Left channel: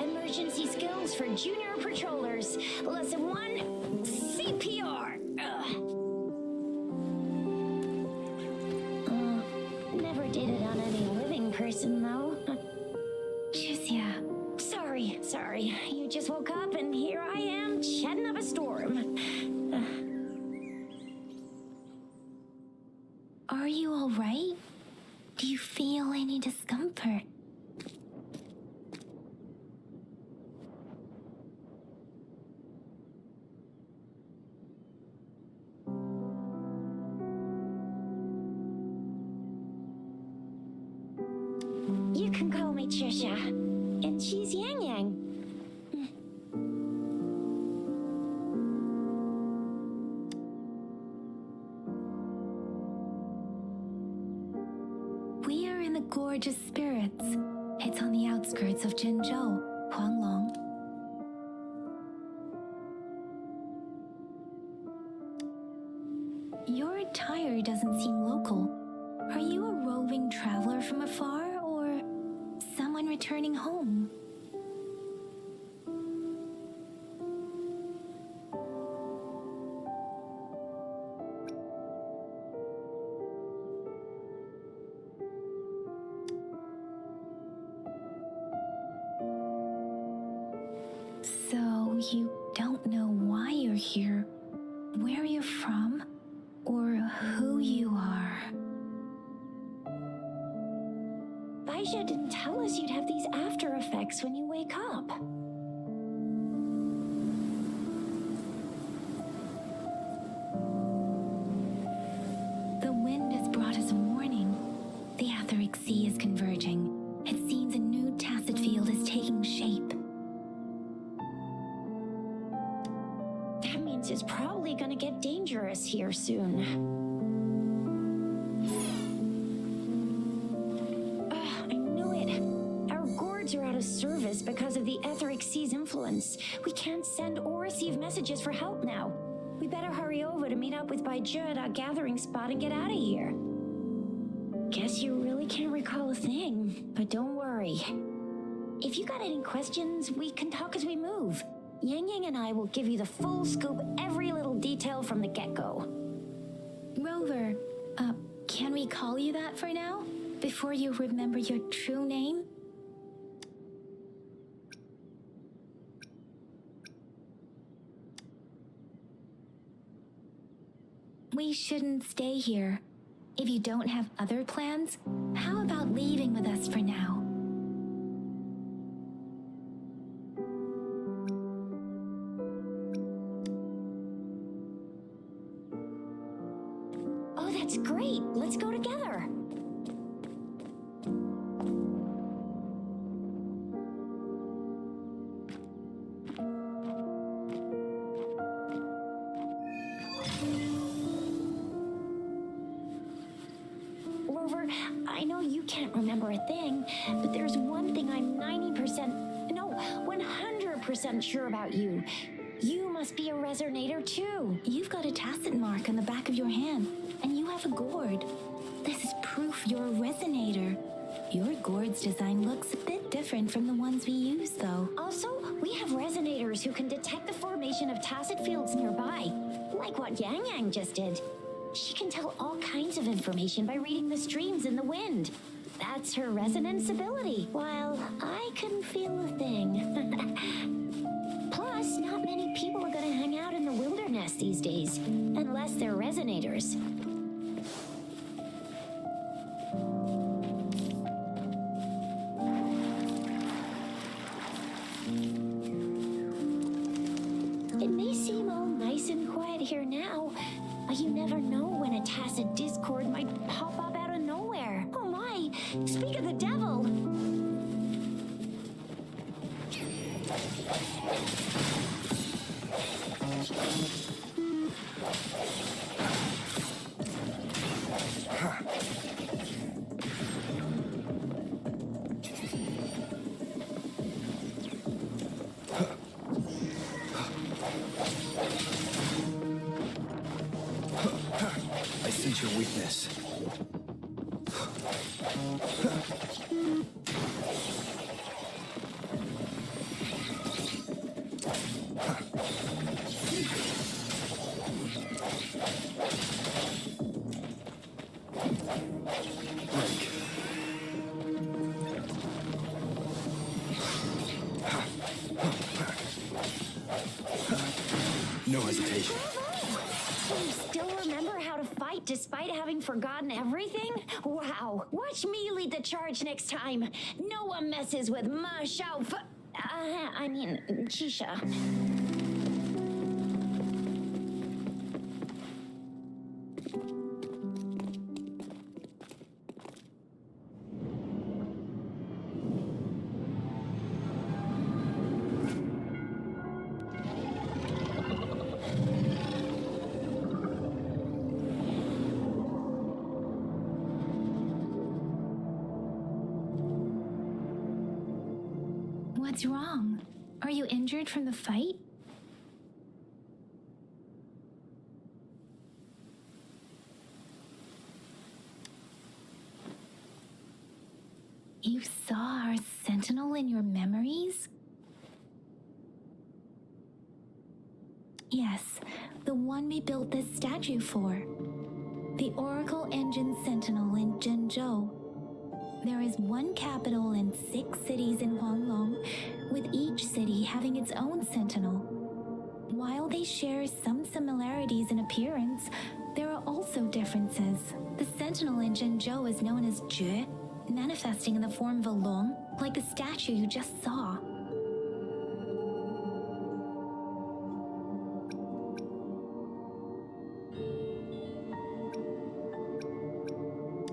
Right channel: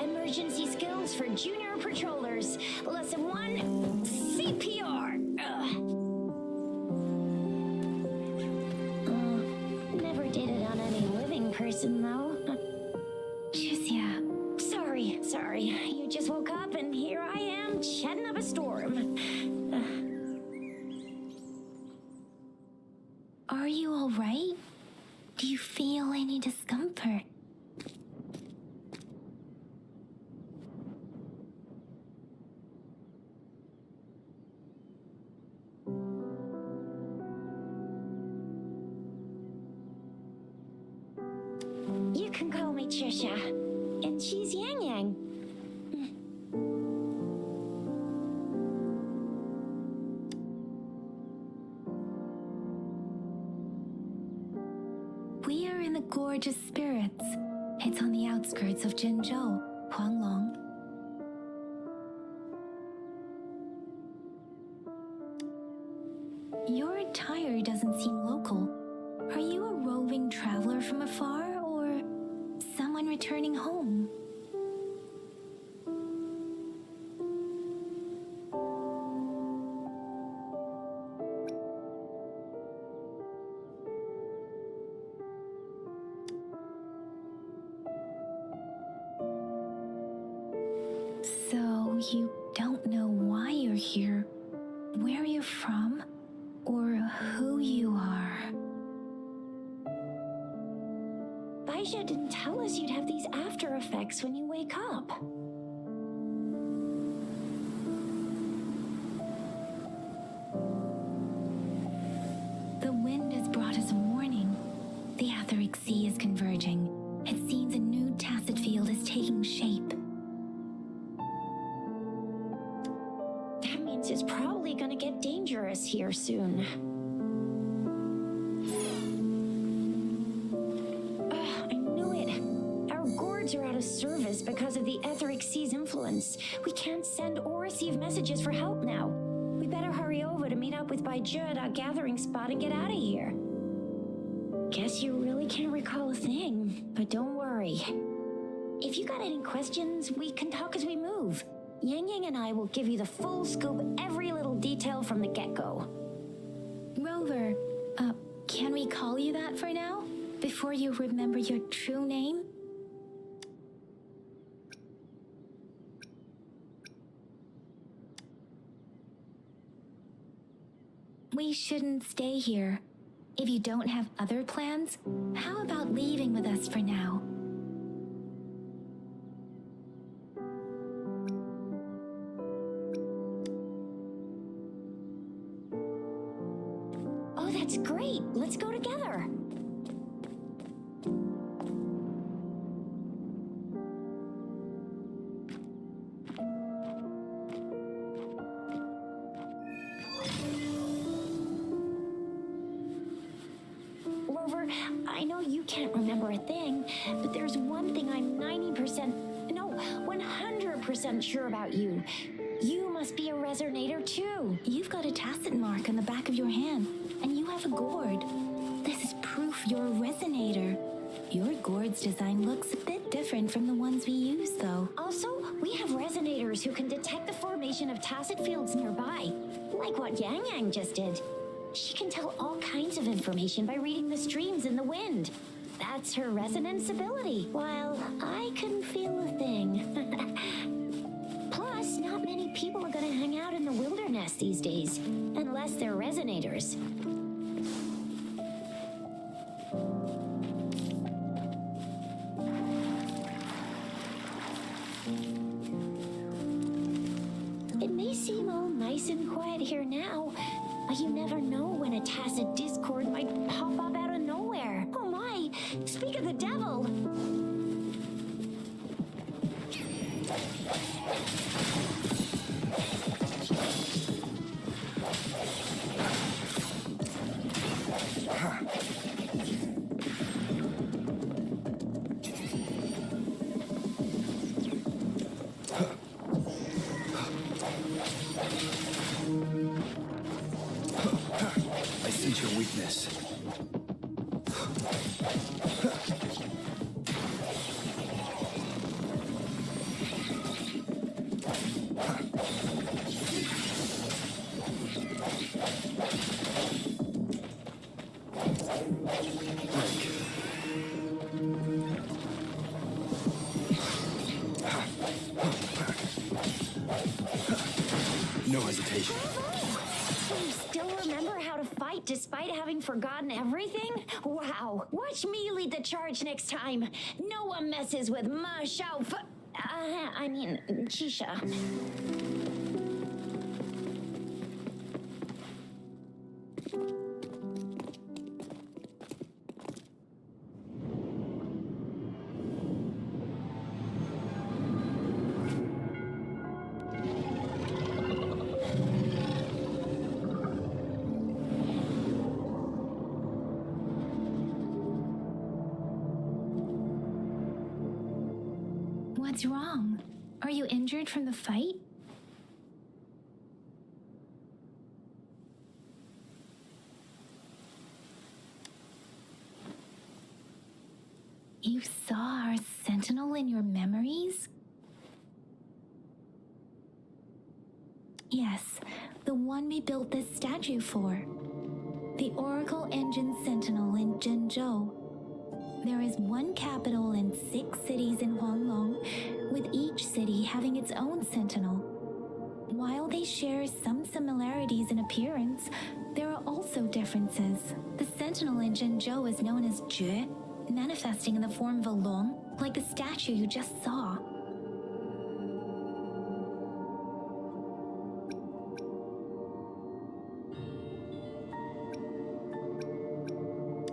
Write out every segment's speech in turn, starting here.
Emergency skills for junior patrollers. Lesson 1, CPR. did it on any living person, though. Jusia. Sorry. You just woke up and here I am, chatting up a storm. Are you all right? Do you feel any discomfort? You can call me Trisha, and she's Yang Yang. We are in the Gorgeous Spirits. It's on the outskirts of Zhenzhou, Huanglong. Your attire doesn't seem local. Are you a roving traveler from afar, or someone returning home? So you don't know why you're here, where you're from, or who you are. Baisha didn't tell us you'd have these after effects when you wake up. The wind has brought us a warning. The Etheric Sea is converging. It seems a new tacit field is taking shape. That means it's probably gonna get dangerous here soon. I knew it. Our gourds are out of service because of the Etheric Sea's influence. We can't send or receive messages for help now. We better hurry over to meet up with Baizhi at our gathering spot and get out of here. Guess you really can't recall a thing, but don't worry. If you got any questions, we can talk as we move. Yang Yang and I will give you the full scoop, every little detail from the get-go. Rover, can we call you that for now? Before you remember your true name? We shouldn't stay here. If you don't have other plans, how about leaving with us for now? Oh, that's great. Let's go together. Rover, I know you can't remember a thing, but there's one thing I'm 100% sure about you. You must be a Resonator too. You've got a tacit mark on the back of your hand, and you have a gourd. This is proof you're a Resonator. Your gourd's design looks a bit different from the ones we use, though. Also, we have Resonators who can detect the formation of tacit fields nearby, like what Yang Yang just did. She can tell all kinds of information by reading the streams in the wind. That's her resonance ability, while I couldn't feel a thing. Plus, not many people are gonna hang out in the wilderness these days, unless they're Resonators. It may seem all nice and quiet here now, but you never know when a tacit discord might pop up out of nowhere. Oh my, speak of the devil! I sense your weakness. Break. No hesitation. You still remember how to fight despite having forgotten everything? Wow. Watch me lead the charge next time. No one messes with Ma Xiao Chisha. What's wrong? Are you injured from the fight? You saw our sentinel in your memories? Yes, the one we built this statue for. The Oracle Engine Sentinel in Zhenzhou. There is one capital and 6 cities in Huanglong, with each city having its own sentinel. While they share some similarities in appearance, there are also differences. The sentinel in Zhenzhou is known as Jue, manifesting in the form of a long, like the statue you just saw.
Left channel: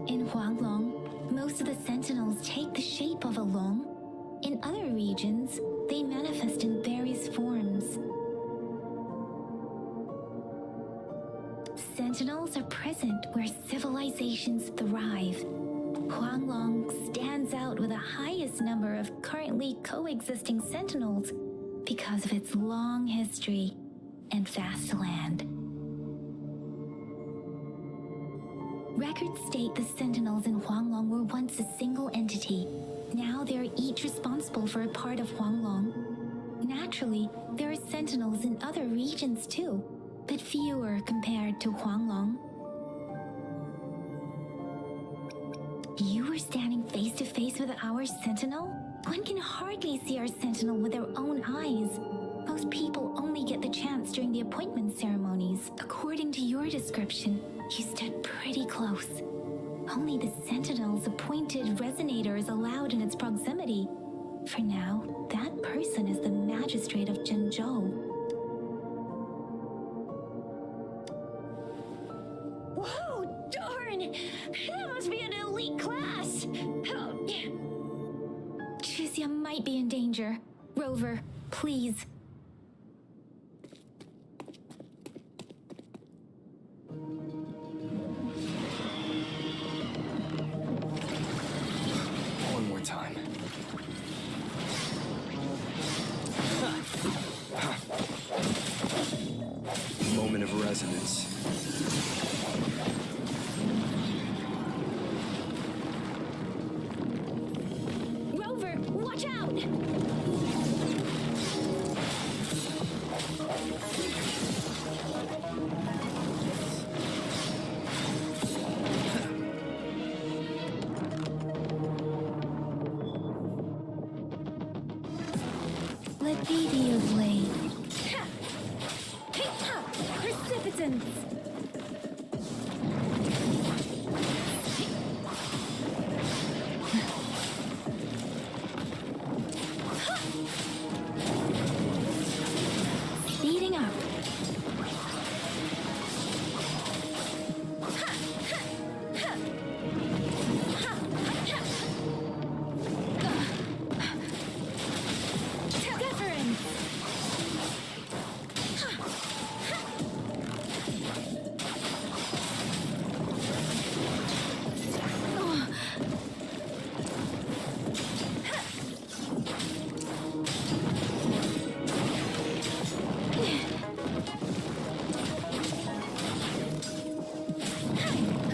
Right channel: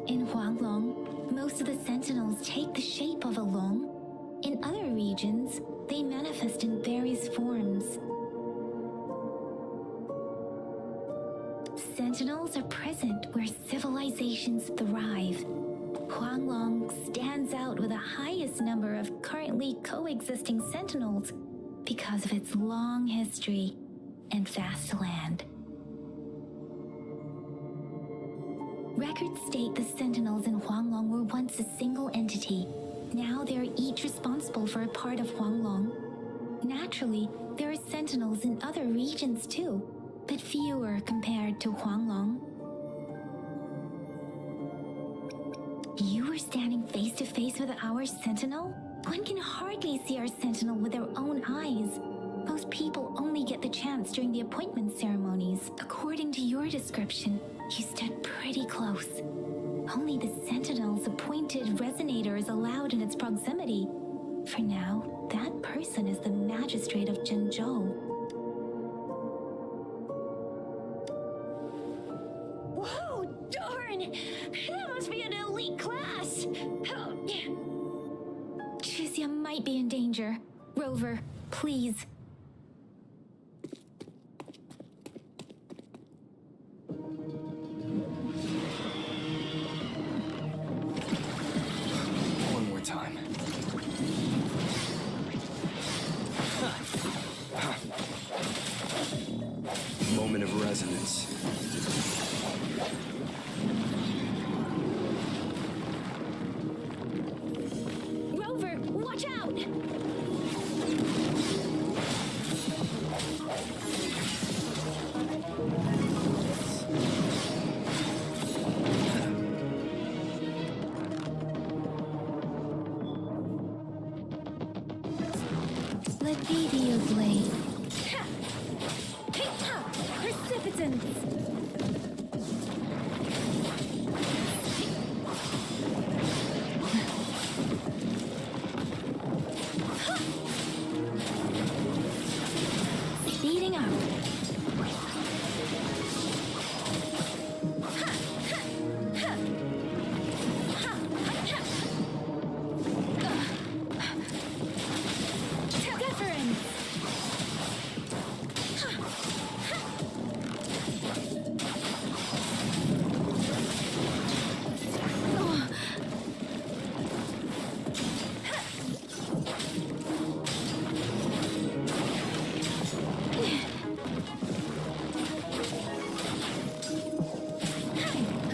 In Huanglong, most of the sentinels take the shape of a long. In other regions, they manifest in various forms. Sentinels are present where civilizations thrive. Huanglong stands out with the highest number of currently coexisting sentinels because of its long history and vast land. Records state the sentinels in Huanglong were once a single entity. Now they are each responsible for a part of Huanglong. Naturally, there are sentinels in other regions too, but fewer compared to Huanglong. You were standing face to face with our sentinel? One can hardly see our sentinel with their own eyes. Most people only get the chance during the appointment ceremonies. According to your description, you stood pretty close. Only the sentinel's appointed Resonator is allowed in its proximity. For now, that person is the magistrate of Zhenzhou. Whoa, darn! That must be an elite class! Oh. Tricia might be in danger. Rover, please. One more time. Moment of resonance. Rover, watch out! Let me be your blade. Precipitance! Speeding up. Deference!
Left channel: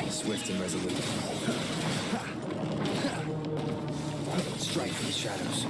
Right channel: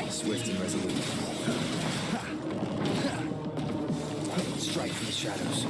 Swift and resolute. Strike for the shadows.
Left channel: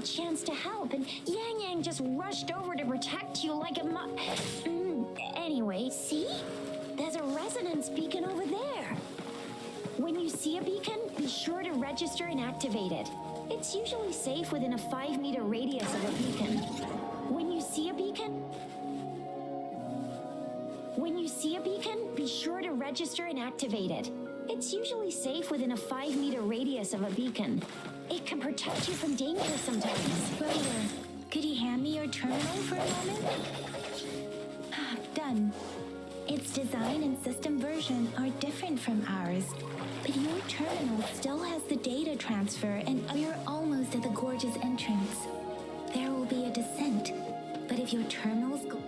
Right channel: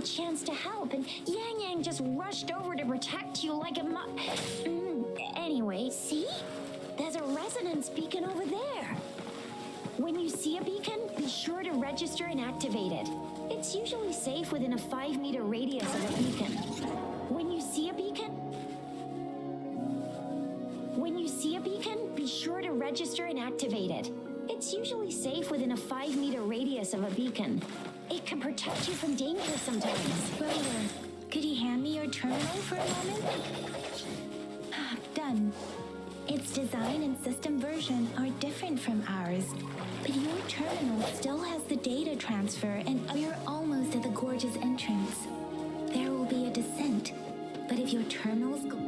a chance to help, and Yang Yang just rushed over to protect you like a Anyway, see? There's a resonance beacon over there. When you see a beacon, be sure to register and activate it. It's usually safe within a 5-meter radius of a beacon. When you see a beacon, be sure to register and activate it. It's usually safe within a 5-meter radius of a beacon. It can protect you from danger sometimes. Rover, could you hand me your terminal for a moment? Done. Its design and system version are different from ours, but your terminal still has the data transfer, and we're almost at the gorge's entrance. There will be a descent, but if your terminals go...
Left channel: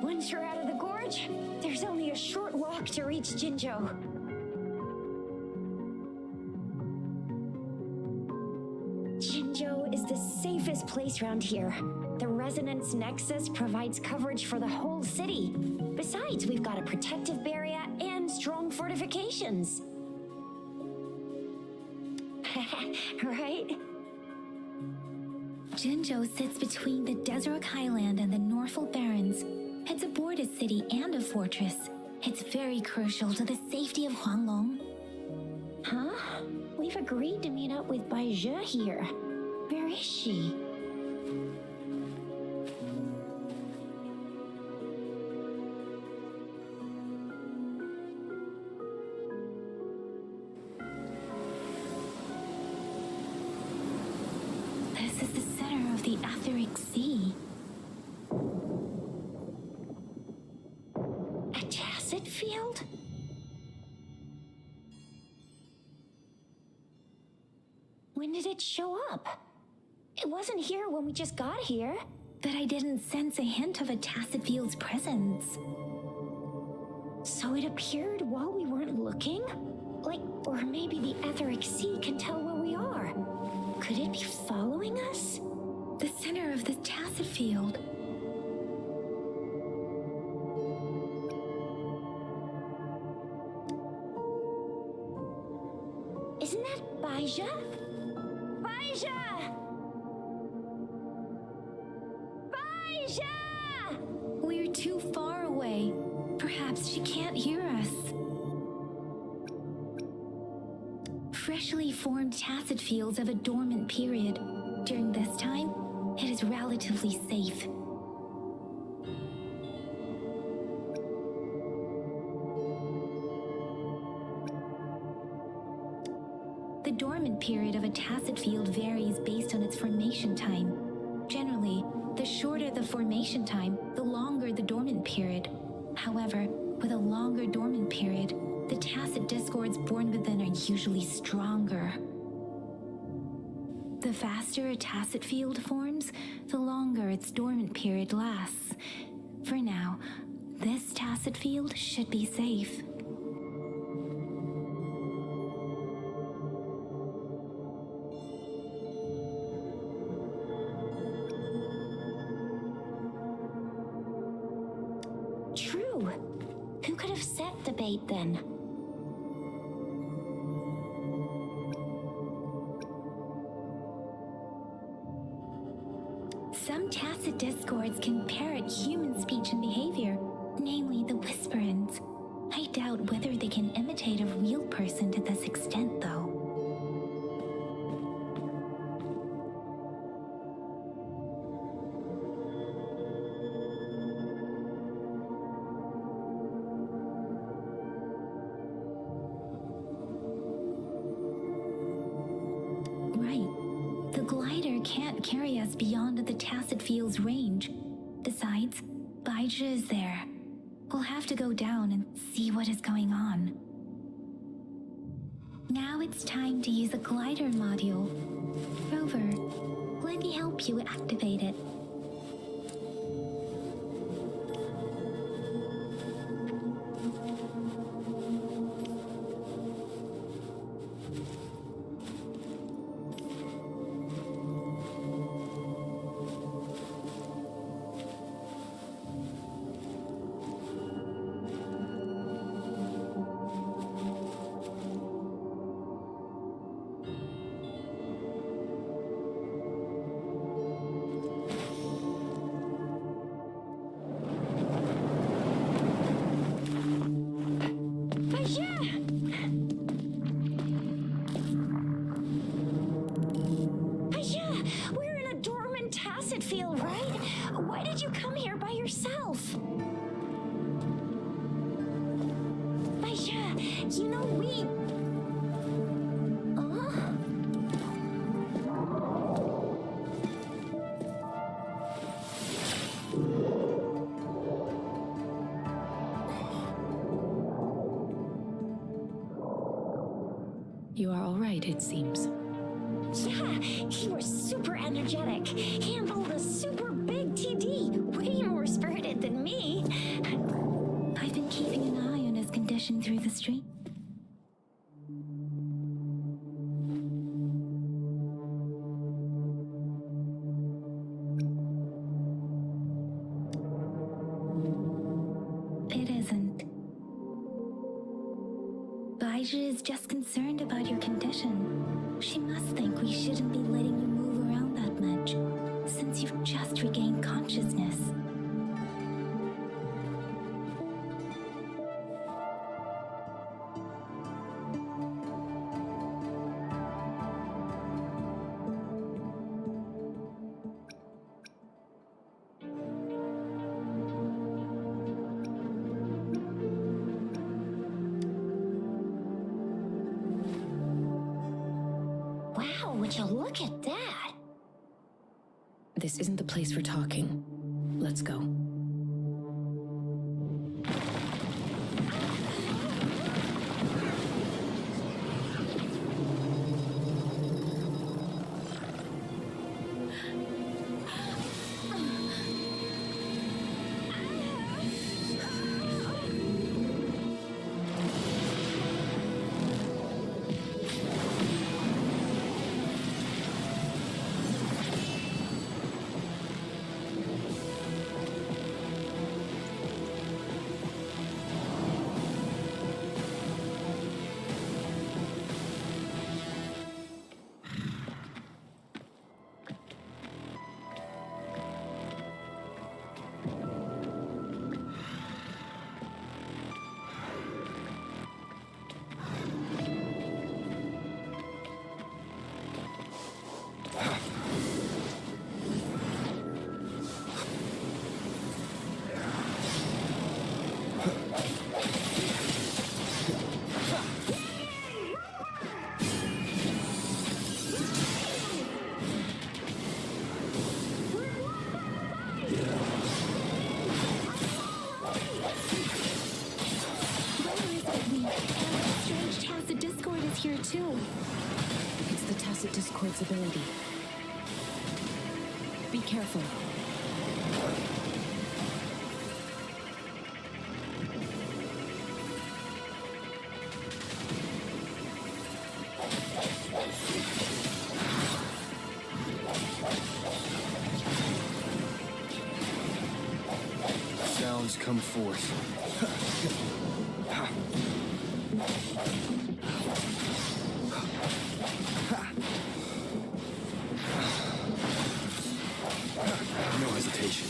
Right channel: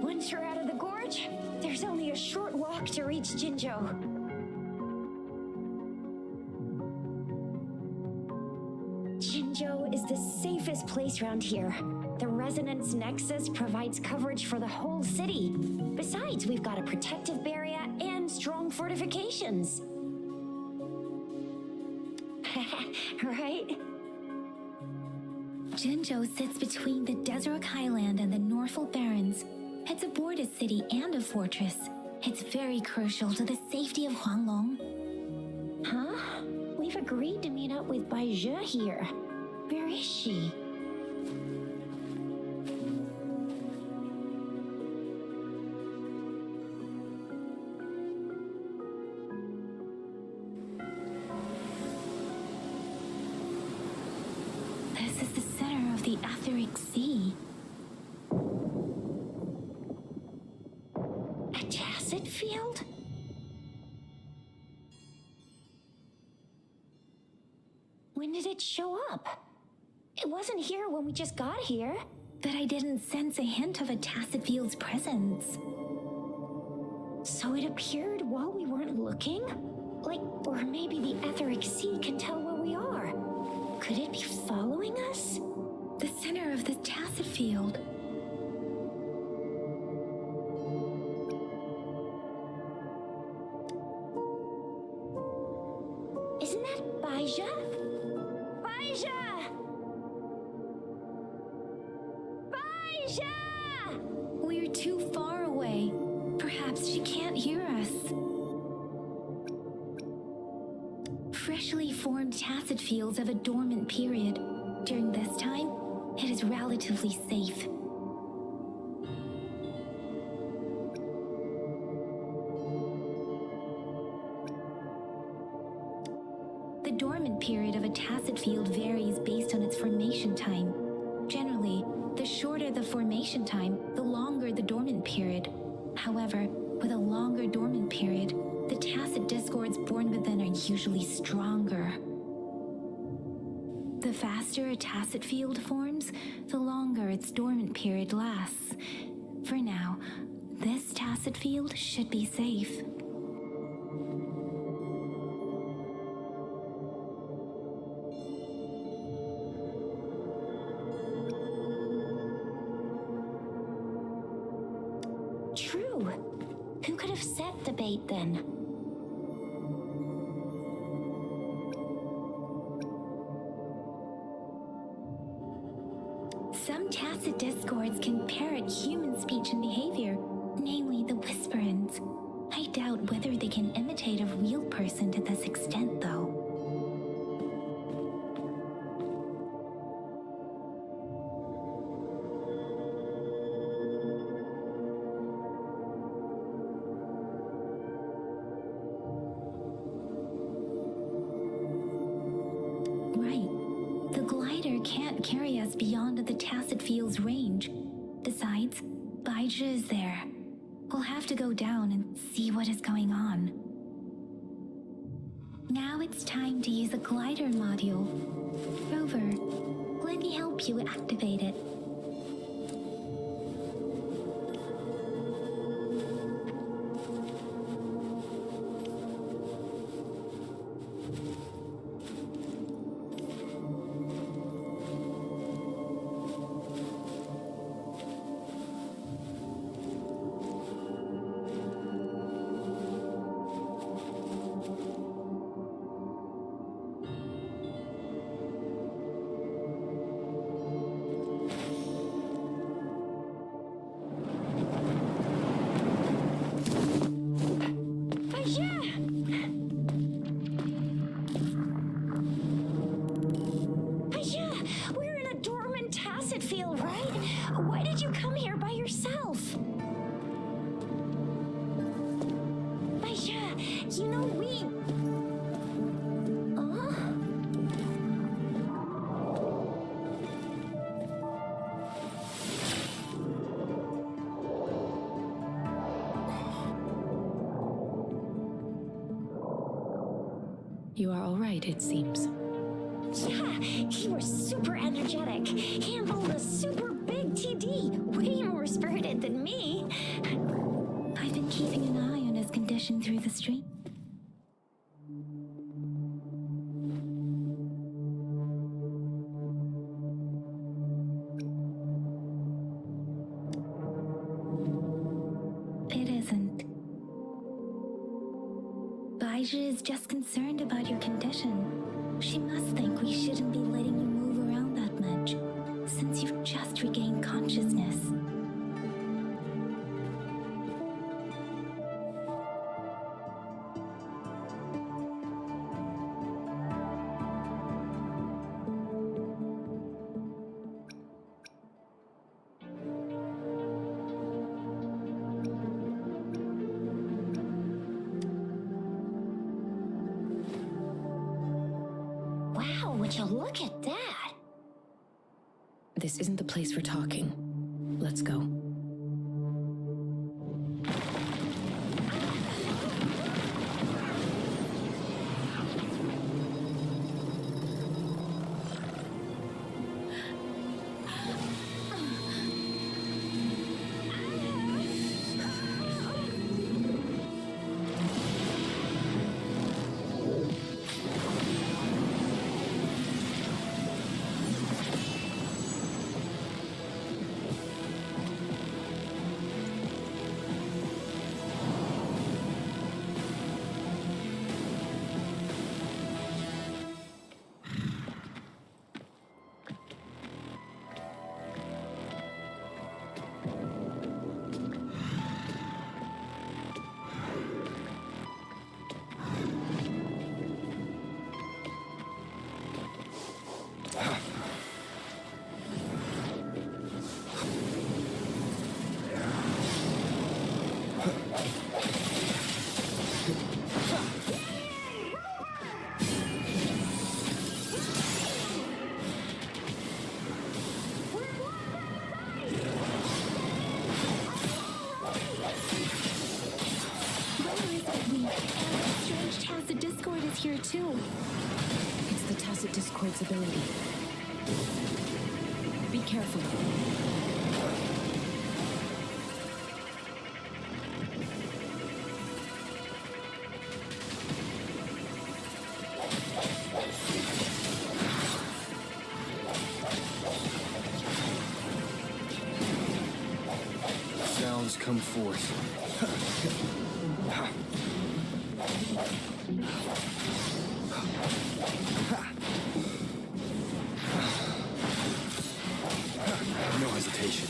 Once you're out of the gorge, there's only a short walk to reach Jinzhou. Jinzhou is the safest place around here. The Resonance Nexus provides coverage for the whole city. Besides, we've got a protective barrier and strong fortifications. Right? Jinzhou sits between the Desert Highland and the Norfolk Barrens. It's a border city and a fortress. It's very crucial to the safety of Huanglong. Huh? We've agreed to meet up with Bai Zhe here. Where is she? This is the center of the Etheric Sea. A tacit field? When did it show up? It wasn't here when we just got here. But I didn't sense a hint of a tacit field's presence. So it appeared while we weren't looking? Like, or maybe the Etheric Sea can tell where we are. Could it be following us? The center of the tacit field. Isn't that Bai Zhe? Bai Zhe! Bai Zhe! We're too far away. Perhaps she can't hear us. Freshly formed tacit fields have a dormant period. During this time, it is relatively safe. The dormant period of a tacit field varies based on its formation time. Generally, the shorter the formation time, the longer the dormant period. However, with a longer dormant period, the tacit discords born within are usually stronger. The faster a tacit field forms, the longer its dormant period lasts. For now, this tacit field should be safe. True. Who could have set the bait then? Some tacit discords can parrot human speech and behavior, namely the whisperings. I doubt whether they can imitate a real person to this extent, though. Right. The glider can't carry us beyond the tacit field's range. Besides, Bai Zhe is there. We'll have to go down and see what is going on. Now it's time to use a glider module. Rover, let me help you activate it. You are all right, it seems. Yeah, you were super energetic. Handled a super big TD. Way more spirited than me. I've been keeping an eye on his condition through the street. It isn't. Baija is just concerned about your condition. She must think we shouldn't be letting you move around that much, since you've just regained consciousness. Wow, would you look at that? This isn't the place for talking. Let's go. Strange tacit discord is here too. It's the Tacit Discord's ability. Be careful. Sounds come forth. No hesitation.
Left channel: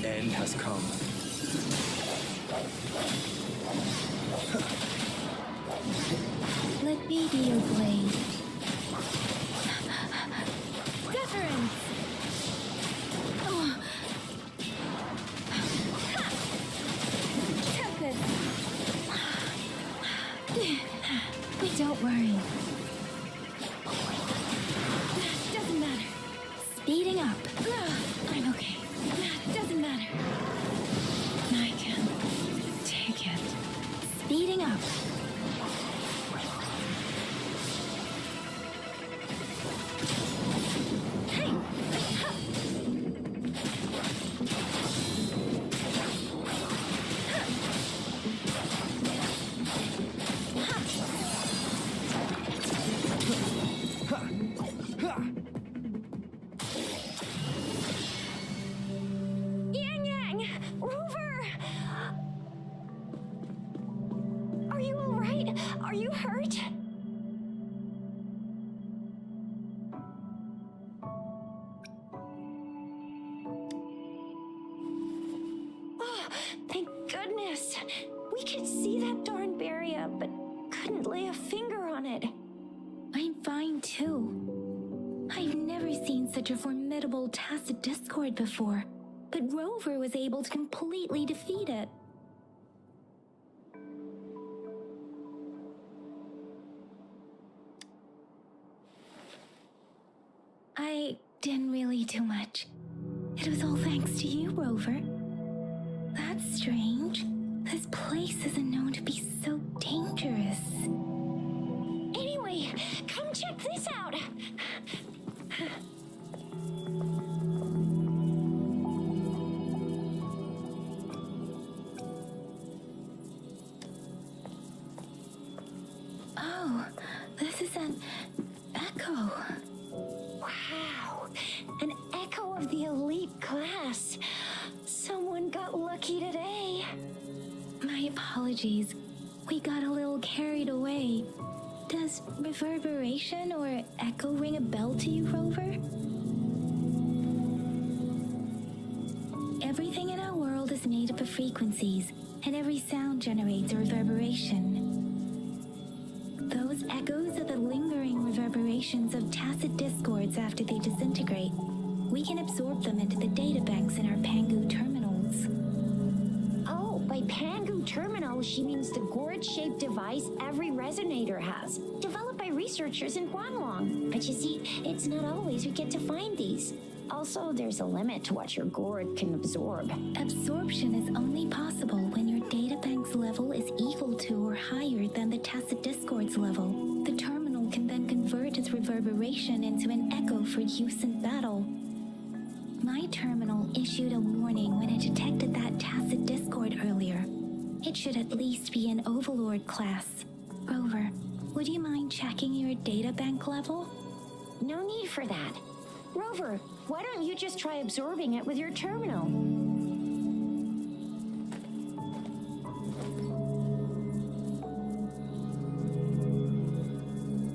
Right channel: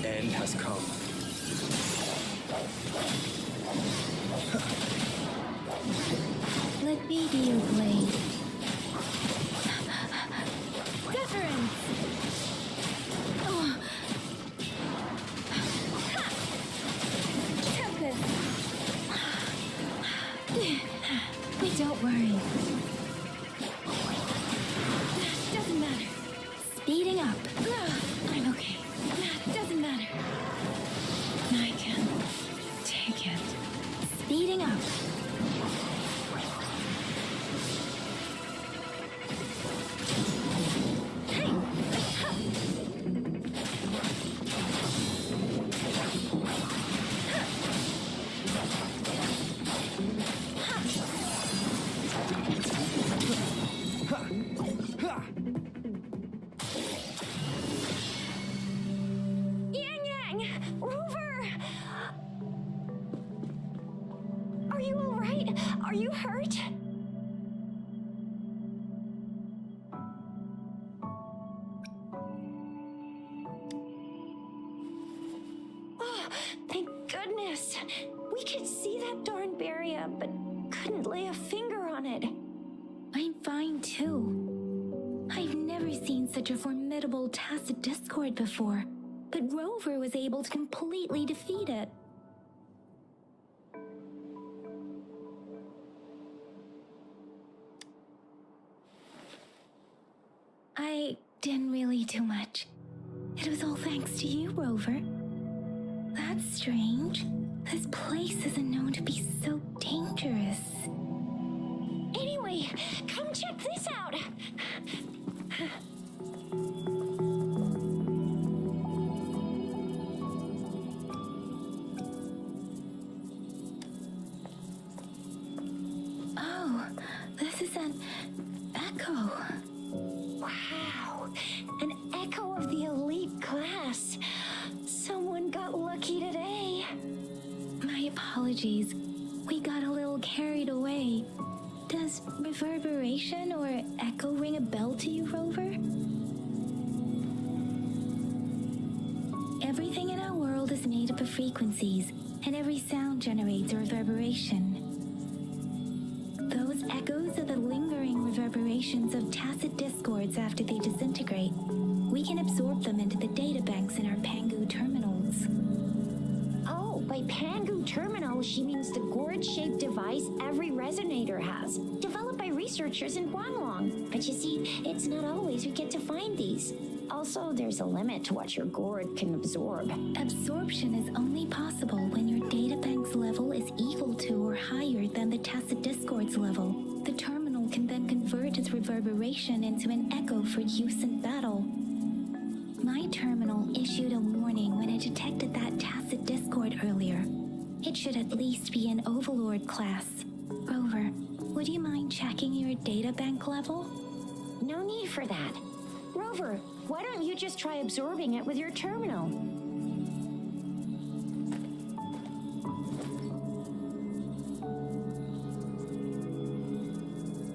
The end has come. Let me be your blade. Deference! Oh. Tempest! Don't worry. Doesn't matter. Speeding up. I'm okay. Doesn't matter. Thank goodness. We could see that darn barrier, but couldn't lay a finger on it. I'm fine too. I've never seen such a formidable tacit discord before, but Rover was able to completely defeat it. I didn't really do much. It was all thanks to you, Rover. That's strange. This place isn't known to be so dangerous. Anyway, come check this out. Oh, this is an echo. Wow, an echo of the elite class. Someone got lucky today. My apologies. We got a little carried away. Does reverberation or echo ring a bell to you, Rover? Everything in our world is made up of frequencies, and every sound generates a reverberation. Those echoes are the lingering reverberations of tacit discords after they disintegrate. We can absorb them into the databanks in our Pangu terminals. Oh, by Pangu Terminal, she means the gourd-shaped device every resonator has, developed by researchers in Huanglong. But you see, it's not always we get to find these. Also, there's a limit to what your gourd can absorb. Absorption is only possible when your databank's level is equal to or higher than the tacit discord's level. The terminal can then convert its reverberation into an echo for use in battle. My terminal issued a warning when it detected that tacit discord earlier. It should at least be an Overlord class. Rover, would you mind checking your databank level? No need for that. Rover, why don't you just try absorbing it with your terminal?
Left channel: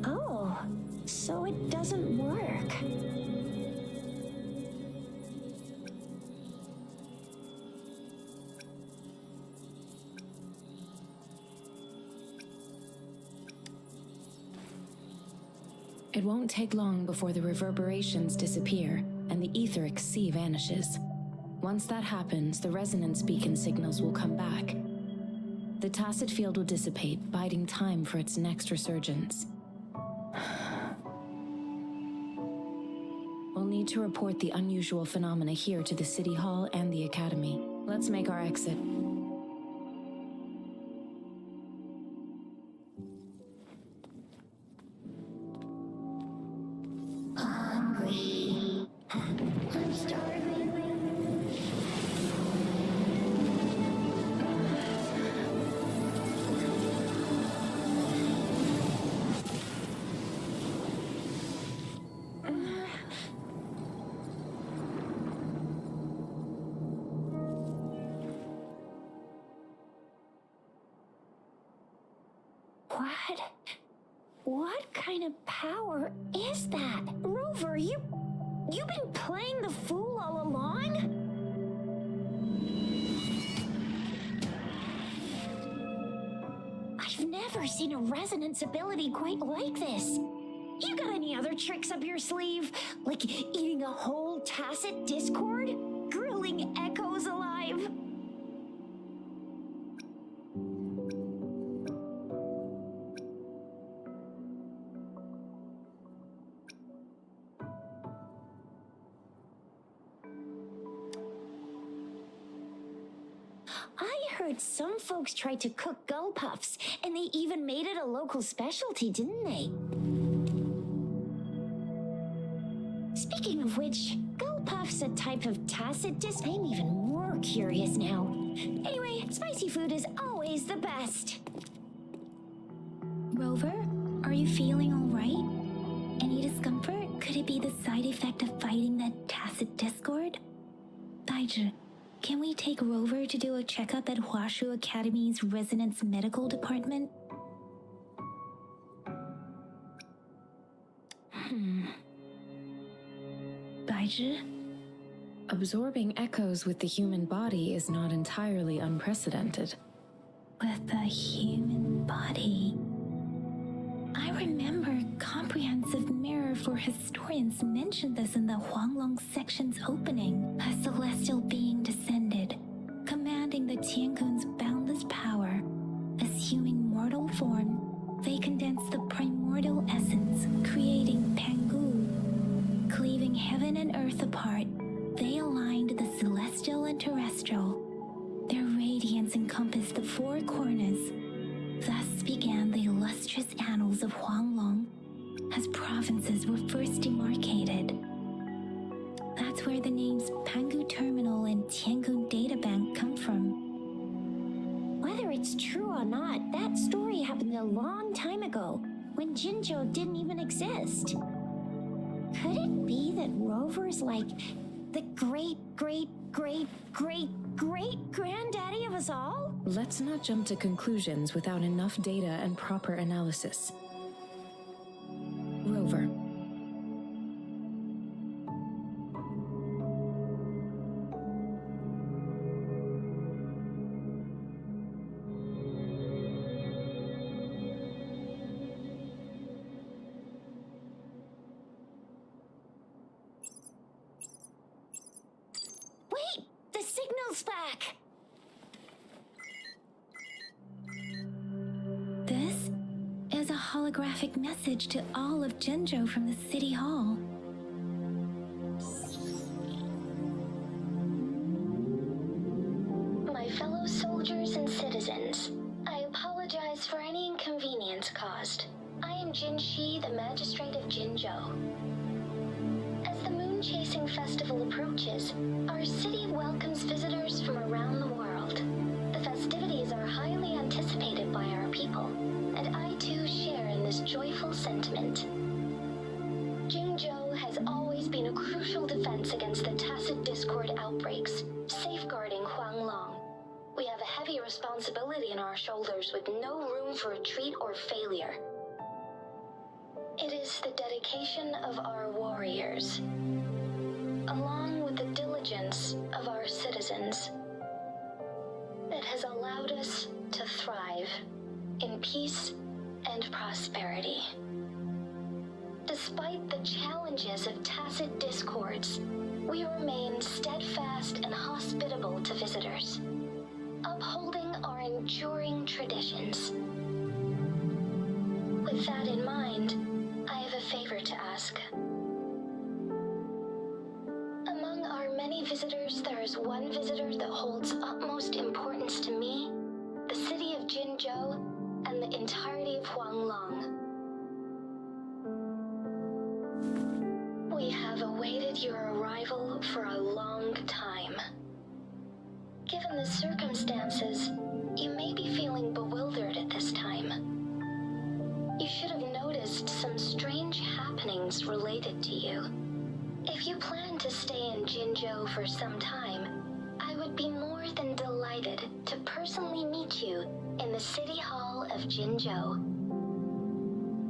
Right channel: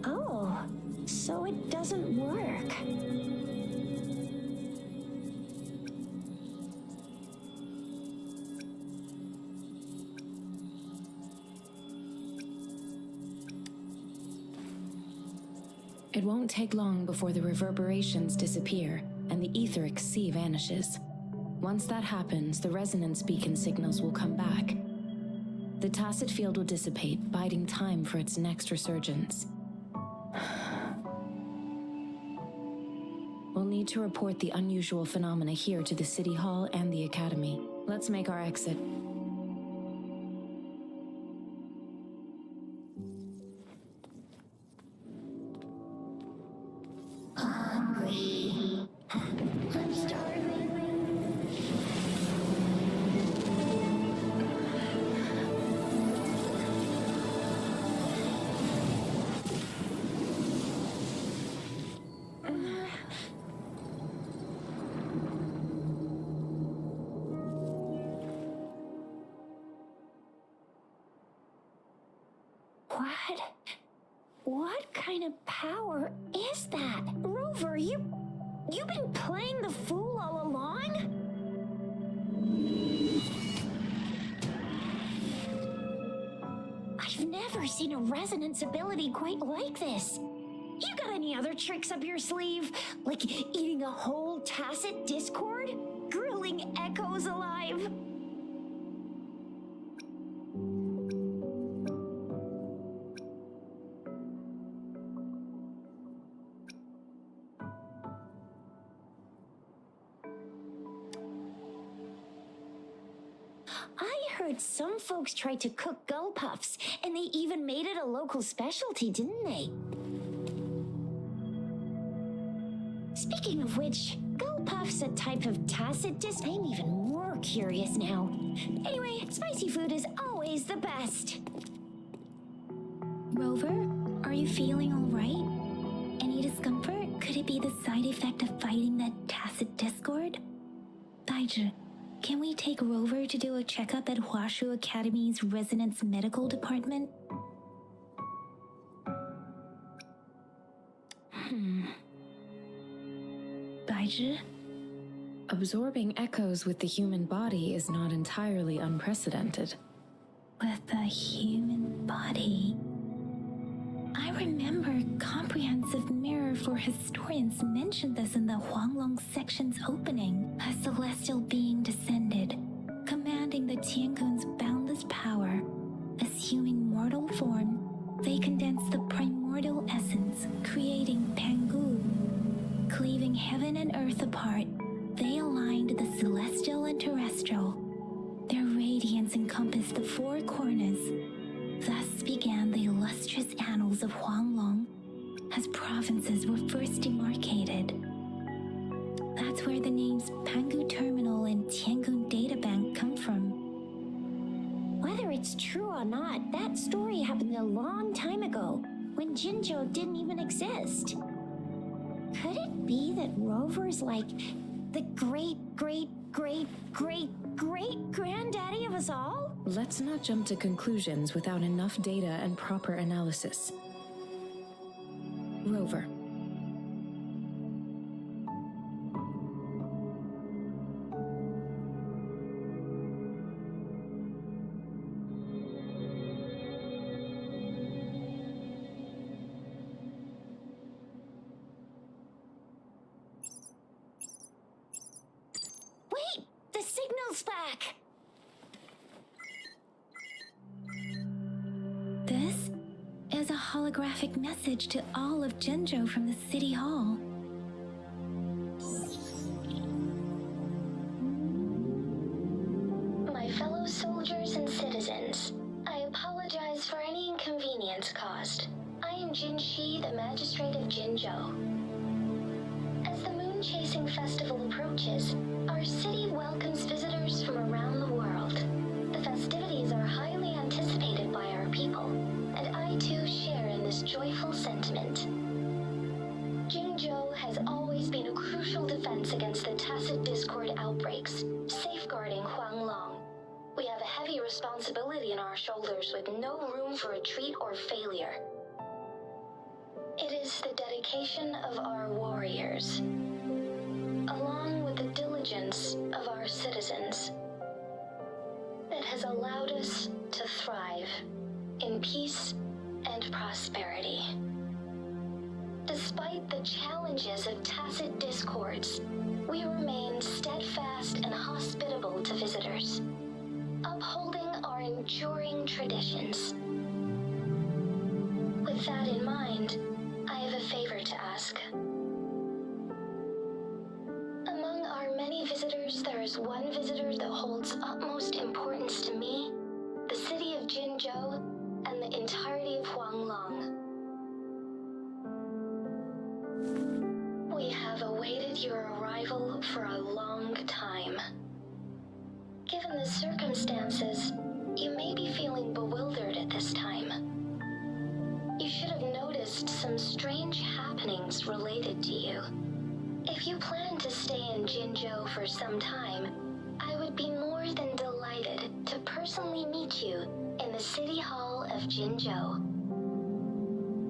Oh, so it doesn't work. It won't take long before the reverberations disappear and the etheric sea vanishes. Once that happens, the resonance beacon signals will come back. The tacit field will dissipate, biding time for its next resurgence. We'll need to report the unusual phenomena here to the City Hall and the Academy. Let's make our exit. Hungry. I'm starving. What kind of power is that? Rover, you've been playing the fool all along? I've never seen a resonance ability quite like this. You got any other tricks up your sleeve? Like eating a whole tacit discord? Grilling echoes alive? I heard some folks tried to cook gull puffs, and they even made it a local specialty, didn't they? Speaking of which, gull puff's a type of tacit I'm even more curious now. Anyway, spicy food is always the best. Rover, are you feeling all right? Any discomfort? Could it be the side effect of fighting that tacit discord? Baizhi, can we take Rover to do a checkup at Huashu Academy's Resonance Medical Department? Baizhi? Absorbing echoes with the human body is not entirely unprecedented. With the human body. I remember Comprehensive Mirror for Historians mentioned this in the Huanglong section's opening. A celestial being descended, commanding the Tiankun's boundless power. Assuming mortal form, they condensed the primordial essence, creating Pangu. Cleaving heaven and earth apart, they aligned the celestial and terrestrial. Their radiance encompassed the four corners. Thus began the illustrious annals of Huanglong, as provinces were first demarcated. That's where the names Pangu Terminal and Tiangun Databank come from. Whether it's true or not, that story happened a long time ago, when Jinzhou didn't even exist. Could it be that Rover's like the great-great-great-great-great-granddaddy of us all? Let's not jump to conclusions without enough data and proper analysis. Rover. Wait! The signal's back! This is a holographic message to all of Jinzhou from the City Hall. My fellow soldiers and citizens, I apologize for any inconvenience caused. I am Jin Shi, the Magistrate of Jinzhou. As the Moon-Chasing Festival approaches, our city welcomes visitors from around the world. The festivities are highly anticipated by our people, and I too share in this joyful sentiment. Jinzhou has always been a crucial defense against the tacit discord outbreaks, safeguarding Huanglong. We have a heavy responsibility on our shoulders with no room for retreat or failure. It is the dedication of our warriors, along with the diligence of our citizens, that has allowed us to thrive in peace and prosperity. Despite the challenges of tacit discords, we remain steadfast and hospitable to visitors, upholding our enduring traditions. With that in mind, I have a favor to ask. Among our many visitors, there is one visitor that holds utmost importance to me, the city of Jinzhou, and the entirety of Huanglong. We have awaited your arrival for a long time. Given the circumstances, you may be feeling bewildered at this time. You should have noticed some strange happenings related to you. If you plan to stay in Jinzhou for some time, I would be more than delighted to personally meet you in the City Hall of Jinzhou.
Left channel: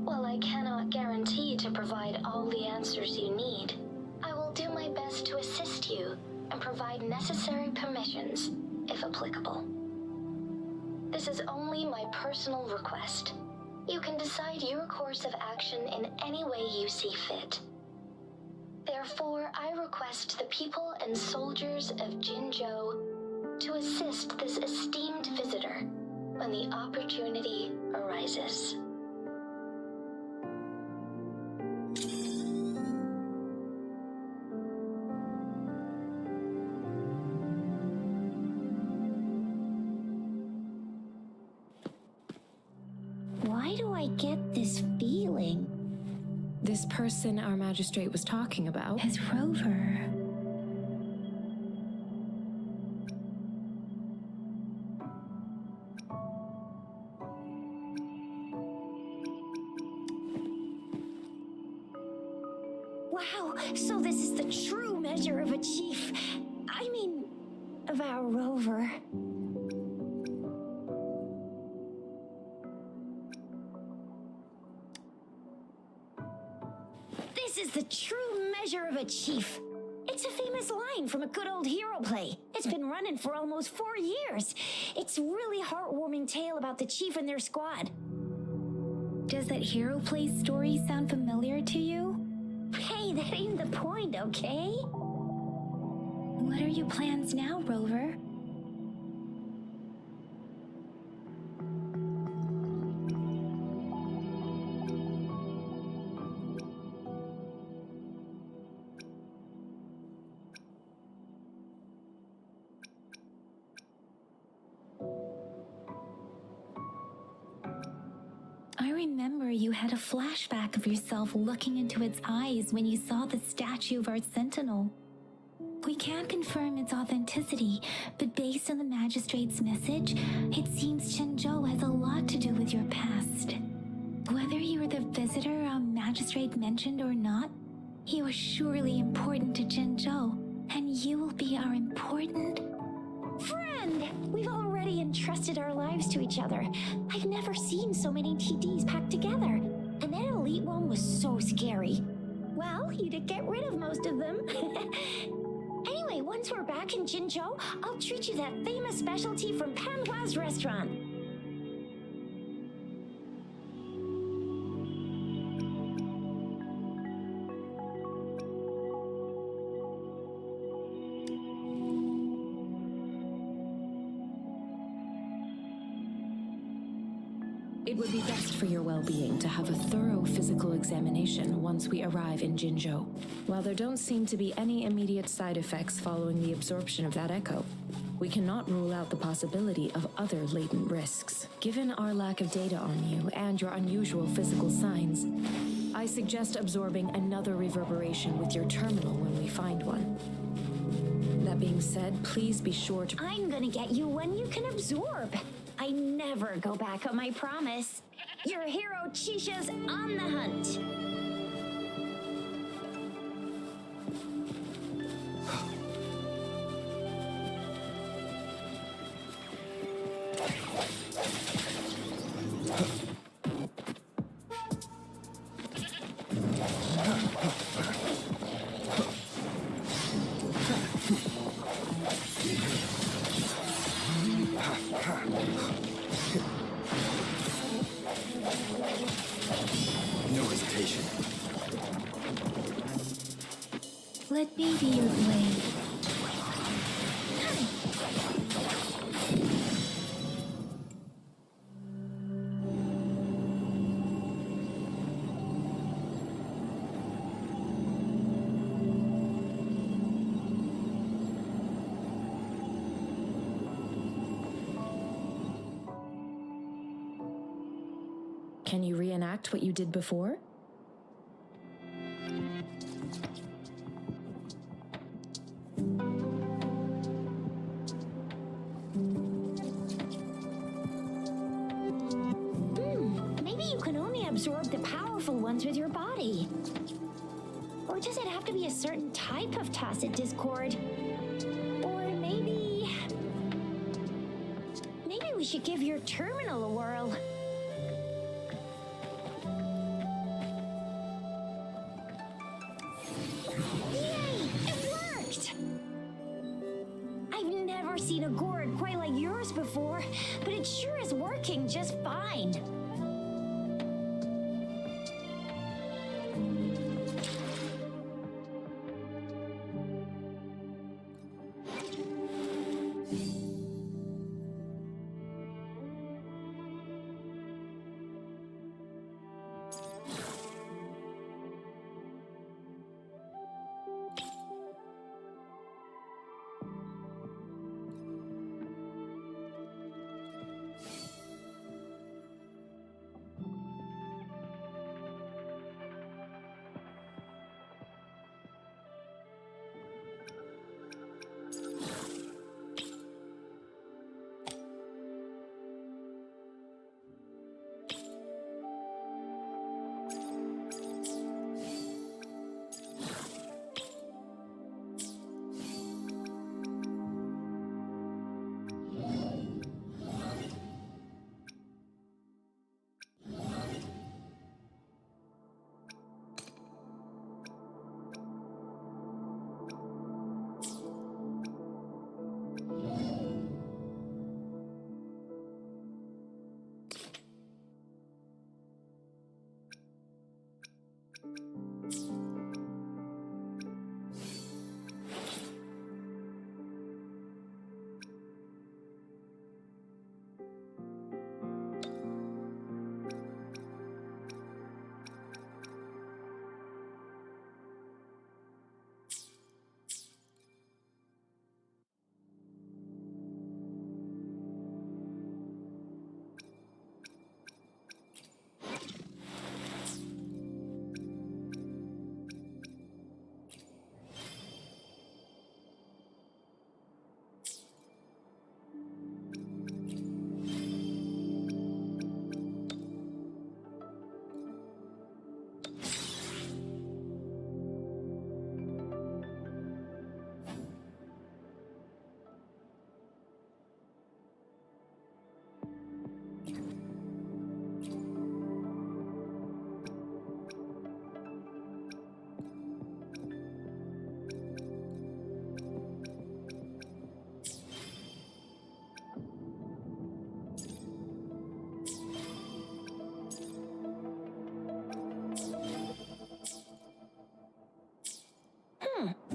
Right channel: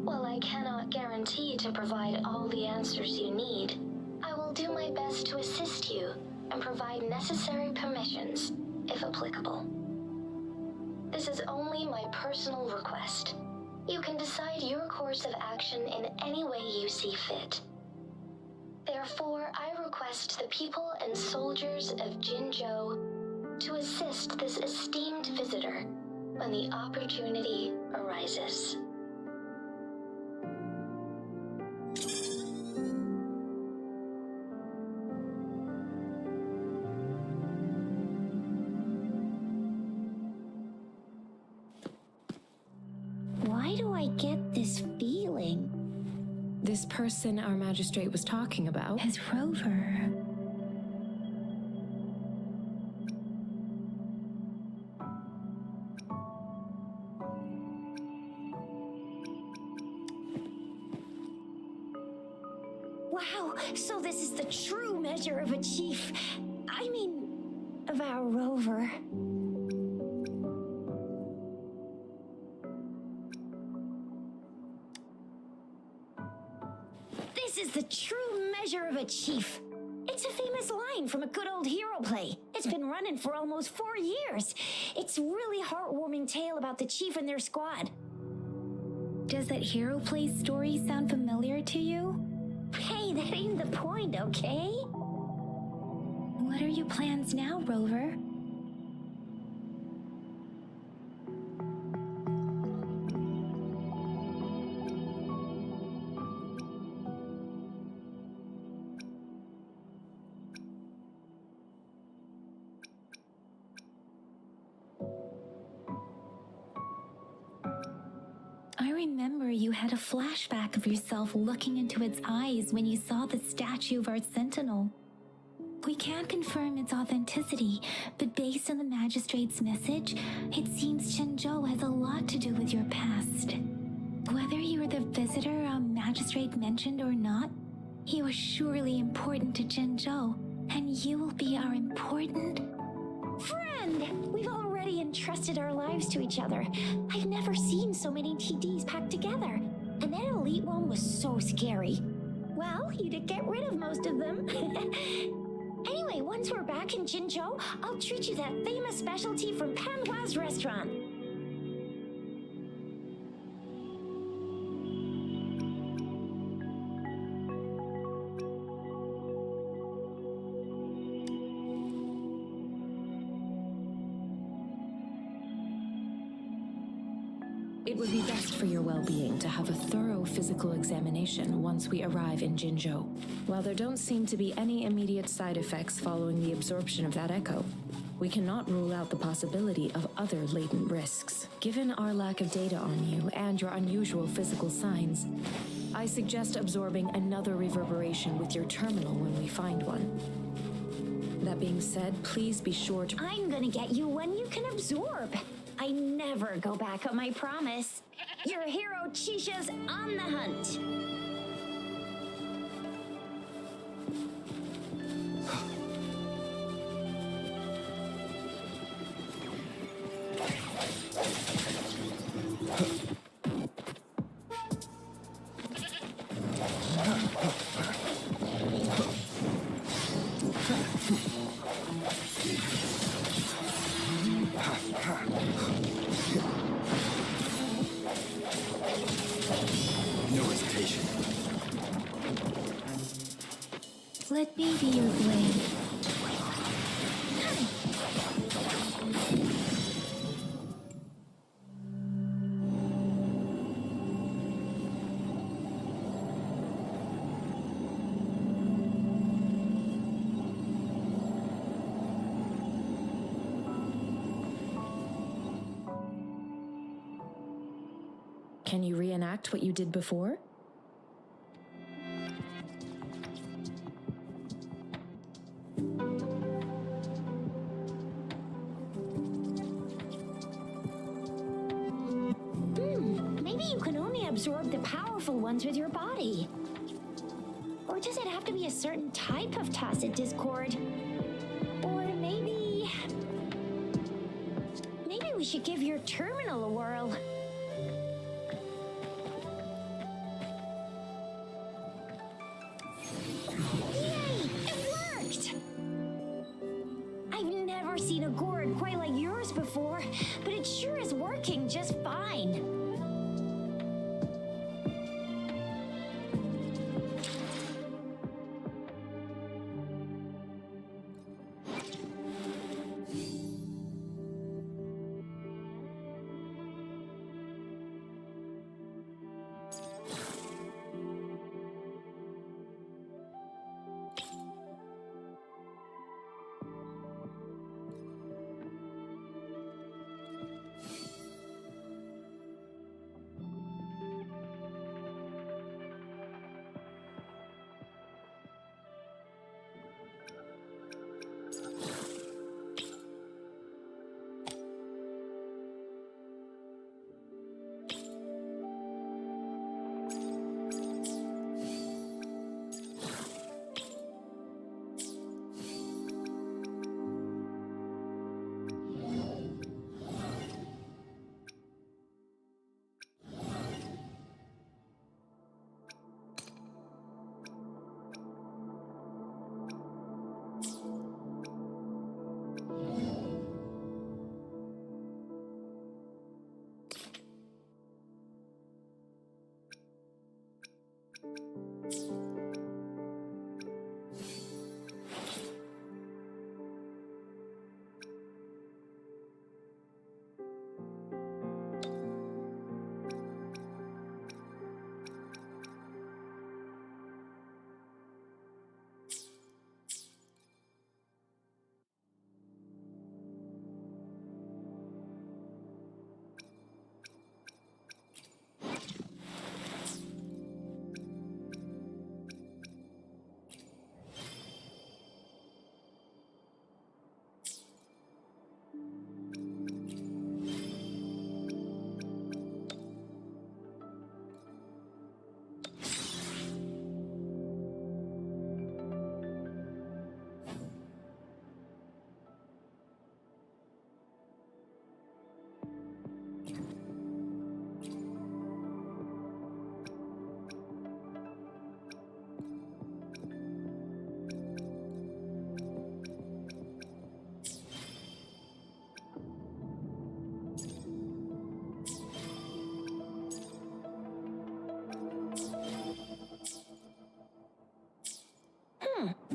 While I cannot guarantee to provide all the answers you need, I will do my best to assist you and provide necessary permissions, if applicable. This is only my personal request. You can decide your course of action in any way you see fit. Therefore, I request the people and soldiers of Jinzhou to assist this esteemed visitor when the opportunity arises. Why do I get this feeling? This person our magistrate was talking about Is Rover. Wow, so this is the true measure of a chief. I mean, of our Rover. This is the true measure of a chief. It's a famous line from a good old hero play. It's been running for almost 4 years. It's a really heartwarming tale about the chief and their squad. Does that hero play story sound familiar to you? Hey, that ain't the point, okay? What are your plans now, Rover? I remember you had a flashback of yourself looking into its eyes when you saw the statue of our sentinel. We can't confirm its authenticity, but based on the magistrate's message, it seems Jinzhou has a lot to do with your past. Whether you were the visitor our magistrate mentioned or not, you are surely important to Jinzhou, and you will be our important Friend! We've already entrusted our lives to each other. I've never seen so many TDs packed together. And that elite one was so scary. Well, you did get rid of most of them. Anyway, once we're back in Jinzhou, I'll treat you that famous specialty from Panhua's restaurant. It would be best for your well-being to have a thorough physical examination once we arrive in Jinzhou. While there don't seem to be any immediate side effects following the absorption of that echo, we cannot rule out the possibility of other latent risks. Given our lack of data on you and your unusual physical signs, I suggest absorbing another reverberation with your terminal when we find one. That being said, please be sure to... I'm gonna get you one you can absorb. I never go back on my promise. Your hero Chisha's on the hunt. No hesitation. Let me be your blade. Can you reenact what you did before? Maybe you can only absorb the powerful ones with your body. Or does it have to be a certain type of tacit discord? Or maybe we should give your terminal a whirl. Yay! It worked! I've never seen a gourd quite like yours before, but it sure is working just fine.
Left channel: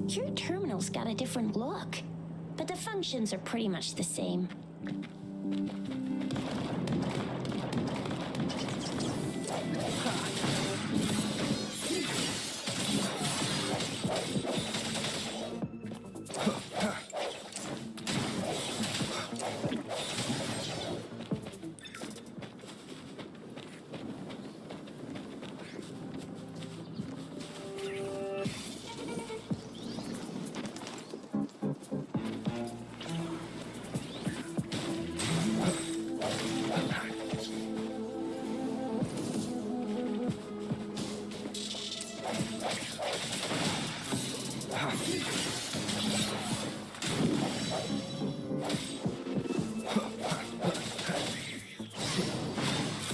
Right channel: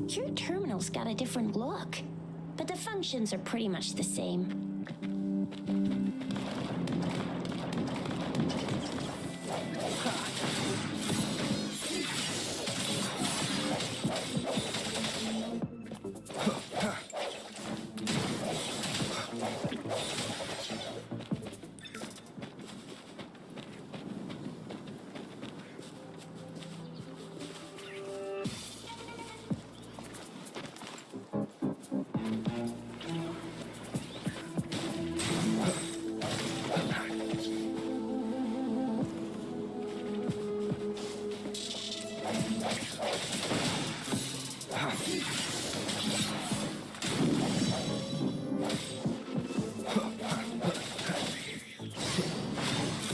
Your terminal's got a different look, but the functions are pretty much the same.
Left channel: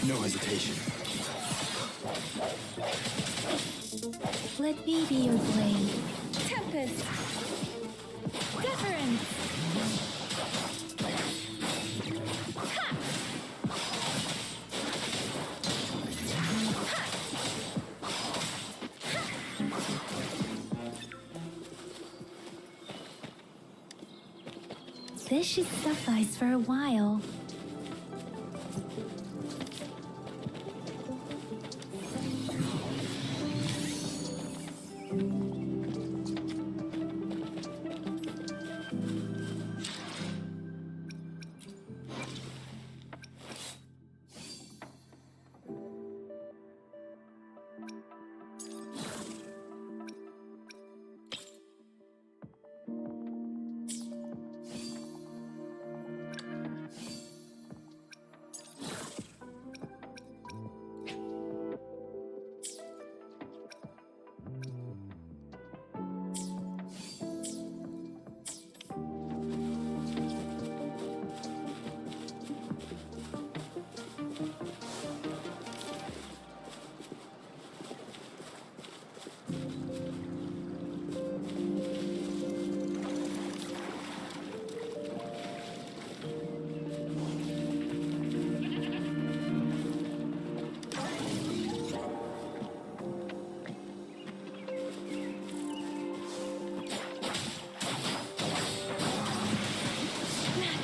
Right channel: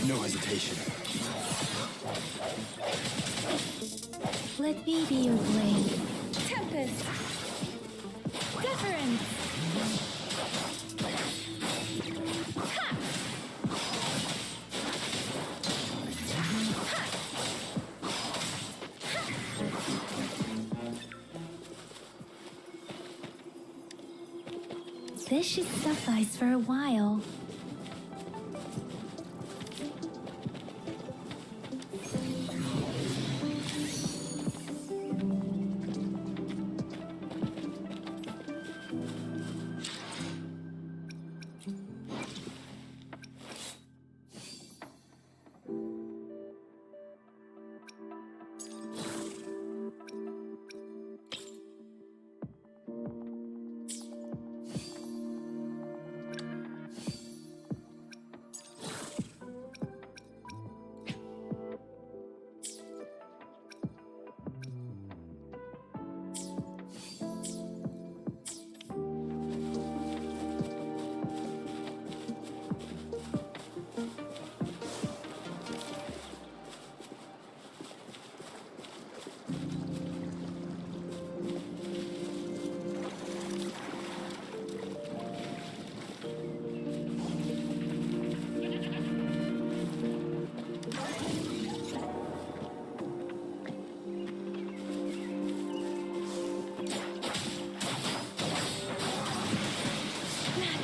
No hesitation. Let me be your blade. Tempest! Deference! This should suffice for a while.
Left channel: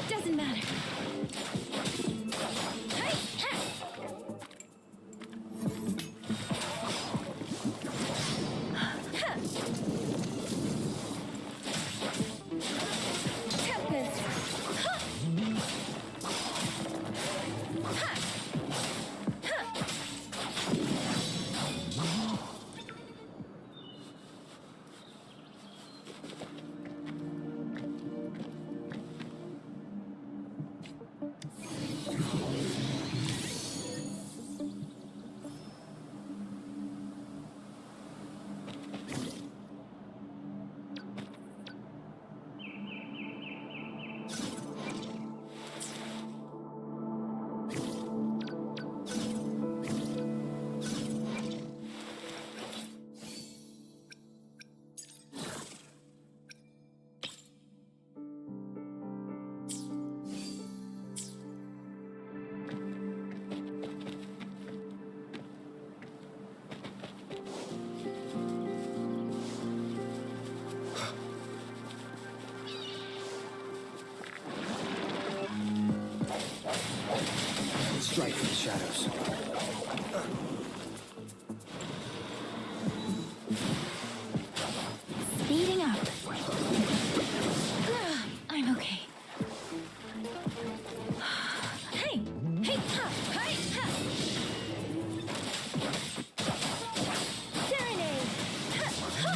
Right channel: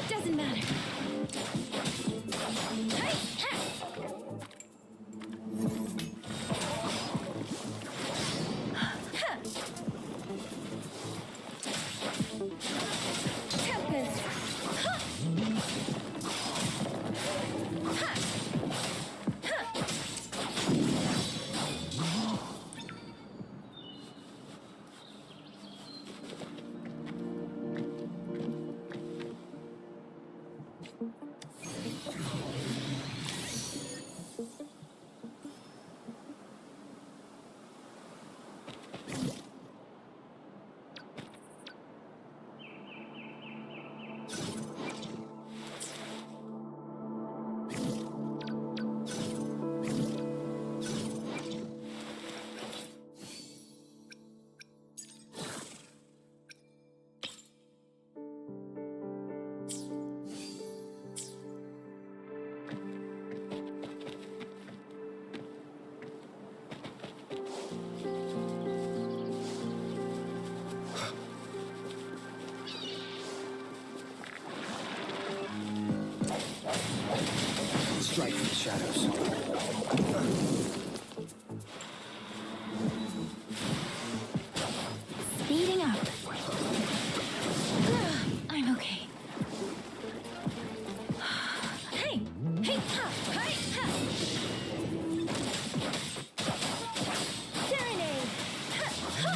Doesn't matter. Tempest. Strike from the shadows. Speeding up. I'm okay. Hey! Hey! Ha! Hey! Ha! Serenade! Ha! Ha!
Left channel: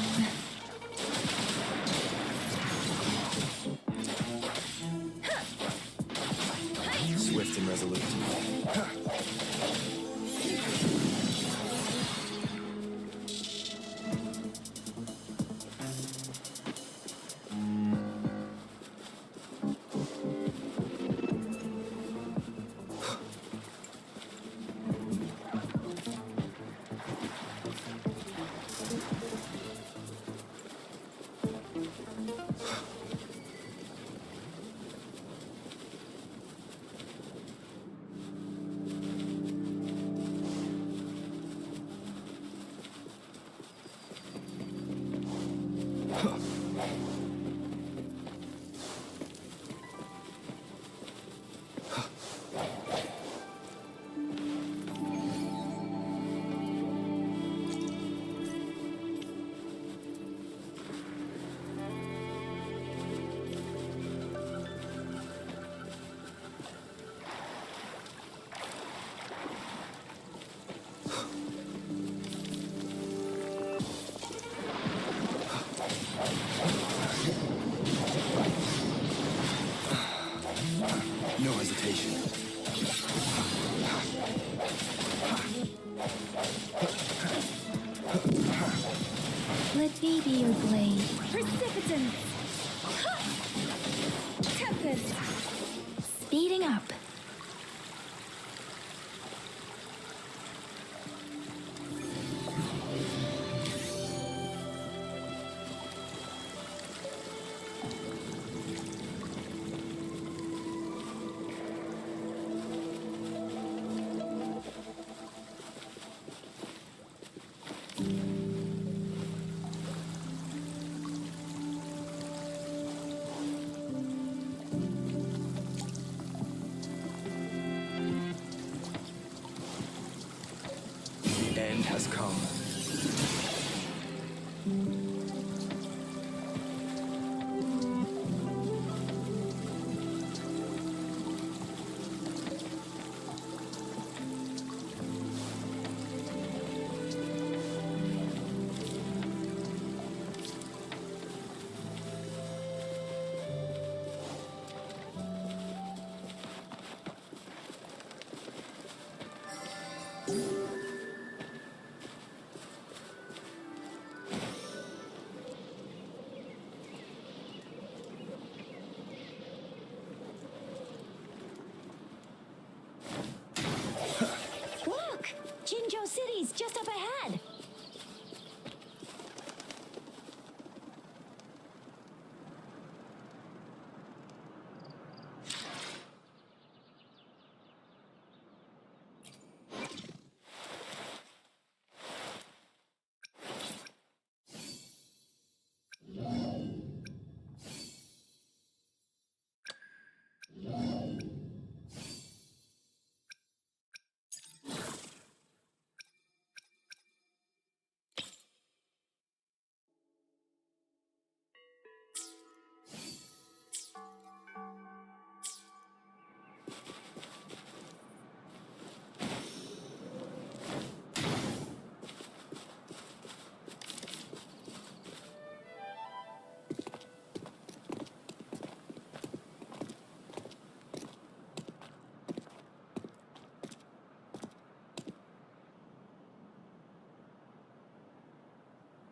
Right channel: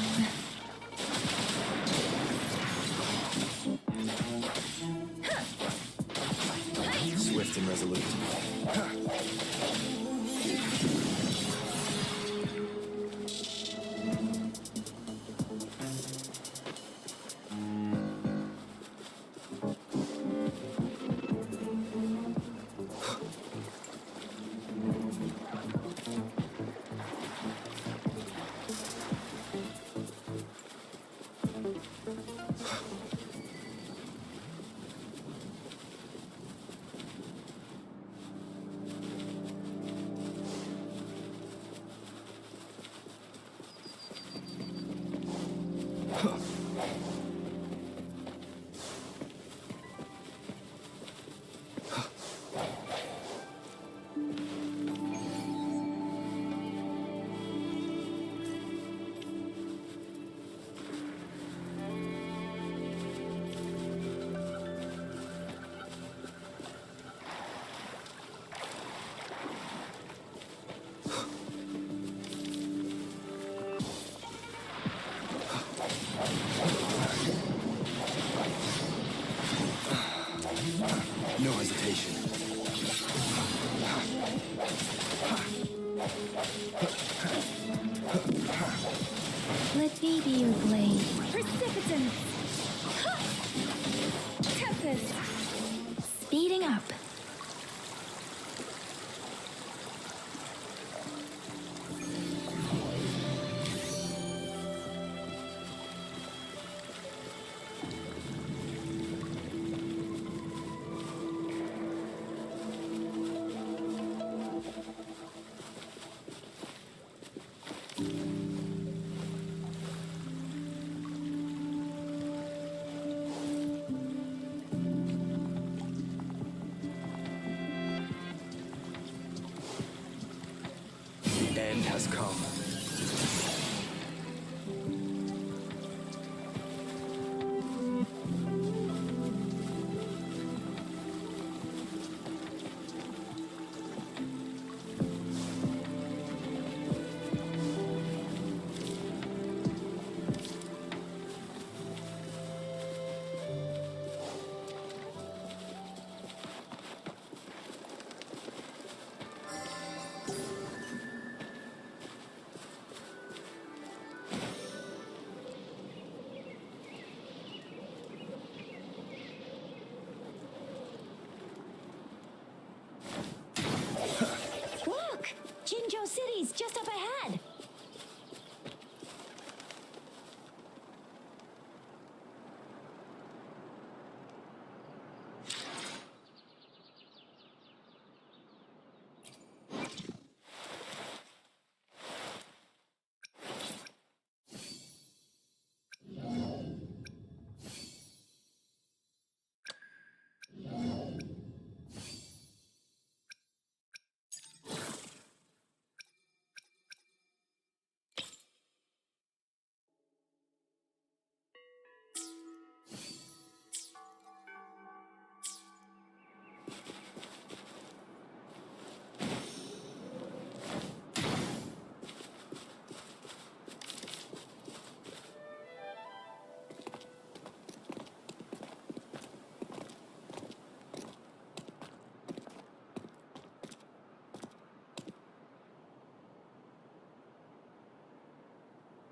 Ha! Hey! Swift and resolute. Let me be your blade. Precipitance! Ha! Tempest! Speeding up. The end has come. Look! Jinzhou City's just up ahead.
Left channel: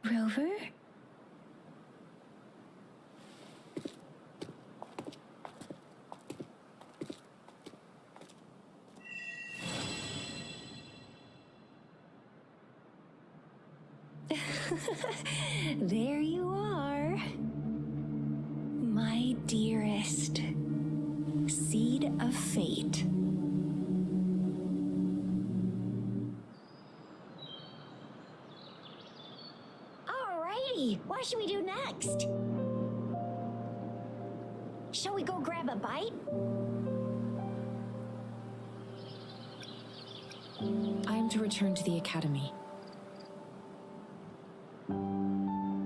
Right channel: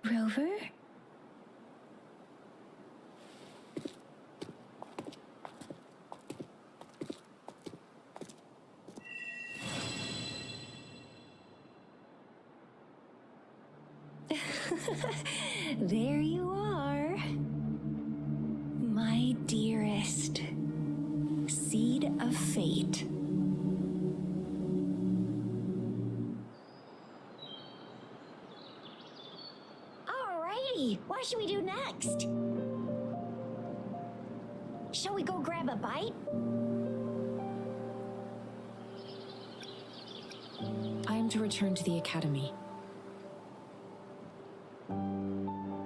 Rover? There you are. My dearest. Seed of fate. Alrighty, what should we do next? Shall we go grab a bite? I am to return to the Academy.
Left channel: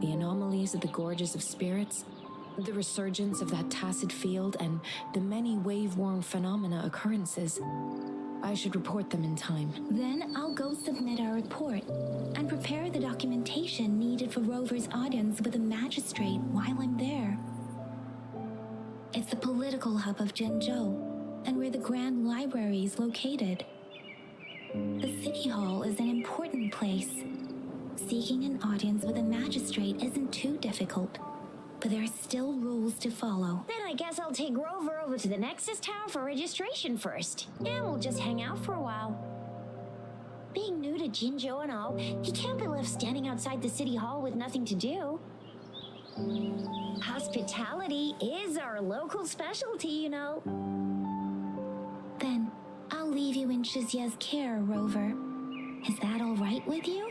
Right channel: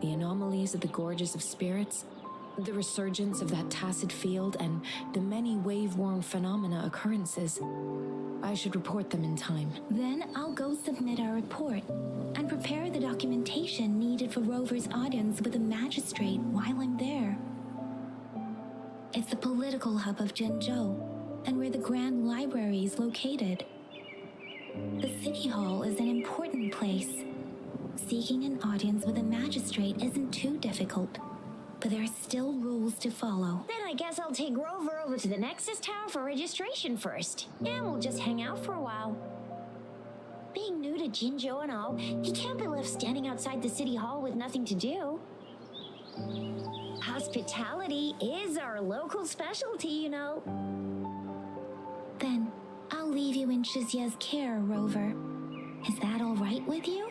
The anomalies of the Gorges of Spirits, the resurgence of that tacit field, and the many wave-worn phenomena occurrences. I should report them in time. Then I'll go submit our report and prepare the documentation needed for Rover's audience with a magistrate while I'm there. It's the political hub of Zhengzhou and where the Grand Library is located. The City Hall is an important place. Seeking an audience with a magistrate isn't too difficult, but there are still rules to follow. Then I guess I'll take Rover over to the Nexus Tower for registration first. And we'll just hang out for a while. Being new to Jinzhou and all, he can't be left standing outside the City Hall with nothing to do. Hospitality is our local specialty, you know. Then I'll leave you in Shizia's care, Rover. Is that all right with you?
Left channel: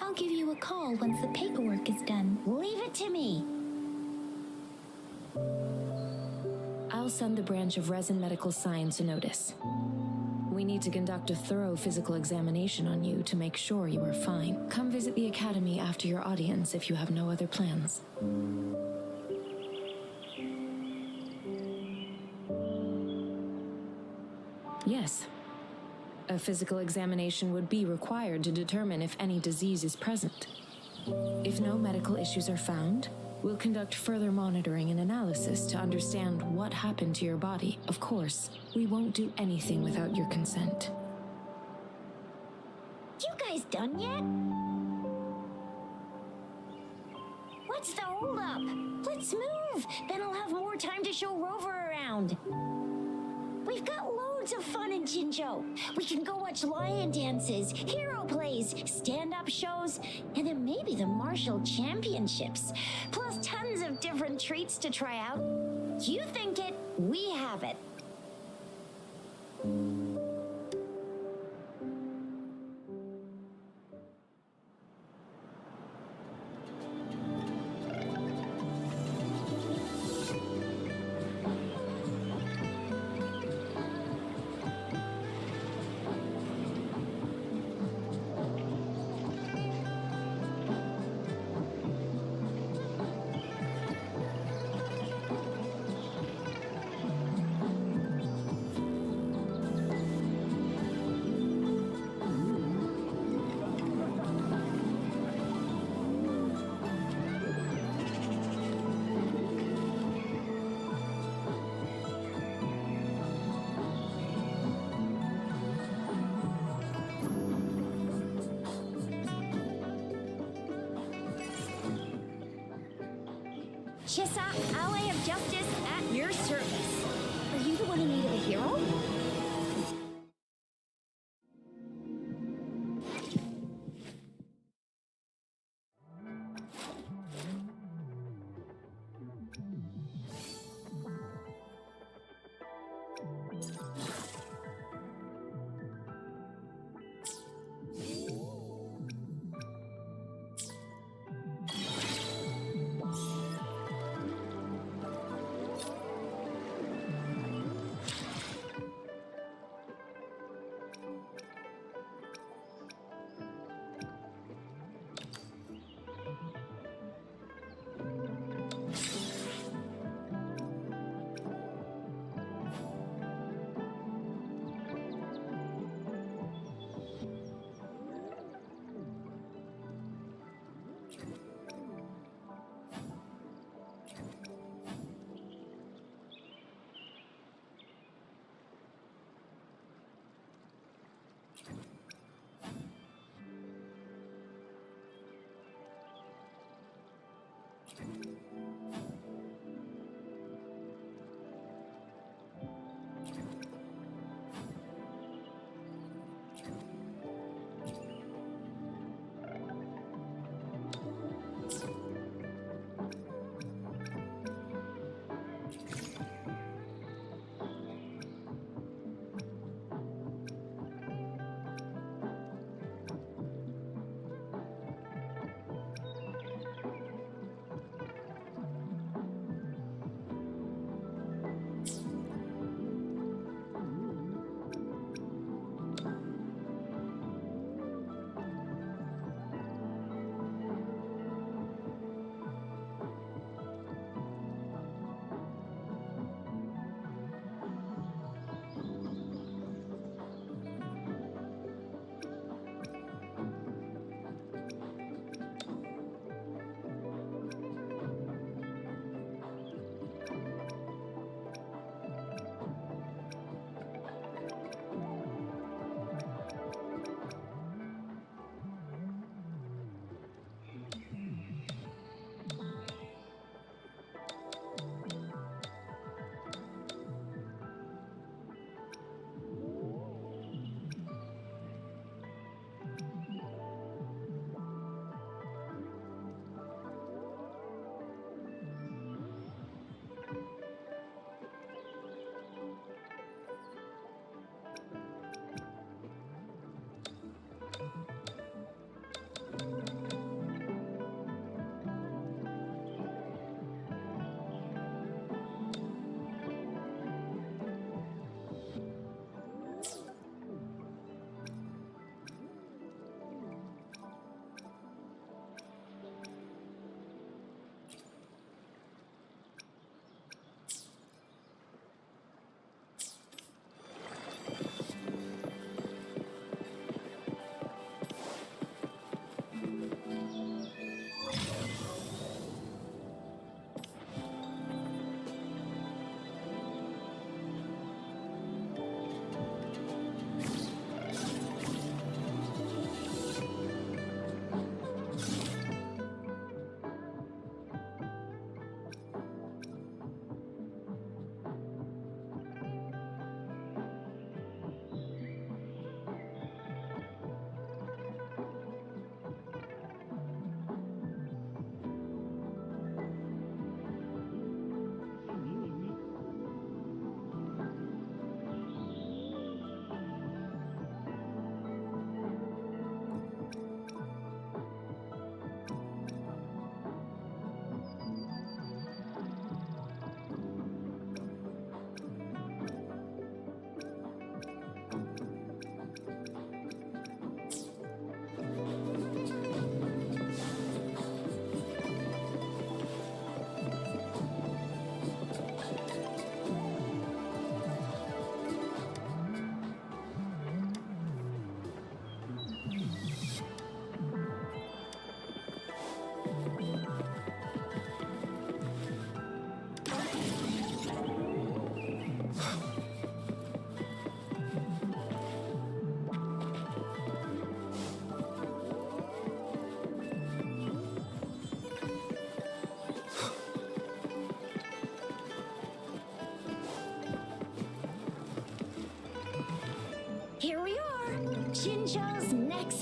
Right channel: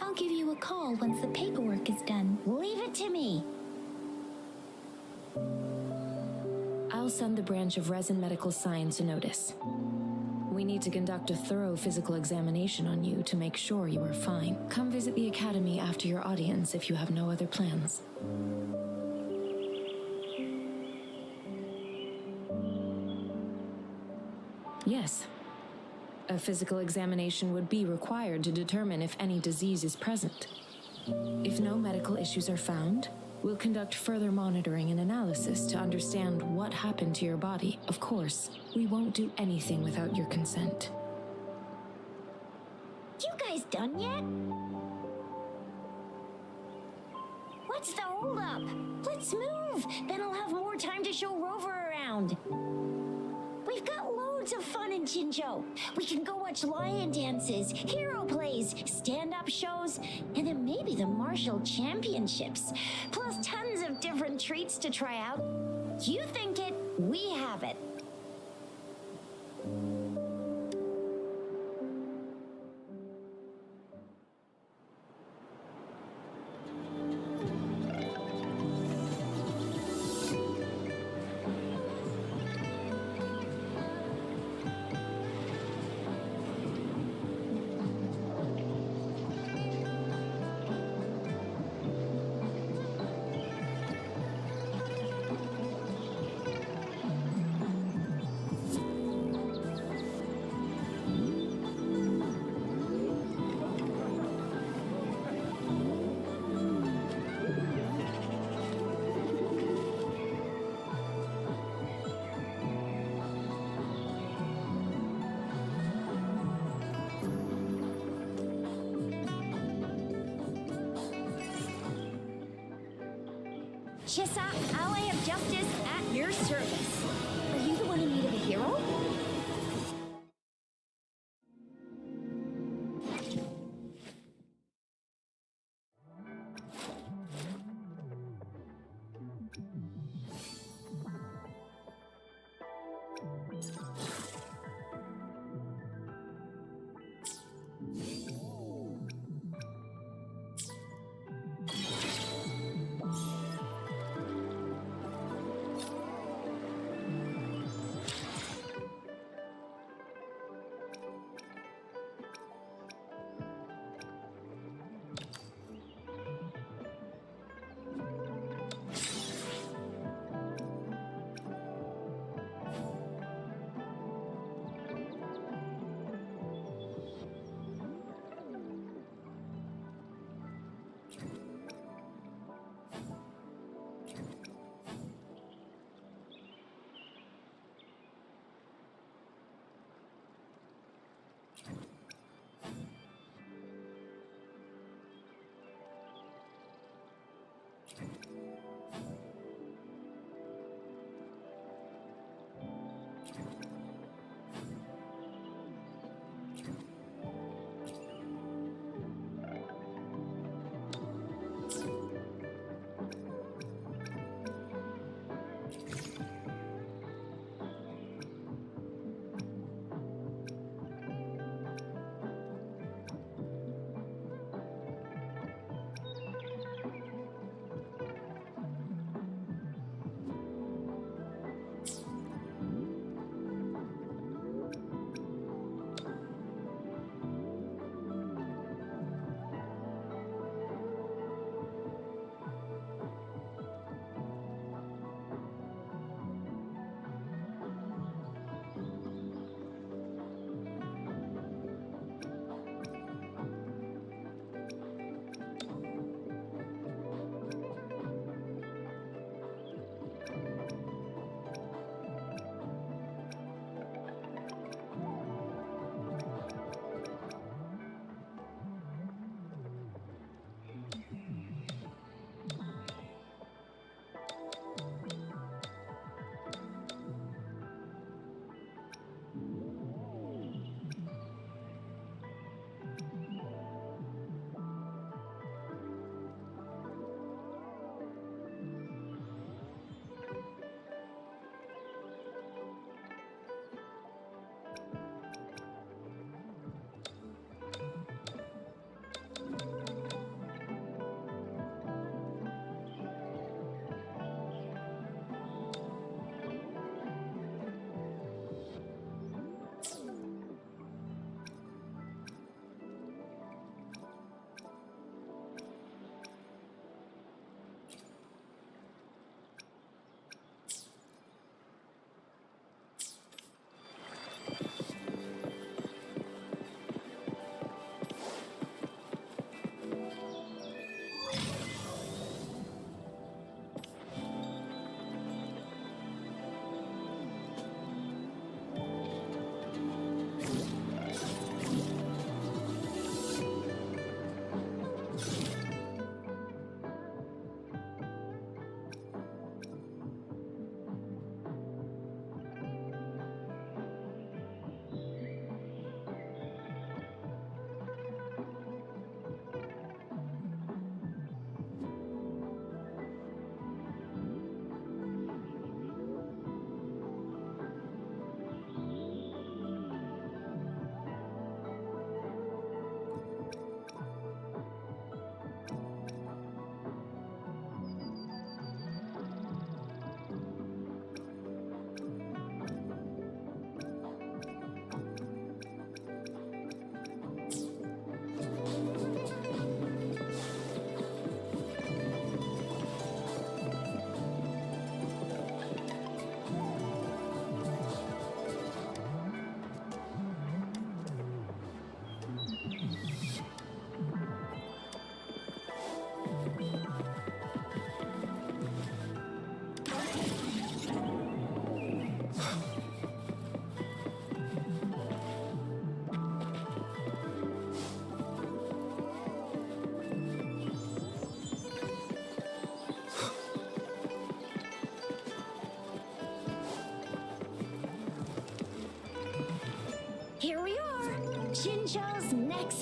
I'll give you a call once the paperwork is done. Leave it to me. I'll send the branch of Resin Medical Science a notice. We need to conduct a thorough physical examination on you to make sure you are fine. Come visit the Academy after your audience if you have no other plans. Yes. A physical examination would be required to determine if any disease is present. If no medical issues are found, we'll conduct further monitoring and analysis to understand what happened to your body. Of course, we won't do anything without your consent. You guys done yet? What's the holdup? Let's move. Then I'll have more time to show Rover around. We've got loads of fun in Jinzhou. We can go watch lion dances, hero plays, stand-up shows, and then maybe the martial championships. Plus tons of different treats to try out. You think it, we have it. Chissa, ally of justice at your service. Are you the one in need of a hero?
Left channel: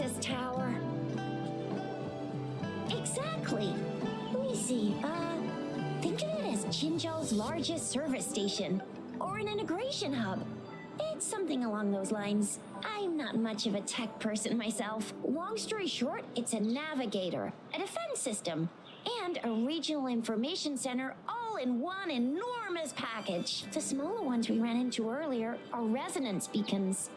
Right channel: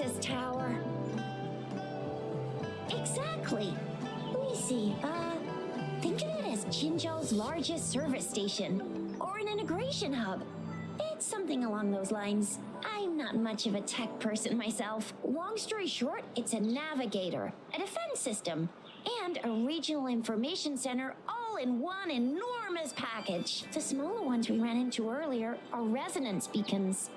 access tower. Exactly. Let me see. Think of it as Jinzhou's largest service station, or an integration hub. It's something along those lines. I'm not much of a tech person myself. Long story short, it's a navigator, a defense system, and a regional information center all in one enormous package. The smaller ones we ran into earlier are resonance beacons.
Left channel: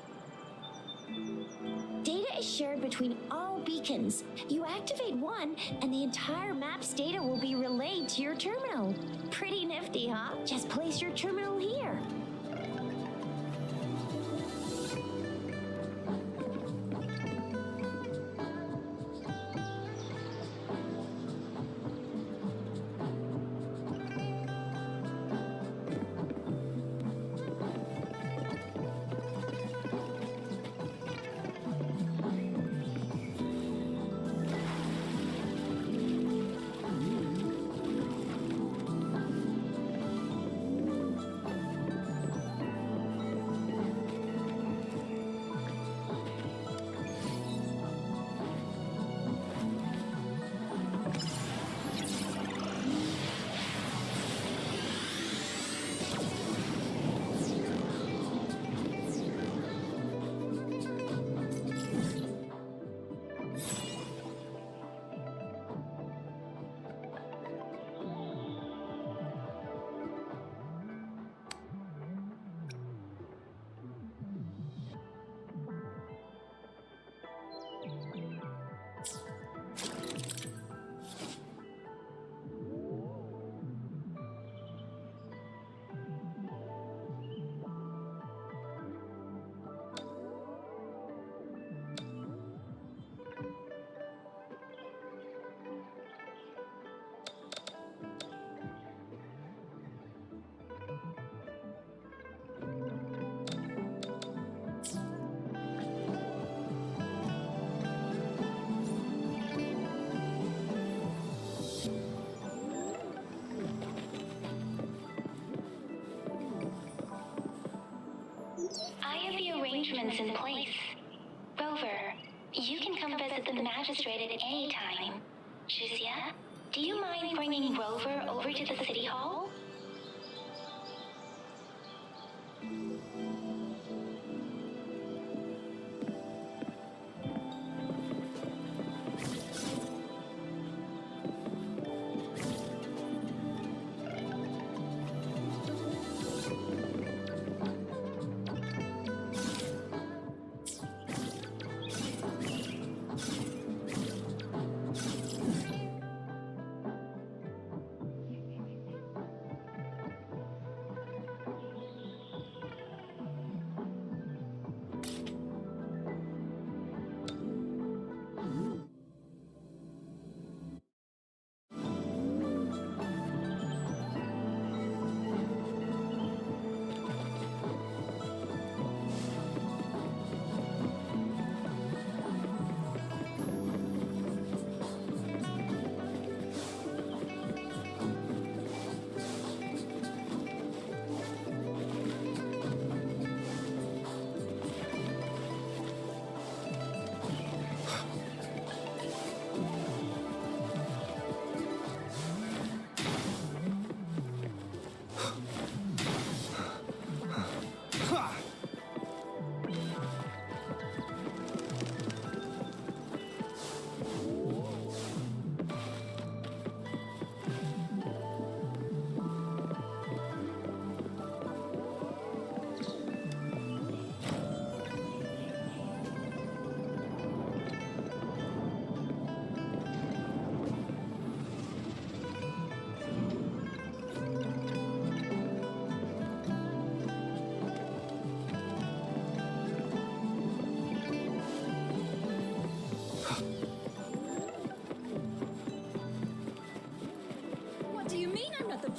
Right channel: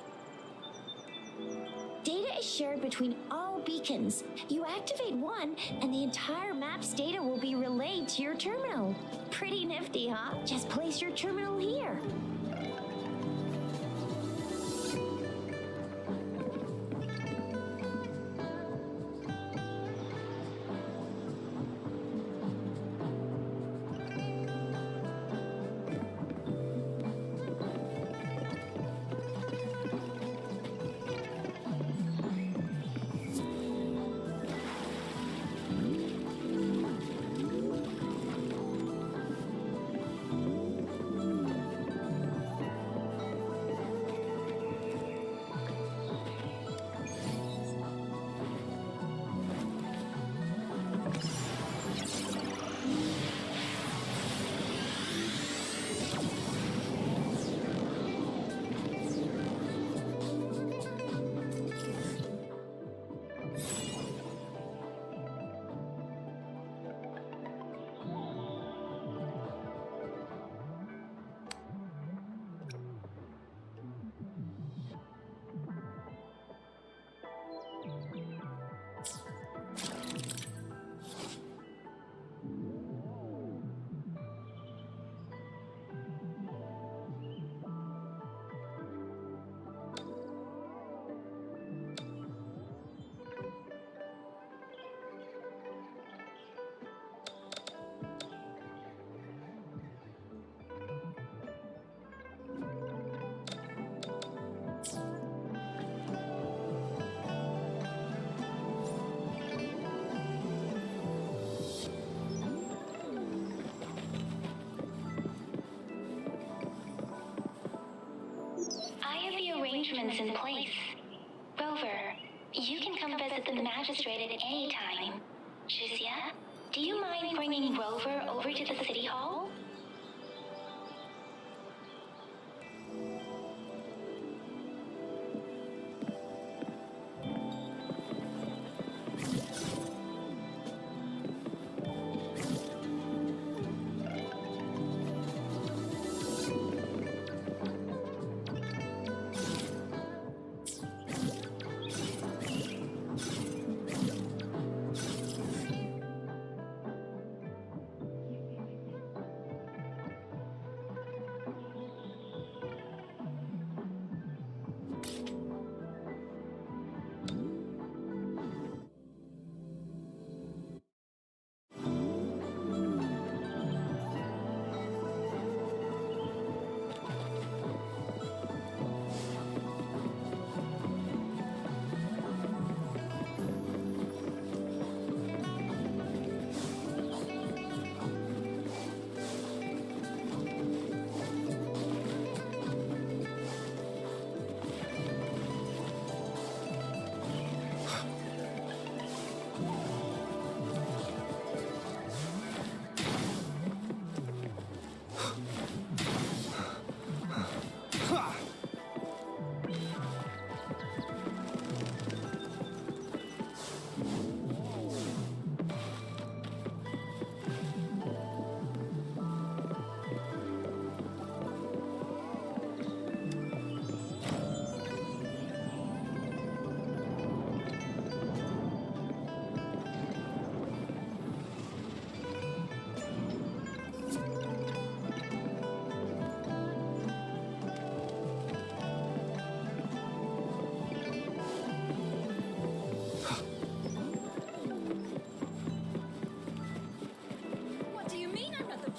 Data is shared between all beacons. You activate one, and the entire map's data will be relayed to your terminal. Pretty nifty, huh? Just place your terminal here. I have the arrangements in place. Rover, you can come visit the magistrate at any time. Shizia, do you mind bringing Rover over to the city hall?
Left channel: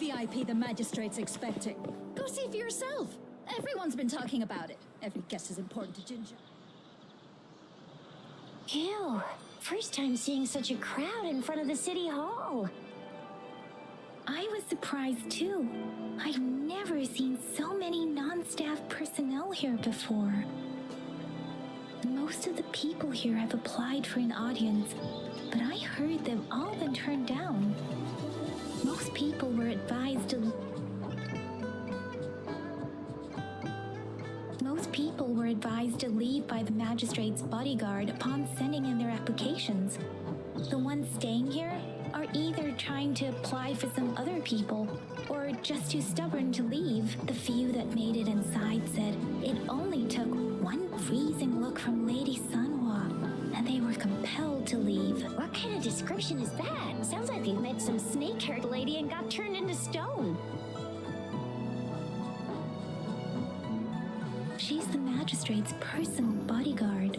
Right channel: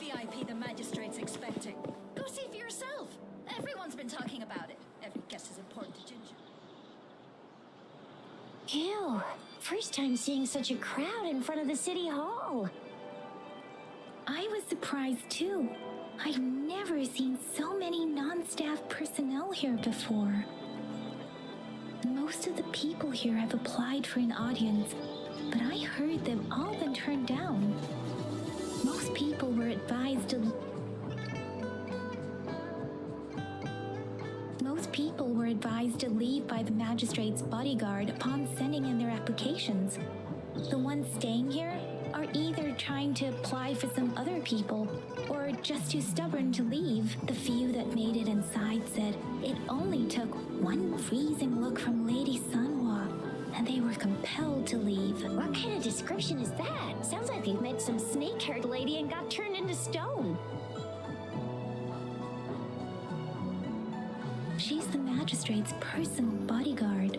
VIP the magistrate's expecting. Go see for yourself. Everyone's been talking about it. Every guest is important to Ginger. Ew. First time seeing such a crowd in front of the city hall. I was surprised too. I've never seen so many non-staff personnel here before. Most of the people here have applied for an audience, but I heard they've all been turned down. Most people were advised to leave by the magistrate's bodyguard upon sending in their applications. The ones staying here are either trying to apply for some other people or just too stubborn to leave. The few that made it inside said it only took one freezing look from Lady Sanhua and they were compelled to leave. What kind of description is that? Sounds like they've met some snake-haired lady and got turned into stone. She's the magistrate's personal bodyguard.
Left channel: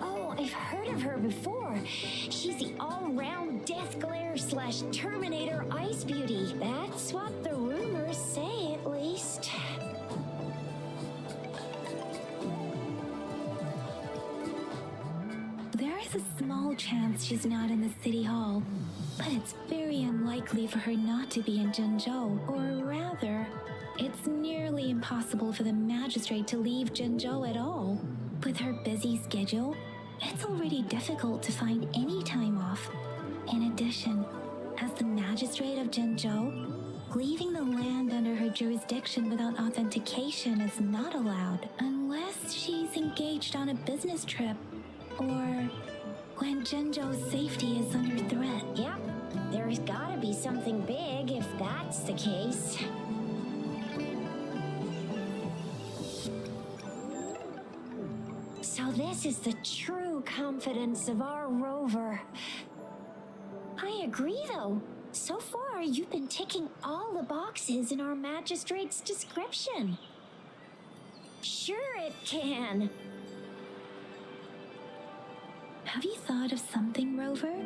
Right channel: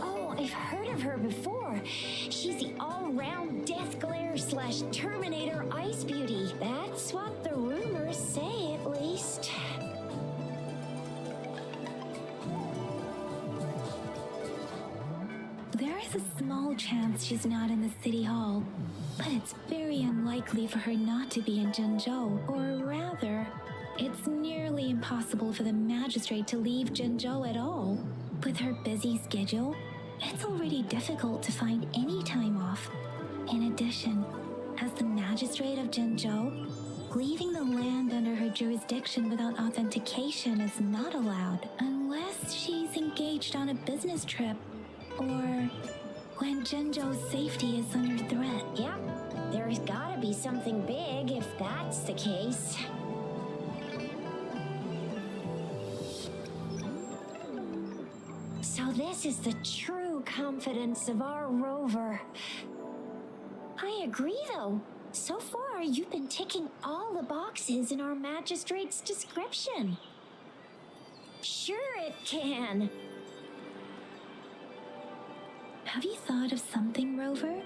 Oh, I've heard of her before. She's the all-round Death Glare / Terminator Ice Beauty. That's what the rumors say, at least. There is a small chance she's not in the city hall, but it's very unlikely for her not to be in Zhengzhou, or rather, it's nearly impossible for the magistrate to leave Zhengzhou at all. With her busy schedule, it's already difficult to find any time off. In addition, as the magistrate of Zhengzhou, leaving the land under her jurisdiction without authentication is not allowed unless she's engaged on a business trip or when Zhengzhou's safety is under threat. Yep, there's gotta be something big if that's the case. So this is the true confidence of our Rover. I agree, though. So far, you've been ticking all the boxes in our magistrate's description. Sure it can. Have you thought of something, Rover?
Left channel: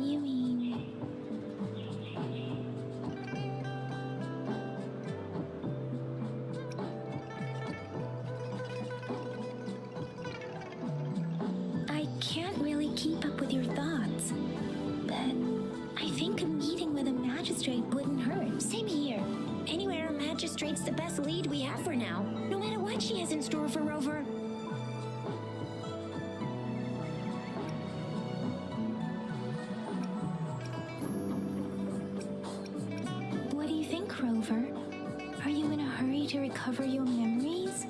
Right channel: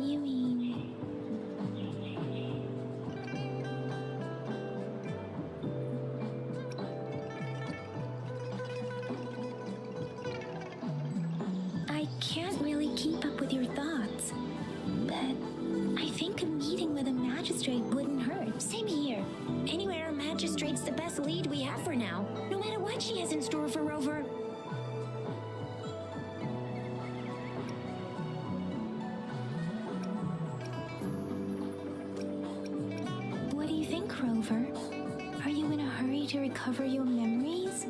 You mean... I can't really keep up with your thoughts, but I think a meeting with a magistrate wouldn't hurt. Same here. Anyway, our magistrate's the best lead we have for now, no matter what she has in store for Rover. What do you think, Rover? Are you in a hurry to recover your memories?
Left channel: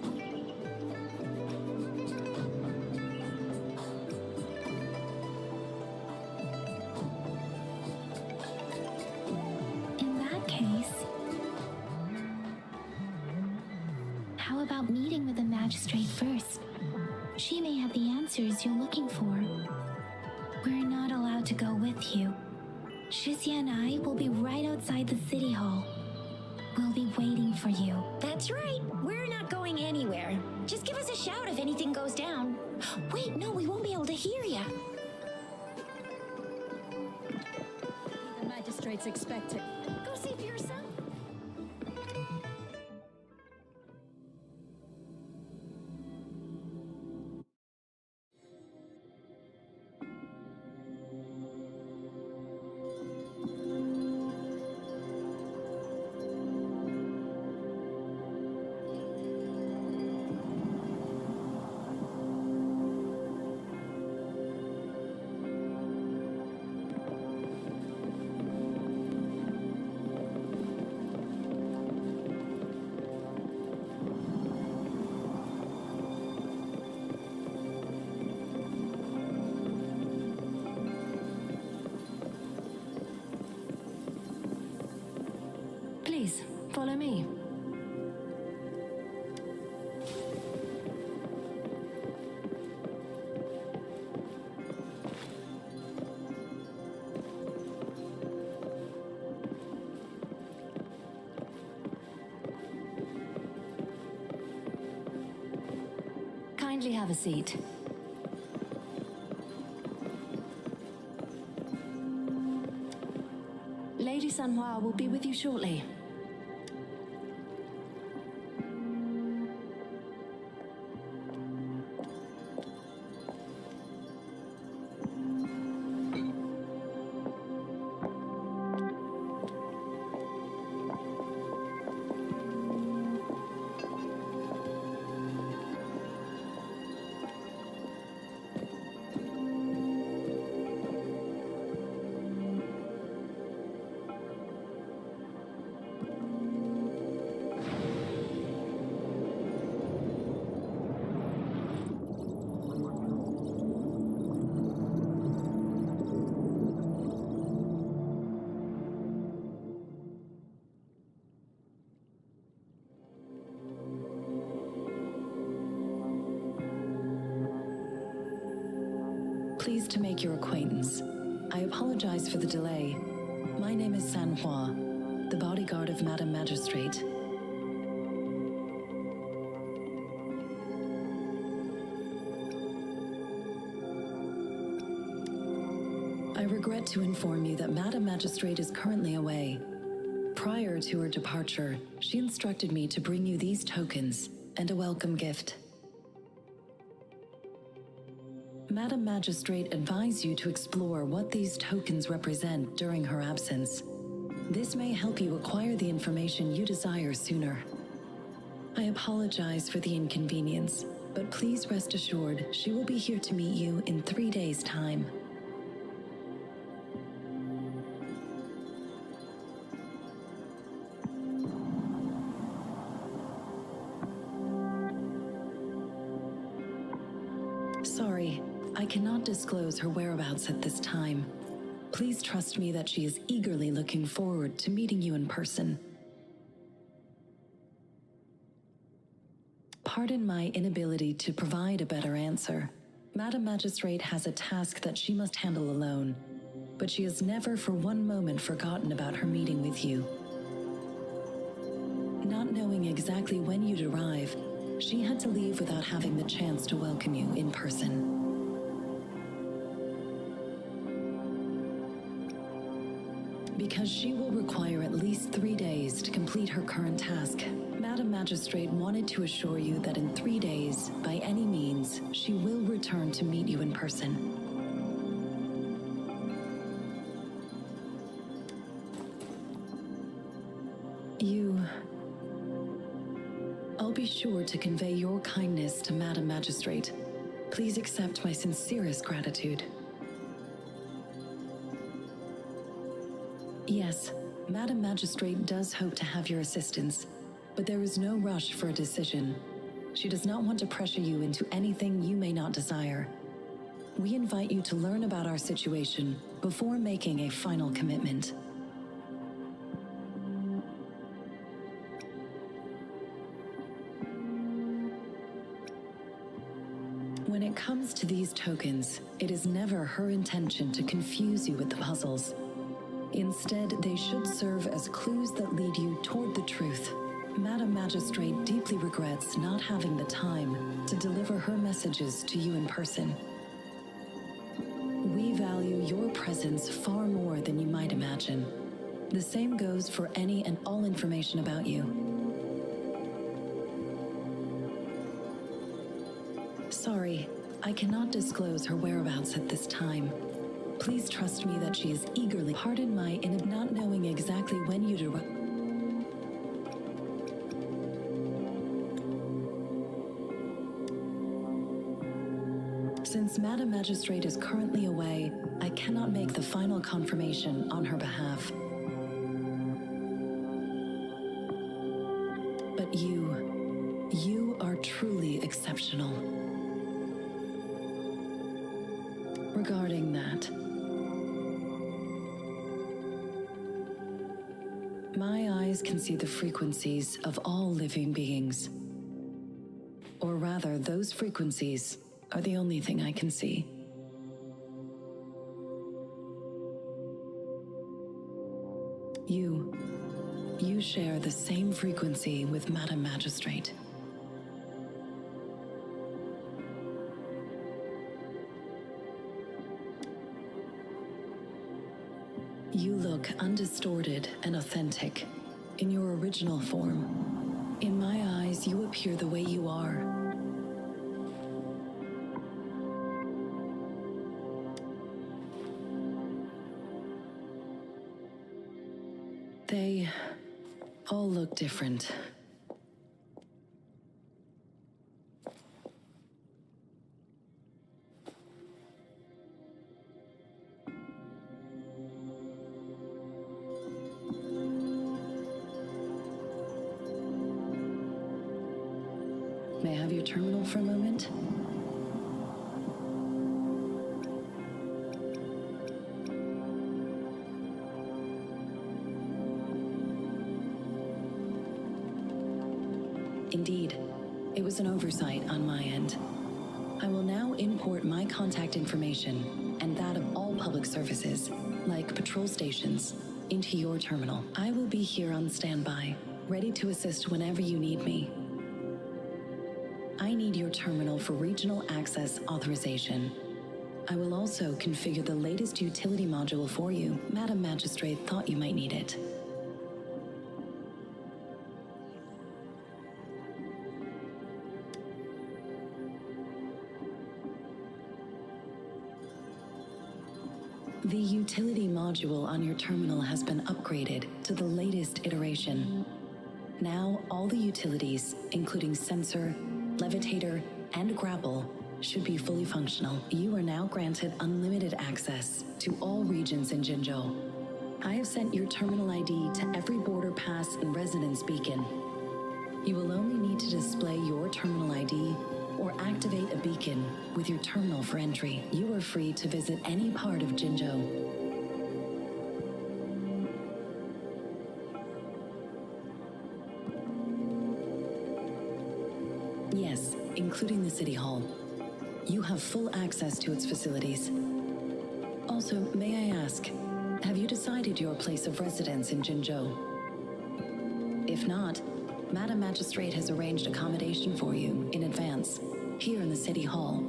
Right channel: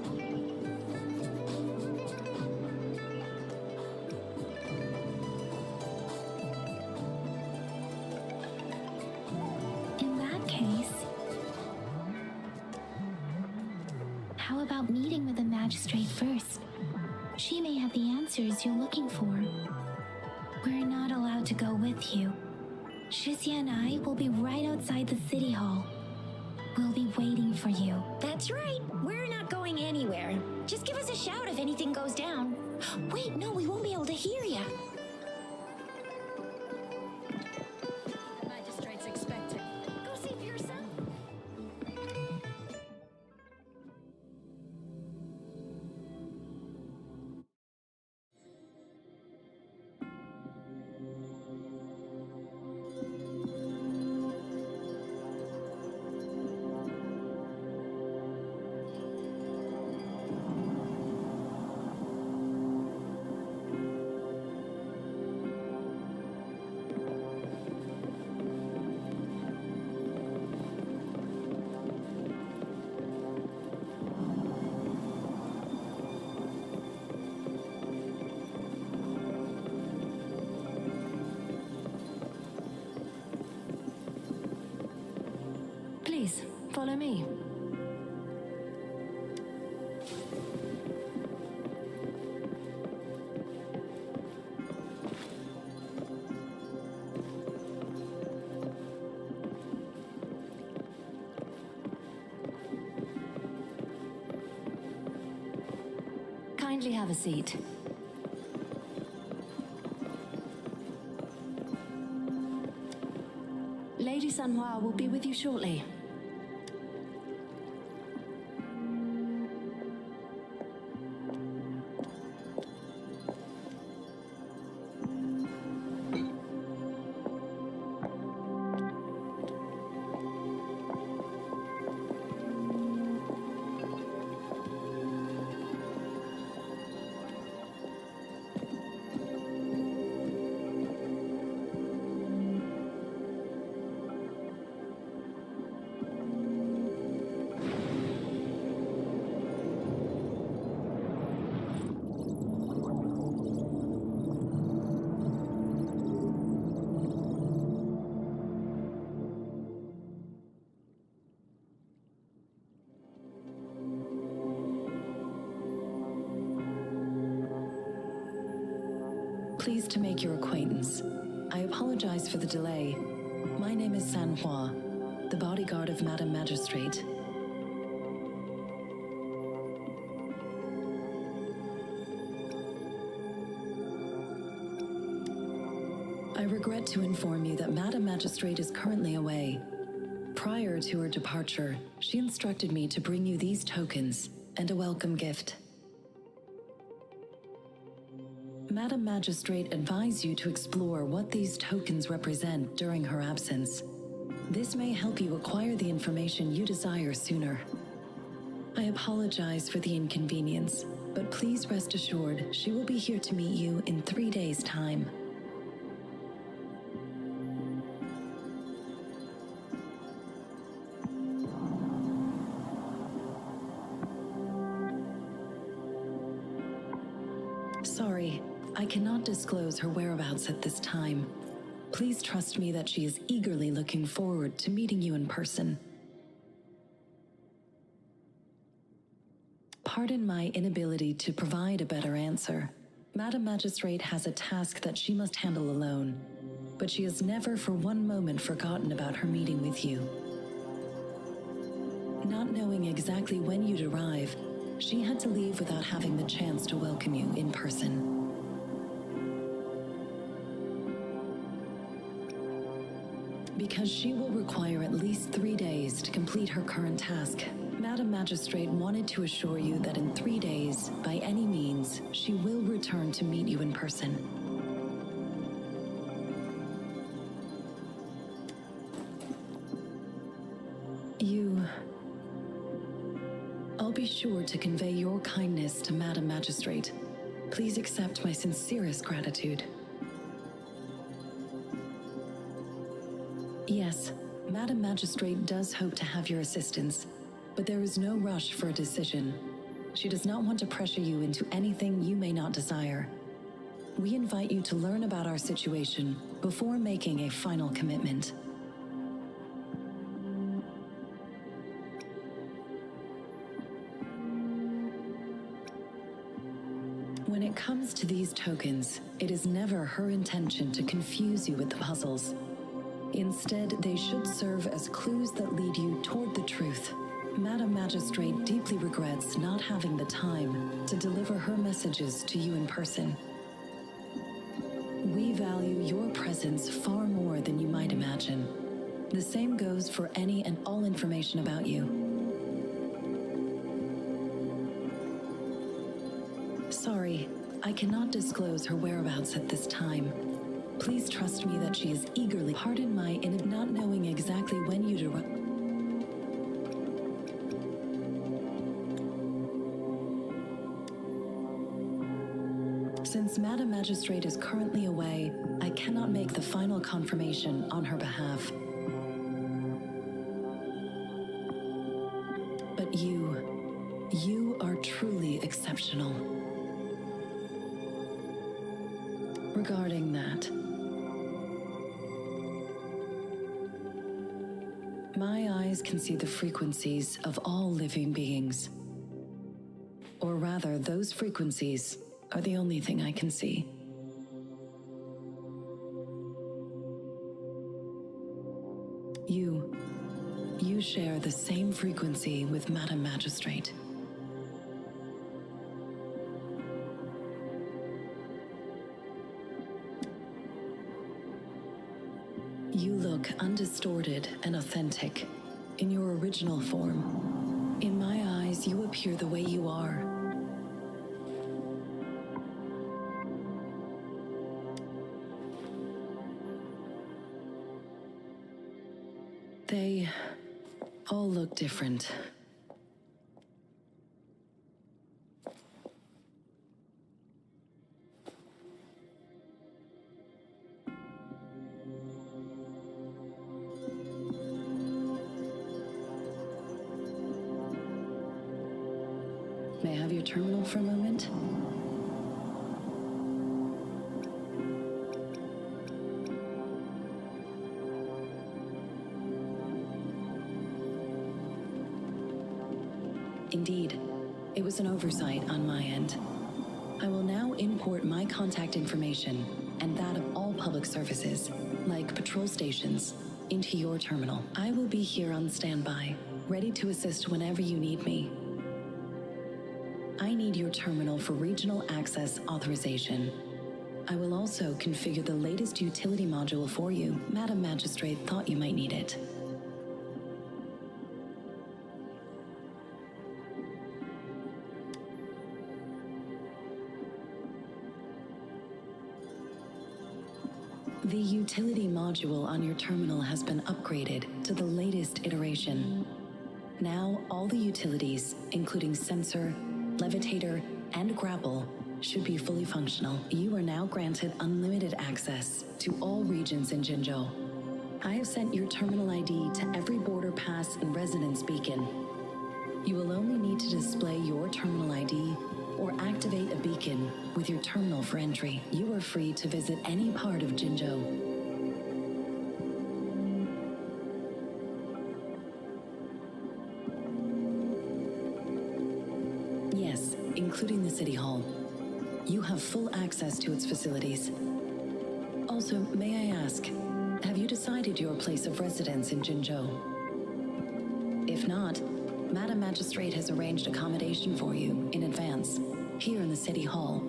In that case, how about meeting with the magistrate first? She may have the answers you're looking for. We're not allowed to go with you. Shizia and I will be right outside the city hall. We'll be waiting for you. That's right. We're not going anywhere. Just give us a shout if anything goes down. Wait, no, we won't be able to hear ya. The magistrate's expecting. Go see for yourself. Please, follow me. Kindly have a seat. Lady Sanhua will be with you shortly. Pleased to make your acquaintance. I apologize for the delay. My name is San Hua, the bodyguard of Madam Magistrate. I regret to inform you that Madam Magistrate is currently away. Prior to her departure, she instructed me to bring you these tokens and a welcome gift. Madam Magistrate advised you to explore what these tokens represent during her absence. This may help you acquire the information you desire sooner. I apologize for the inconvenience, but please rest assured she will be here to meet you in 3 days' time. Sorry, I cannot disclose her whereabouts at this time. Please trust me that she is eagerly looking forward to meeting you in person. Pardon my inability to provide a better answer. Madam Magistrate has a task that she must handle alone, but she has never for one moment forgotten about her meeting with you. Not knowing exactly when you'd arrive, she had to leave without having the chance to welcome you in person. Because she will require at least 3 days to complete her current task, Madam Magistrate wanted to assure you that in 3 days, by any means, she will return to meet you in person. I'll be sure to convey your kindness to Madam Magistrate. Please accept my sincerest gratitude. Yes, Madam Magistrate does hope to have your assistance, but there is no rush for a decision. She does not want to pressure you into anything you may not desire. We invite you to learn about our situation before making a final commitment. When it comes to these tokens, it is never her intention to confuse you with the puzzles. Instead, they should serve as clues that lead you toward the truth. Madam Magistrate deeply regrets not having the time to deliver her messages to you in person. We value your presence far more than you might imagine. The same goes for any and all information about you. Sorry, I cannot disclose her whereabouts at this time. Please trust me that she is eagerly. Pardon my not knowing exactly when you'd arrive. Since Madam Magistrate is currently away, I cannot make the final confirmation on her behalf. But you are truly exceptional. Regarding that, my eyes can see the frequencies of all living beings. Or rather, those frequencies are the only thing I can see. You share the same frequency with Madam Magistrate. You look undistorted and authentic in your original form. In my eyes, you appear the way you are. They all look different. May I have your terminal for a moment? Indeed, it was an oversight on my end. I will now import my contact information and that of all public services, like patrol stations, into your terminal. I will be here on standby, ready to assist whenever you need me. I need your terminal for regional access authorization. I will also configure the latest utility module for you. Madam Magistrate thought you might need it. The utility module on your terminal has been upgraded to the latest iteration. Now, all the utilities, including sensor, levitator, and grapple, should be fully functional. You are now granted unlimited access to all regions in Jinzhou. I have sent your terminal ID to every border pass and resonance beacon. You will only need to display your terminal ID or activate a beacon with your terminal for entry. You are free to visit any part of Jinzhou. Yes, including the City Hall. You have full access to its facilities. Also, may I ask, have you decided your place of residence in Jinzhou? If not, Madam Magistrate has arranged accommodation for you in advance, here in the City Hall.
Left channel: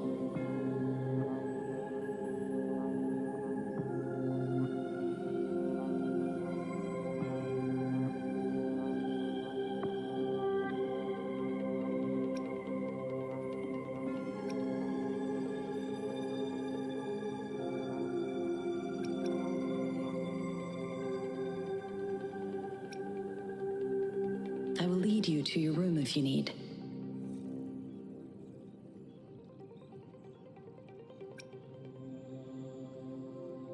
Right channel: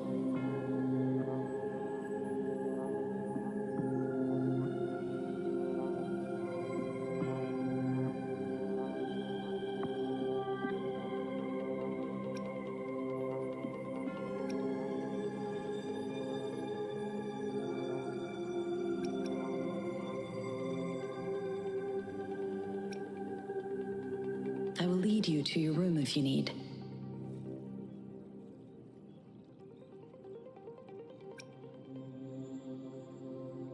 I will lead you to your room if you need.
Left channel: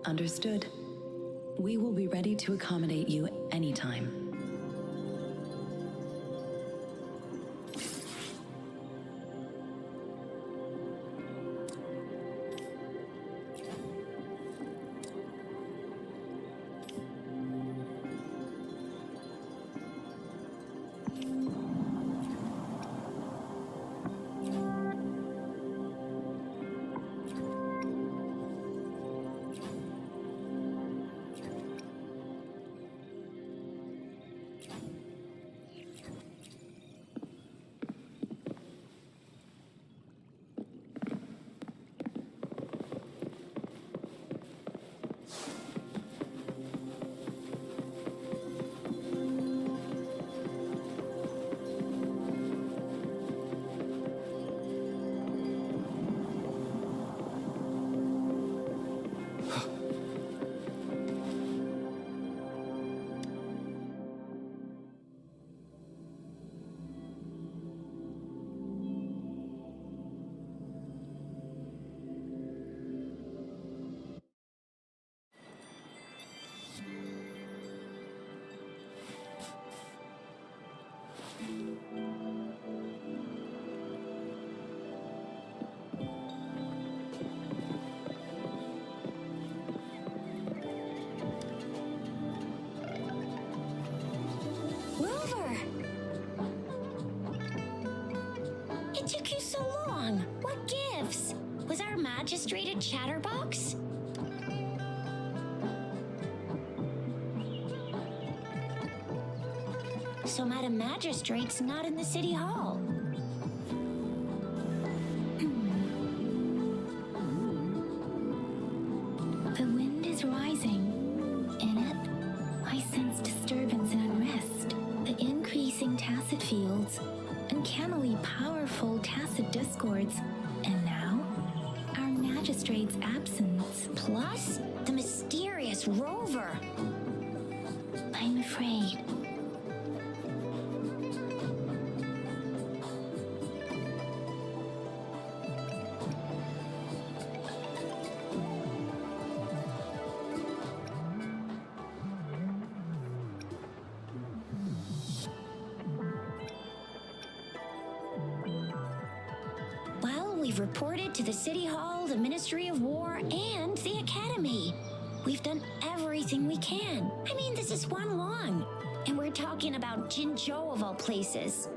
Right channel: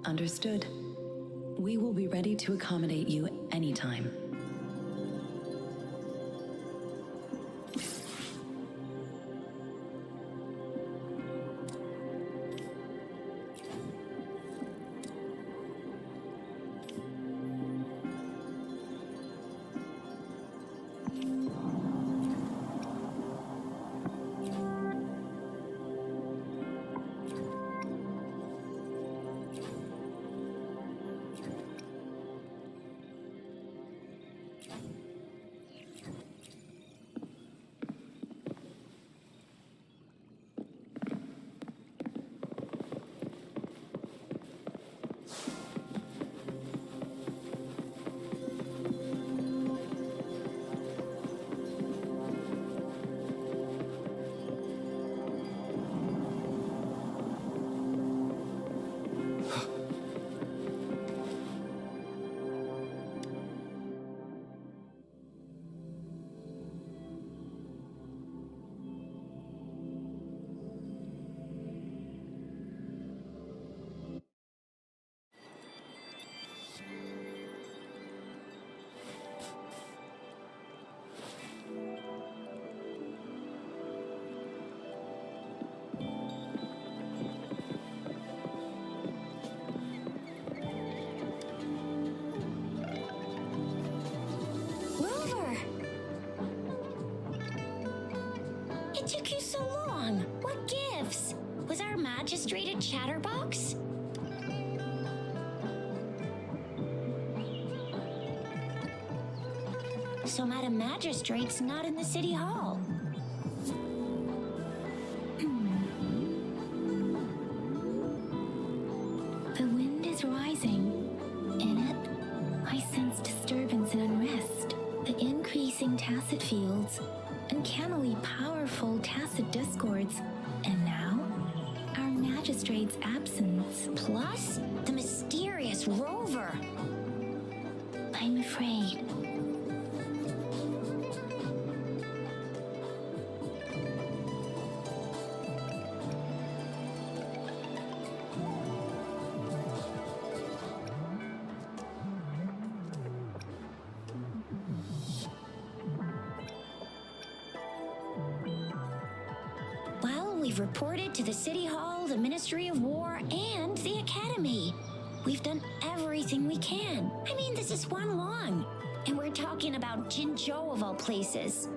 Understood. We will be ready to accommodate you anytime. Rover! It took you so long. What gives? Was our magistrate a chatterbox? So Madam Magistrate's not in the City Hall. The wind is rising. In it, I sense disturbance and unrest. The increasing tacit fields, uncannily powerful tacit discords, and now, our magistrate's absence. Plus, the mysterious Rover. I'm afraid. We've reported to the City Hall, the Ministry of War, and the Academy. We've done everything we can. I mean, this is one long. And we're talking about Jinzhou of all places.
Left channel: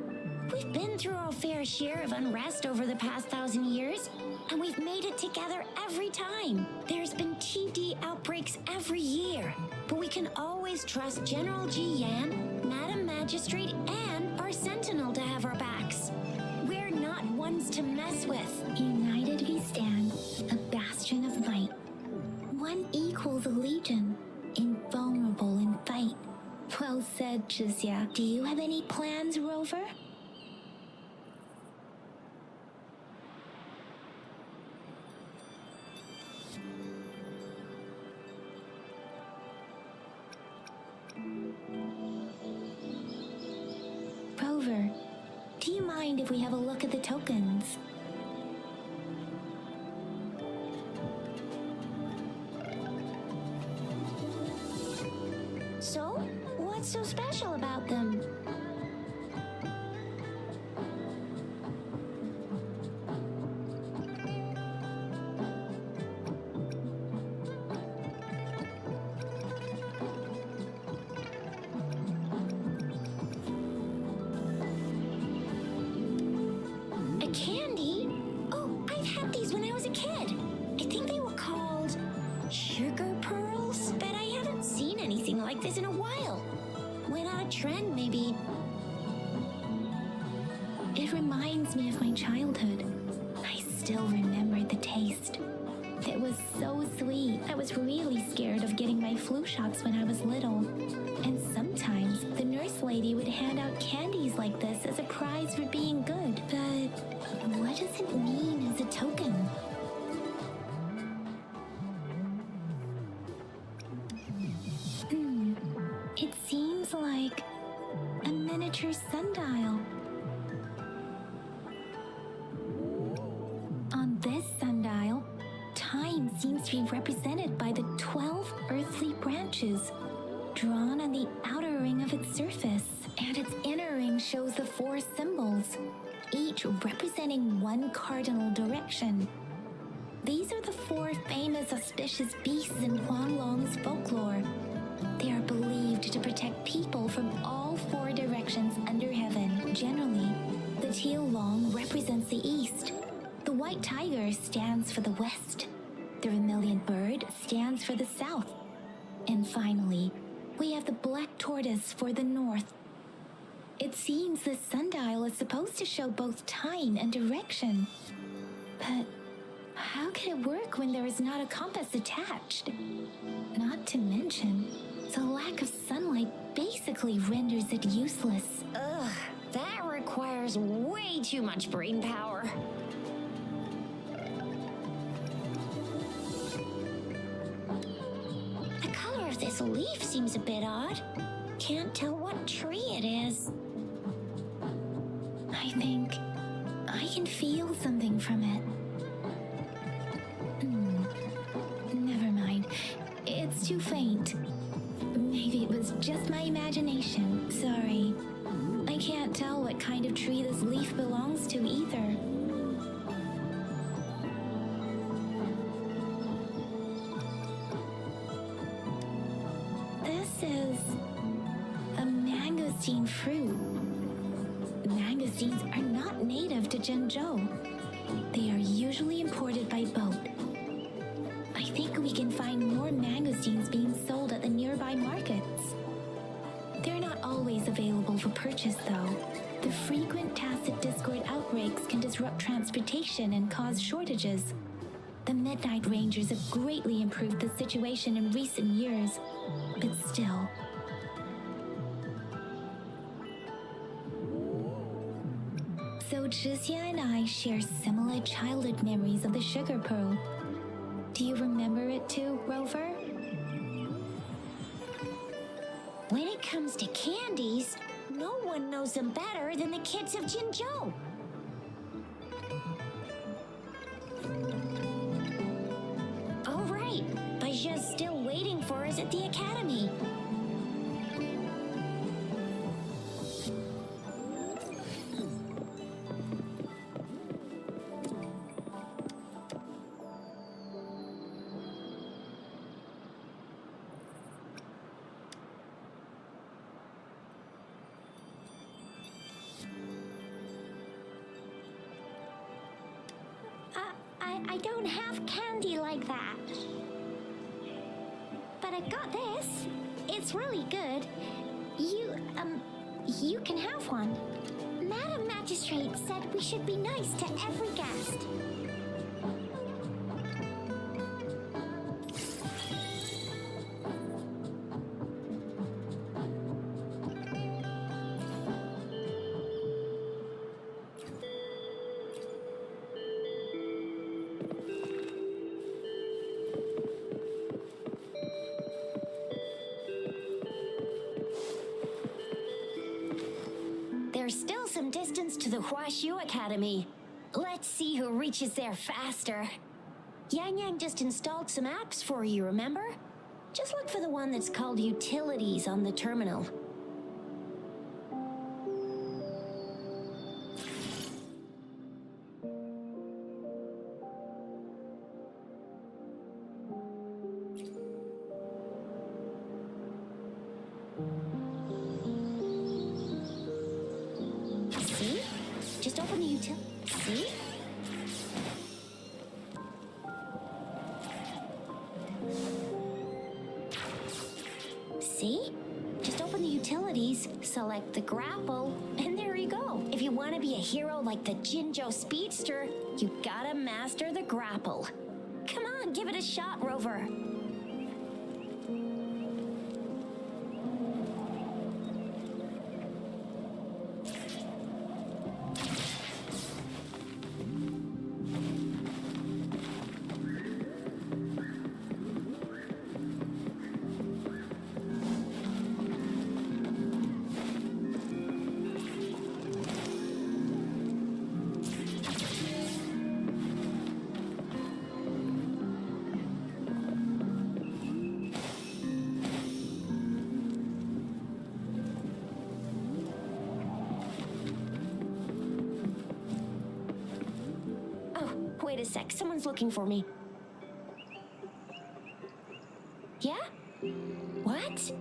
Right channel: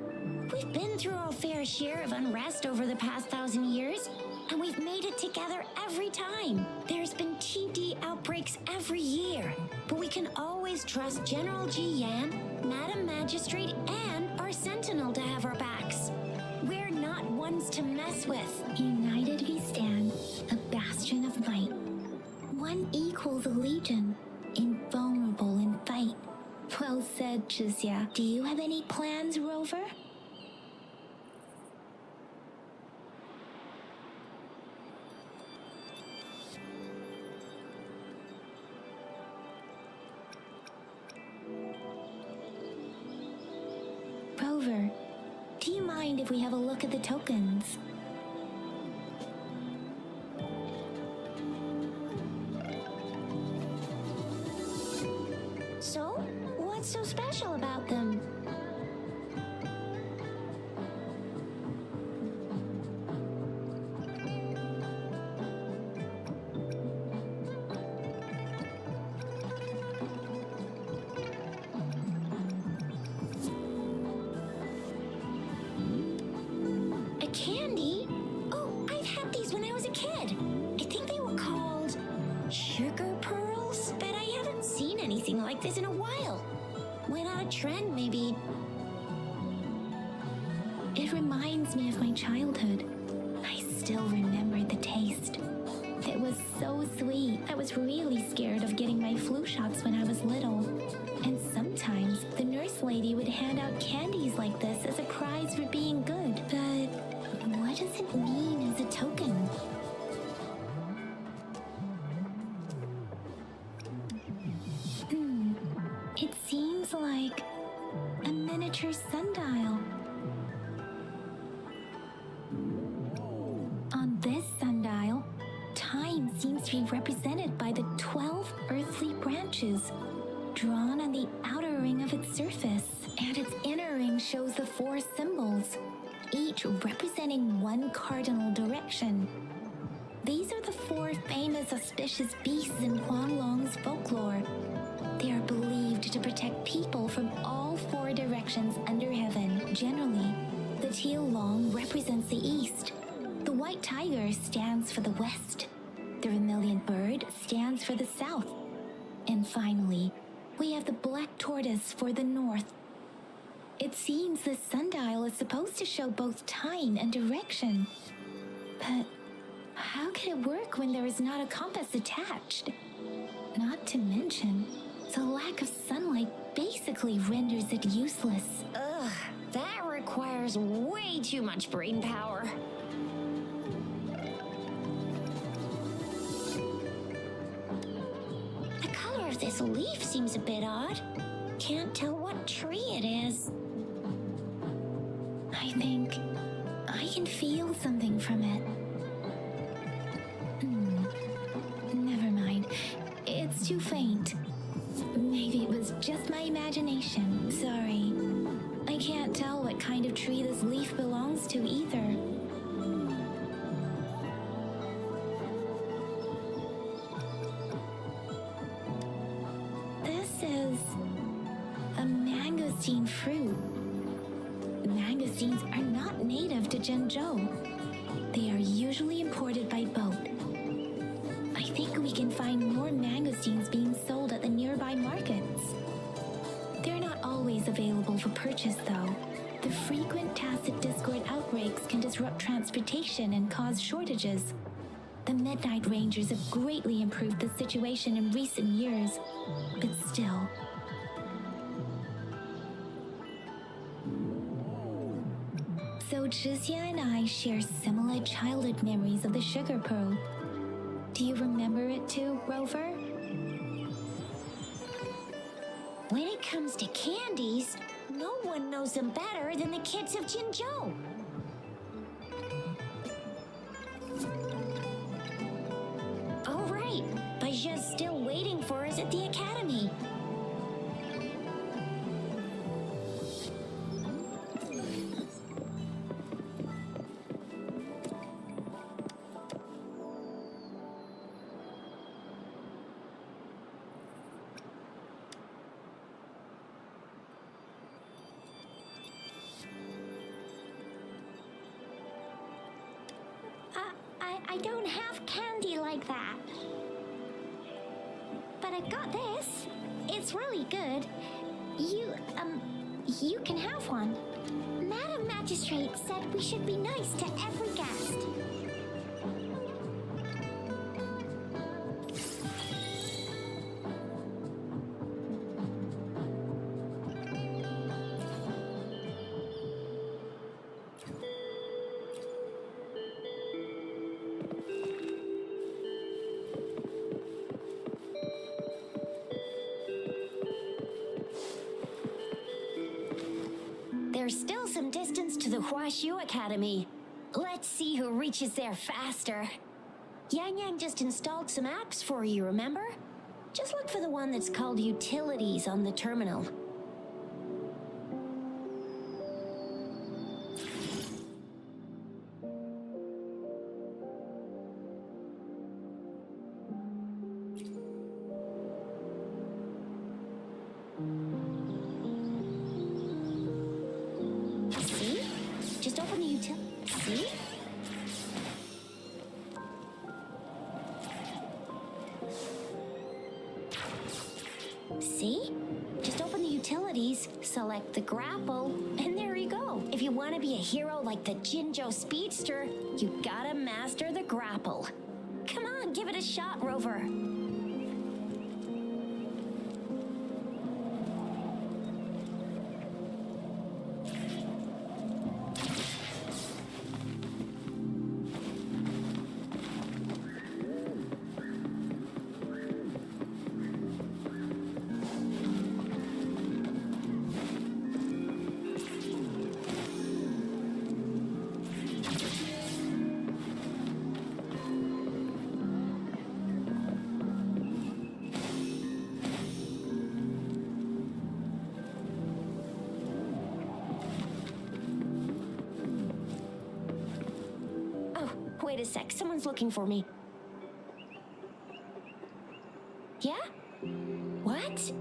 We've been through our fair share of unrest over the past 1,000 years. And we've made it together every time. There's been TD outbreaks every year. But we can always trust General Ji Yan, Madam Magistrate, and our Sentinel to have our backs. We're not ones to mess with. United we stand, a bastion of might. One equals a legion, invulnerable in fight. Well said, Jizya. Do you have any plans, Rover? Rover, do you mind if we have a look at the tokens? So, what's so special about them? A candy? Oh, I've had these when I was a kid. I think they were called sugar pearls, but I haven't seen anything like this in a while. Went out of trend, maybe. It reminds me of my childhood. I still remember the taste. It was so sweet. I was really scared of getting my flu shots when I was little. And sometimes the nurse lady would hand out candies like this as a prize for being good. But what does it mean as a token? It seems like a miniature sundial. On this sundial, time seems to be represented by the 12 earthly branches drawn on the outer ring of its surface, and its inner ring shows the 4 symbols, each representing one cardinal direction. These are the 4 famous auspicious beasts in Huanglong's folklore. They are believed to protect people from all 4 directions under heaven. Generally, the teal long represents the east. The white tiger stands for the west. The vermilion bird stands for the south. And finally, we have the black tortoise for the north. It seems this sundial is supposed to show both time and direction. But how can it work when there is not a compass attached? Not to mention, the lack of sunlight basically renders it useless. Ugh, that requires way too much brain power. The color of this leaf seems a bit odd. Can't tell what tree it is. I think I can feel something from it. Never mind. It's too faint. Maybe it was just my imagination. Sorry. I can't tell what kind of tree this leaf belongs to either. This is a mangosteen fruit. Mangosteens are not native to Zhengzhou. They are usually imported by boat. I think we can find more mangosteens being sold at the nearby markets. They're not always available for purchase, though. The frequent tacit discord outbreaks can disrupt transportation and cause shortages. The Midnight Rangers have greatly improved the situation in recent years, but still. So Jizya and I share similar childhood memories of the sugar pearl. Do you remember it too, Rover? When it comes to candies, no one knows them better than the kids of Jinzhou. Oh, right. Baijia's still waiting for us at the academy. I don't have candy like that. But I got this. It's really good. You can have one. Madam Magistrate said we should be nice to every guest. There's still some distance to the Huashu Academy. Let's see who reaches there faster. Yang Yang just installed some apps for you, remember? Just look for the one that's called Utilities on the terminal. See? Just open the util... See? See? Just open the utilities, select the grapple, and there you go. If you want to be a hero like the Jinzhou Speedster, you gotta master the grapple. Come on, give it a shot, Rover. Wait a sec, someone's looking for me. Yeah? What?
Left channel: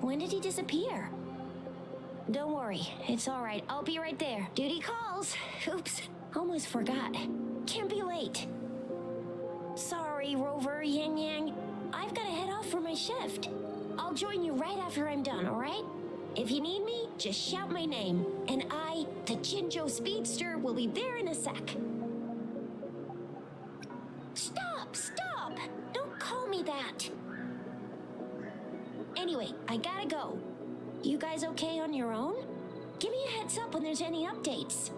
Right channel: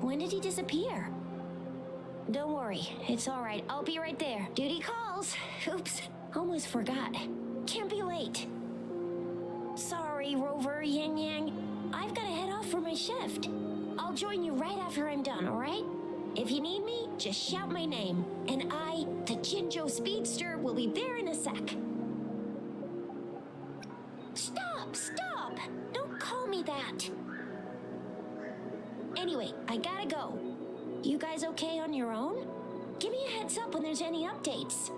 When did he disappear? Don't worry, it's all right. I'll be right there. Duty calls. Oops, almost forgot. Can't be late. Sorry, Rover, Yang Yang. I've got to head off for my shift. I'll join you right after I'm done, all right? If you need me, just shout my name. And I, the Jinzhou Speedster, will be there in a sec. Stop! Don't call me that. Anyway, I gotta go. You guys okay on your own? Give me a heads up when there's any updates.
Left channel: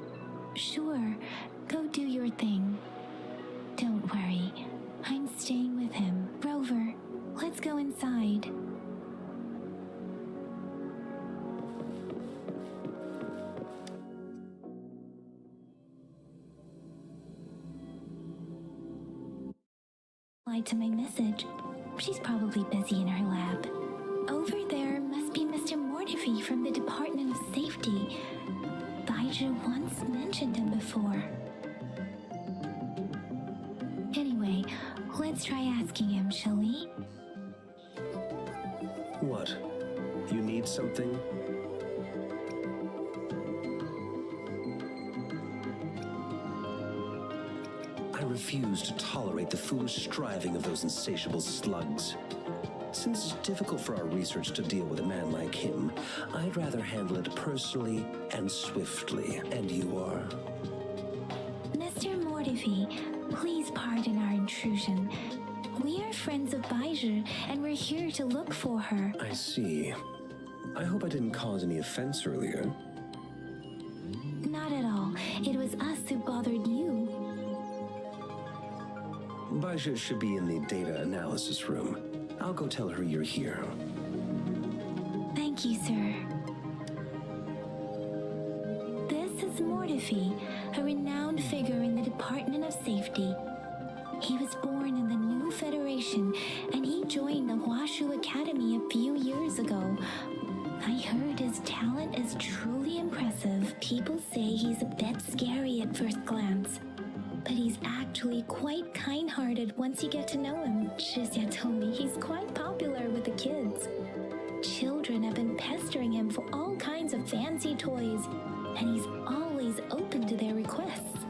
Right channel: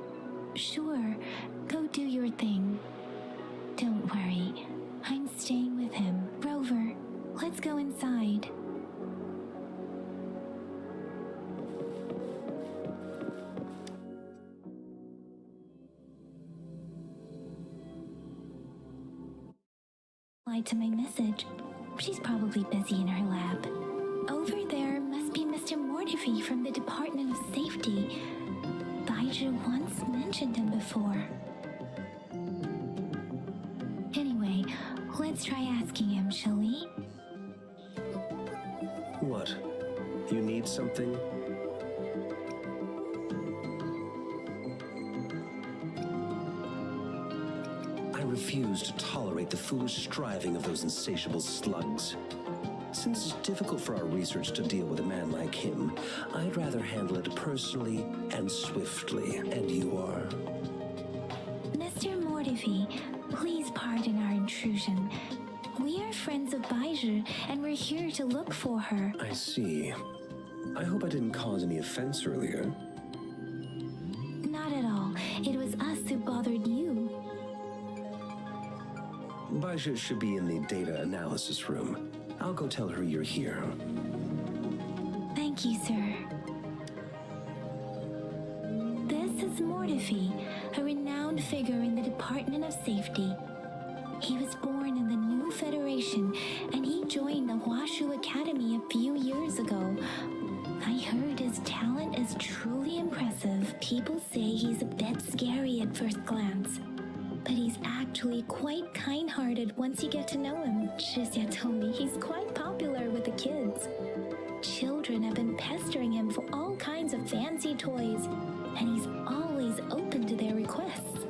Sure, go do your thing. Don't worry, I'm staying with him. Rover, let's go inside. To my message. She's probably busy in her lab. Over there must be Mr. Mortifi from the Department of Safety. Baizhi once mentioned him before. Anyway, let's try asking him, shall we? What? You need something? I refuse to tolerate the foolish striving of those insatiable slugs. Since it's difficult for our research to deal with a man like him, I'd rather handle it personally and swiftly. And you are? Mr. Mortifi, please pardon our intrusion. We are friends of Baizhi, and we're here to look for her. I see. I hope I didn't cause any offense earlier. Not at all. It was us who bothered you. Baizhi should be in the data analysis room. I'll go tell her you're here. Thank you, sir. This is Mortifi, a renowned figure in the Department of Safety. He was born in the new Federation, and he joined the Huashu Academy a few years ago. I heard his talent is truly impressive. People say he's a bit scary at first glance, but he's actually quite kind-hearted once you get to know him. Shizia told me he's quite popular with the kids. Children have been pestering him for all kinds of fancy toys, and he's always open to their requests.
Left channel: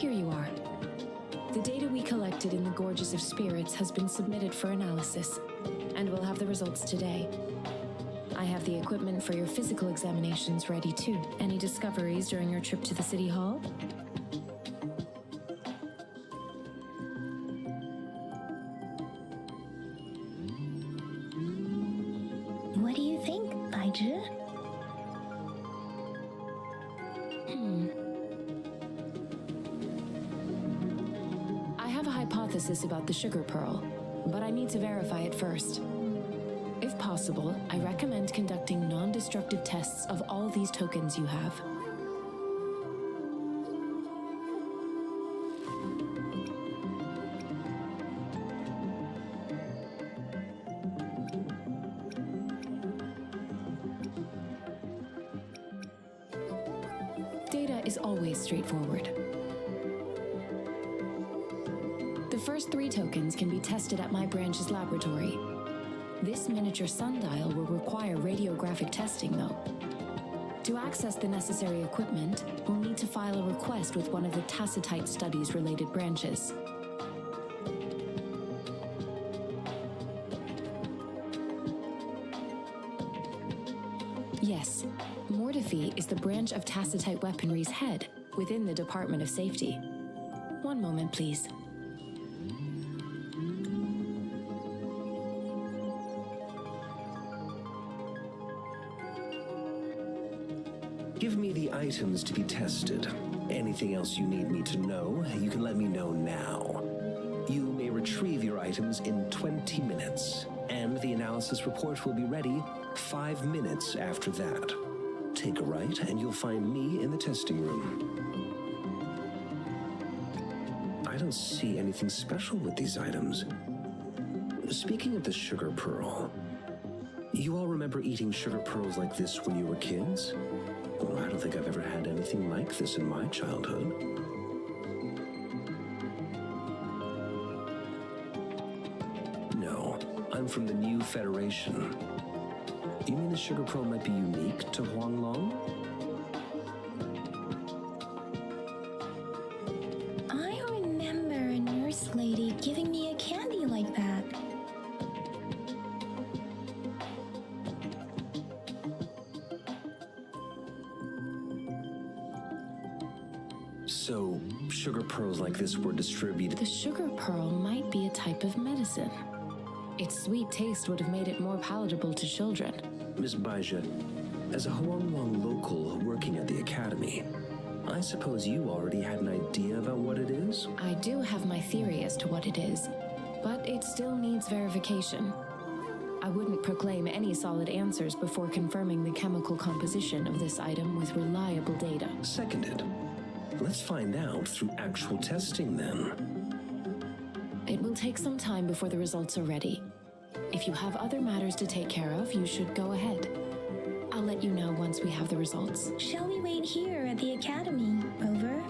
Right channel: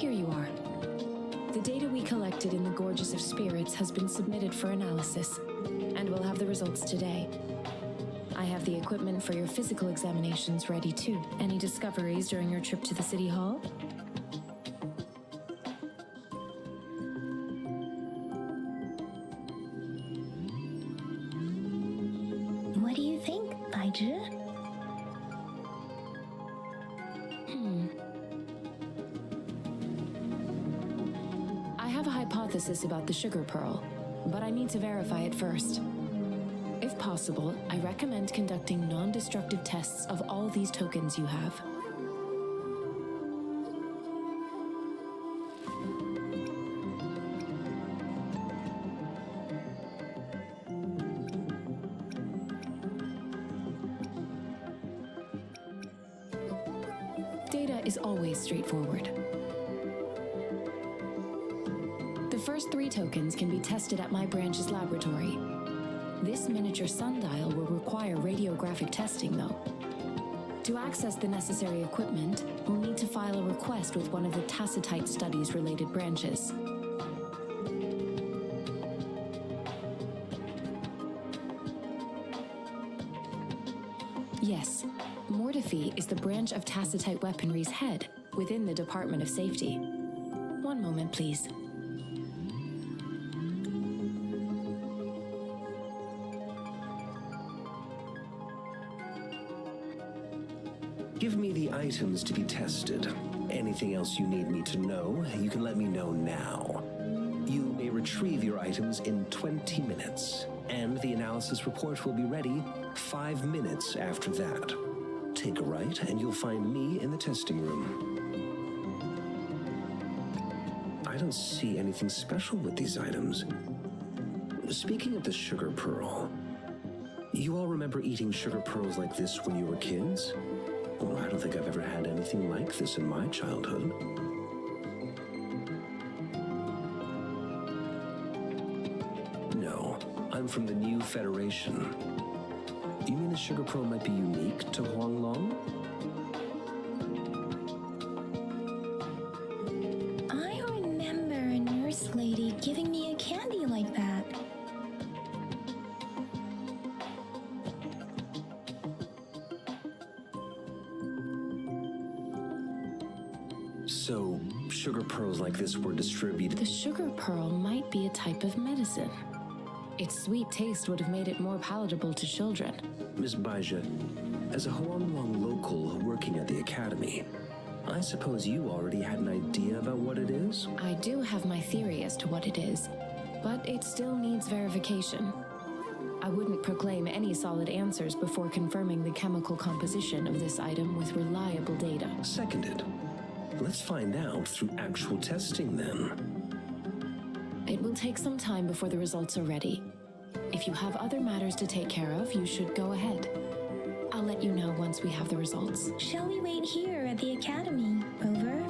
Here you are. The data we collected in the Gorges of Spirits has been submitted for analysis, and we'll have the results today. I have the equipment for your physical examinations ready too. Any discoveries during your trip to the City Hall? What do you think, Baiju? I have a hypothesis about the sugar pearl, but I need to verify it first. If possible, I recommend conducting non-destructive tests of all these tokens you have. Data is always straightforward. The first 3 tokens can be tested at my branch's laboratory. This miniature sundial will require radiographic testing, though. To access the necessary equipment, we'll need to file a request with one of the Tacitite Studies-related branches. Yes, Mortefi is the branch of Tacitite Weaponry's head within the Department of Safety. One moment, please. Give me the items to be tested. Anything else you need me to know, you can let me know now. You may retrieve your items in 20 minutes, and the analysis report will be ready 5 minutes after that. Take a right, and you'll find me in the testing room. I don't see anything special with these items. Speaking of the sugar pearl, you all remember eating sugar pearls like this when you were kids? Well, I don't think I've ever had anything like this in my childhood. No, I'm from the New Federation. You mean the sugar pearl might be unique to Huanglong? I remember a nurse lady giving me a candy like that. So, sugar pearls like this were distributed. The sugar pearl might be a type of medicine. Its sweet taste would have made it more palatable to children. Miss Baija, as a Huanglong local working at the academy, I suppose you already had an idea about what it is? I do have my theory as to what it is, but it still needs verification. I wouldn't proclaim any solid answers before confirming the chemical composition of this item with reliable data. Seconded. Let's find out through actual testing then. It will take some time before the results are ready. If you have other matters to take care of, you should go ahead. I'll let you know once we have the results. Shall we wait here at the academy, Rover?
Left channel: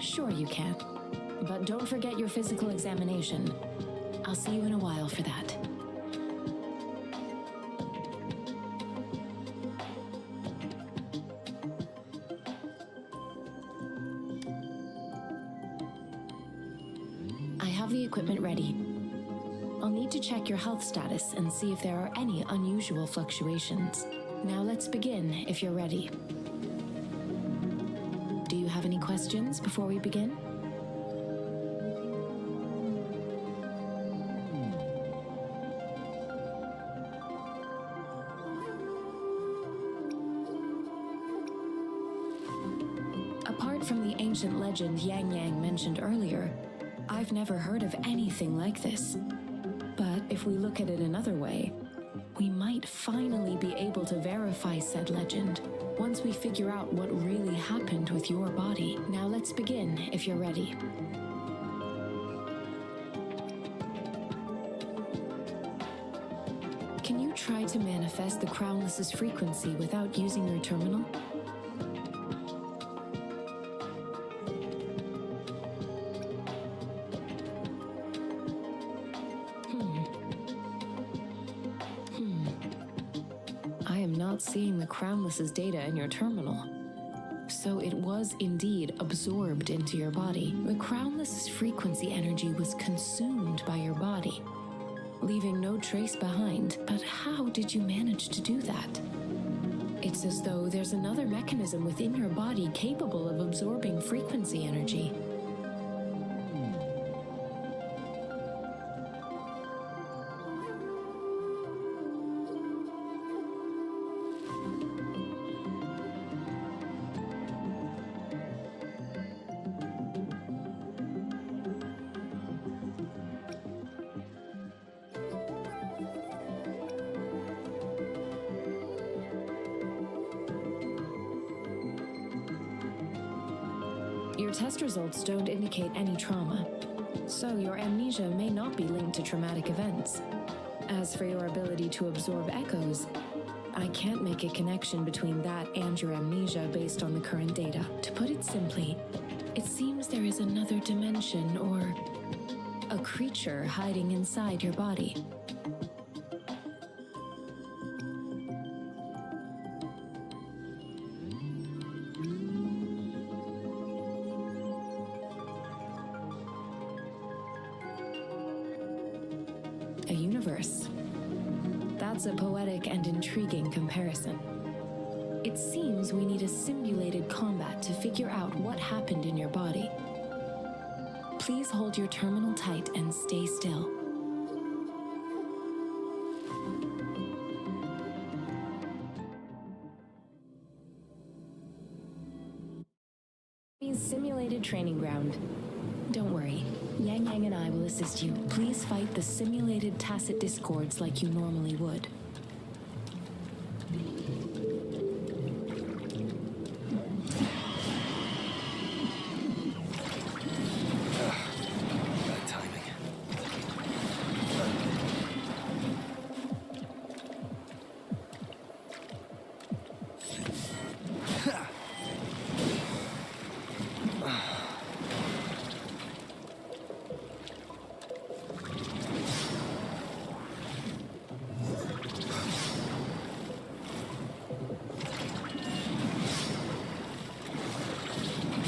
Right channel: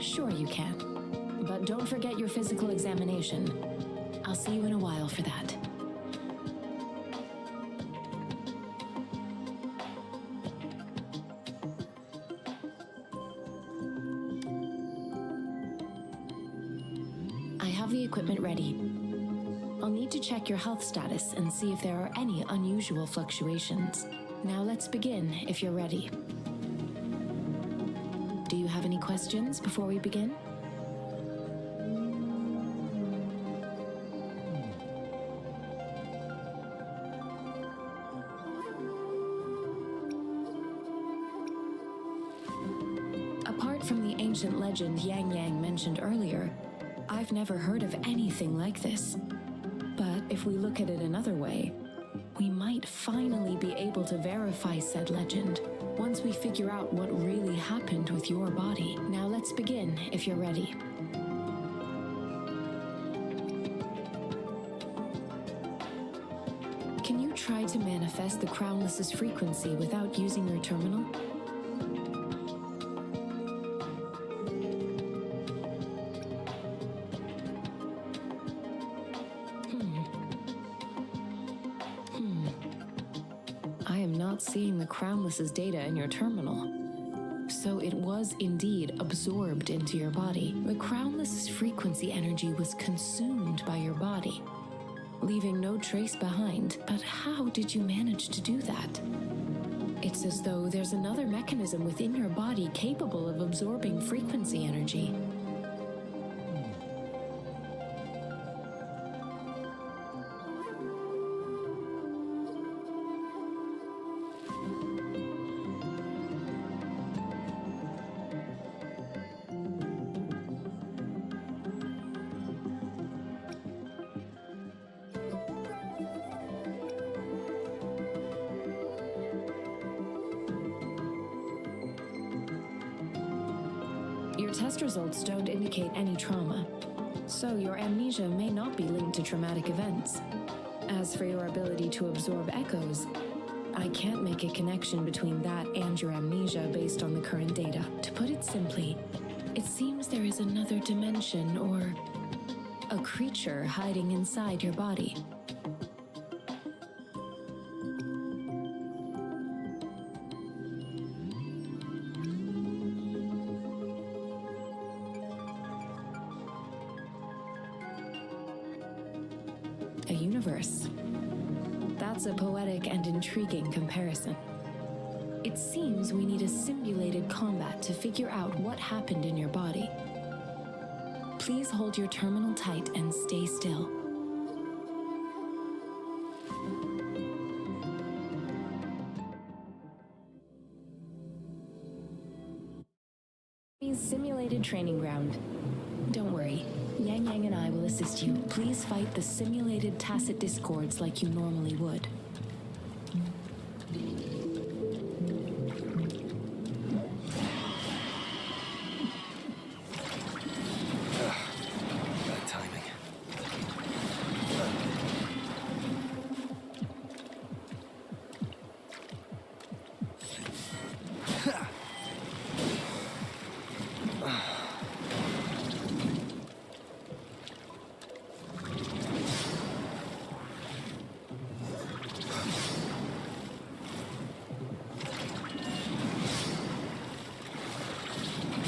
Sure you can. But don't forget your physical examination. I'll see you in a while for that. I have the equipment ready. I'll need to check your health status and see if there are any unusual fluctuations. Now let's begin, if you're ready. Do you have any questions before we begin? Apart from the ancient legend Yang Yang mentioned earlier, I've never heard of anything like this. But if we look at it another way, we might finally be able to verify said legend once we figure out what really happened with your body. Now let's begin, if you're ready. Can you try to manifest the Crownless's frequency without using your terminal? I am not seeing the Crownless's data in your terminal. So it was indeed absorbed into your body. The Crownless's frequency energy was consumed by your body, leaving no trace behind. But how did you manage to do that? It's as though there's another mechanism within your body capable of absorbing frequency energy. Your test results don't indicate any trauma, so your amnesia may not be linked to traumatic events. As for your ability to absorb echoes, I can't make a connection between that and your amnesia based on the current data. To put it simply, it seems there is another dimension or a creature hiding inside your body. A universe. That's a poetic and intriguing comparison. It seems we need a simulated combat to figure out what happened in your body. Please hold your terminal tight and stay still. Simulated training ground. Don't worry. Yang Yang and I will assist you. Please fight the simulated tacit discords like you normally would. Bad timing.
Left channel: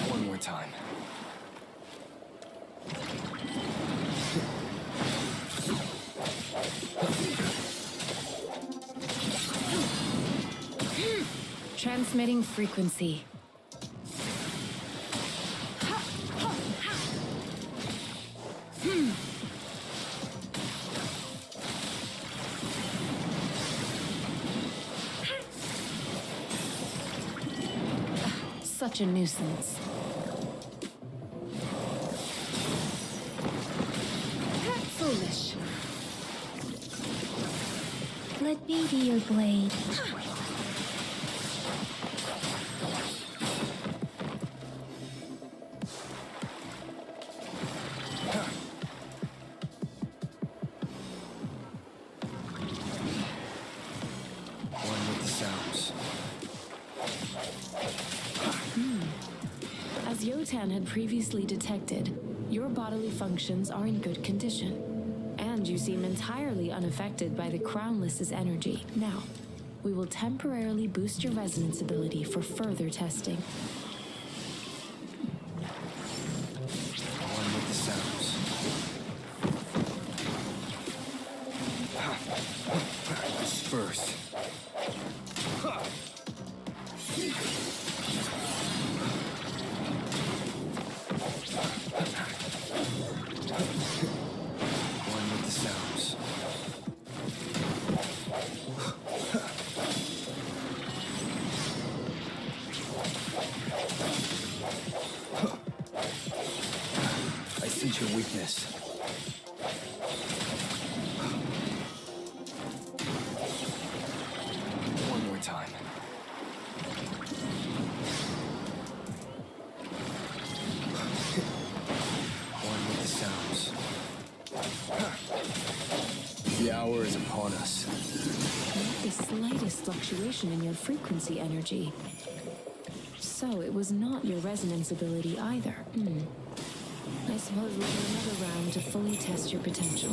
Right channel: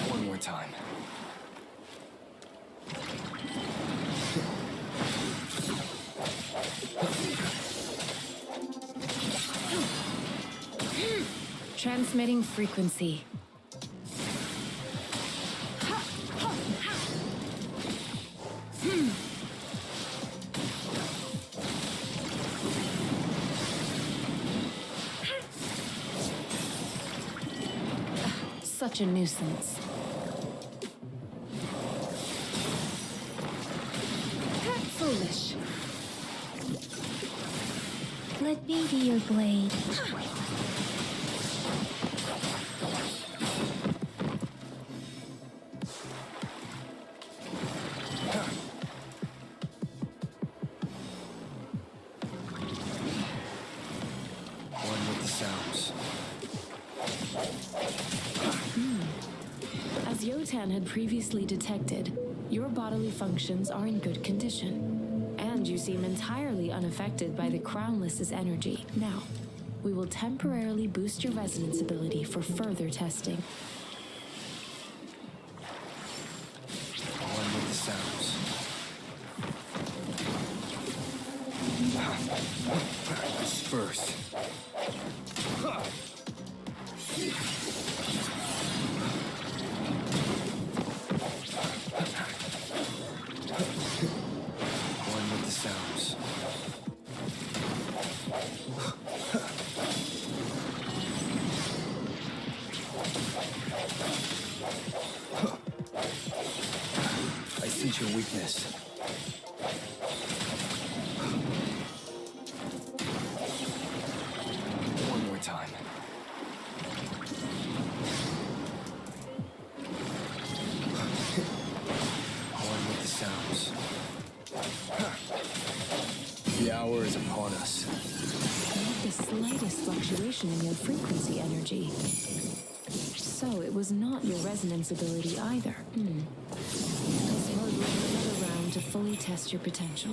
One more time. Transmitting frequency. Such a nuisance. Foolish. Let me be your blade. One with the sounds. As Yotan had previously detected, your bodily functions are in good condition, and you seem entirely unaffected by the Crownless's energy. Now, we will temporarily boost your resonance ability for further testing. One with the sounds. Disperse. One with the sounds. I sense your weakness. One more time. One with the sounds. The hour is upon us. Not the slightest fluctuation in your frequency energy. So it was not your resonance ability either. I suppose we'll do another round to fully test your potential.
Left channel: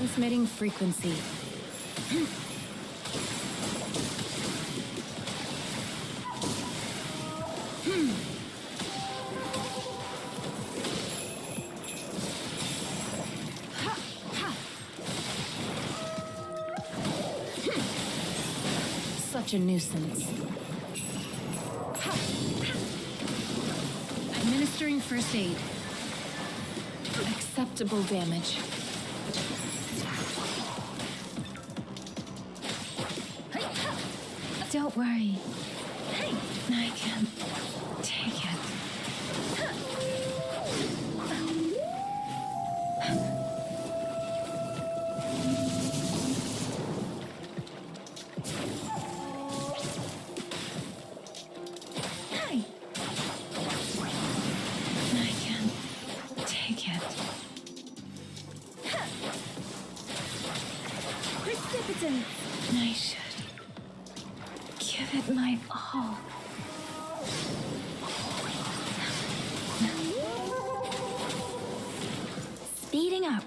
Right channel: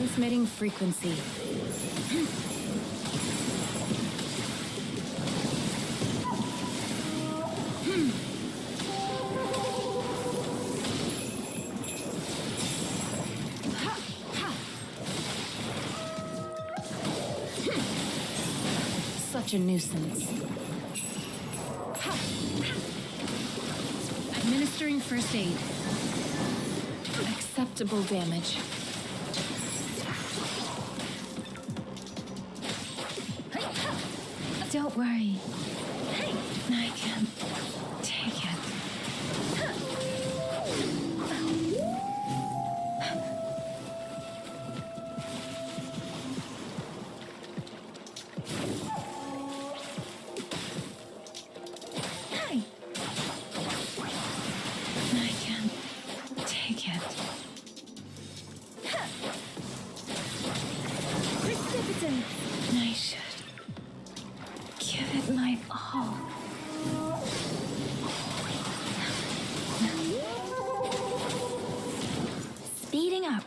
Transmitting frequency. Such a nuisance. Administering first aid. Acceptable damage. Don't worry. I can take it. I can take it. Precipitant! I should give it my all. Speeding up.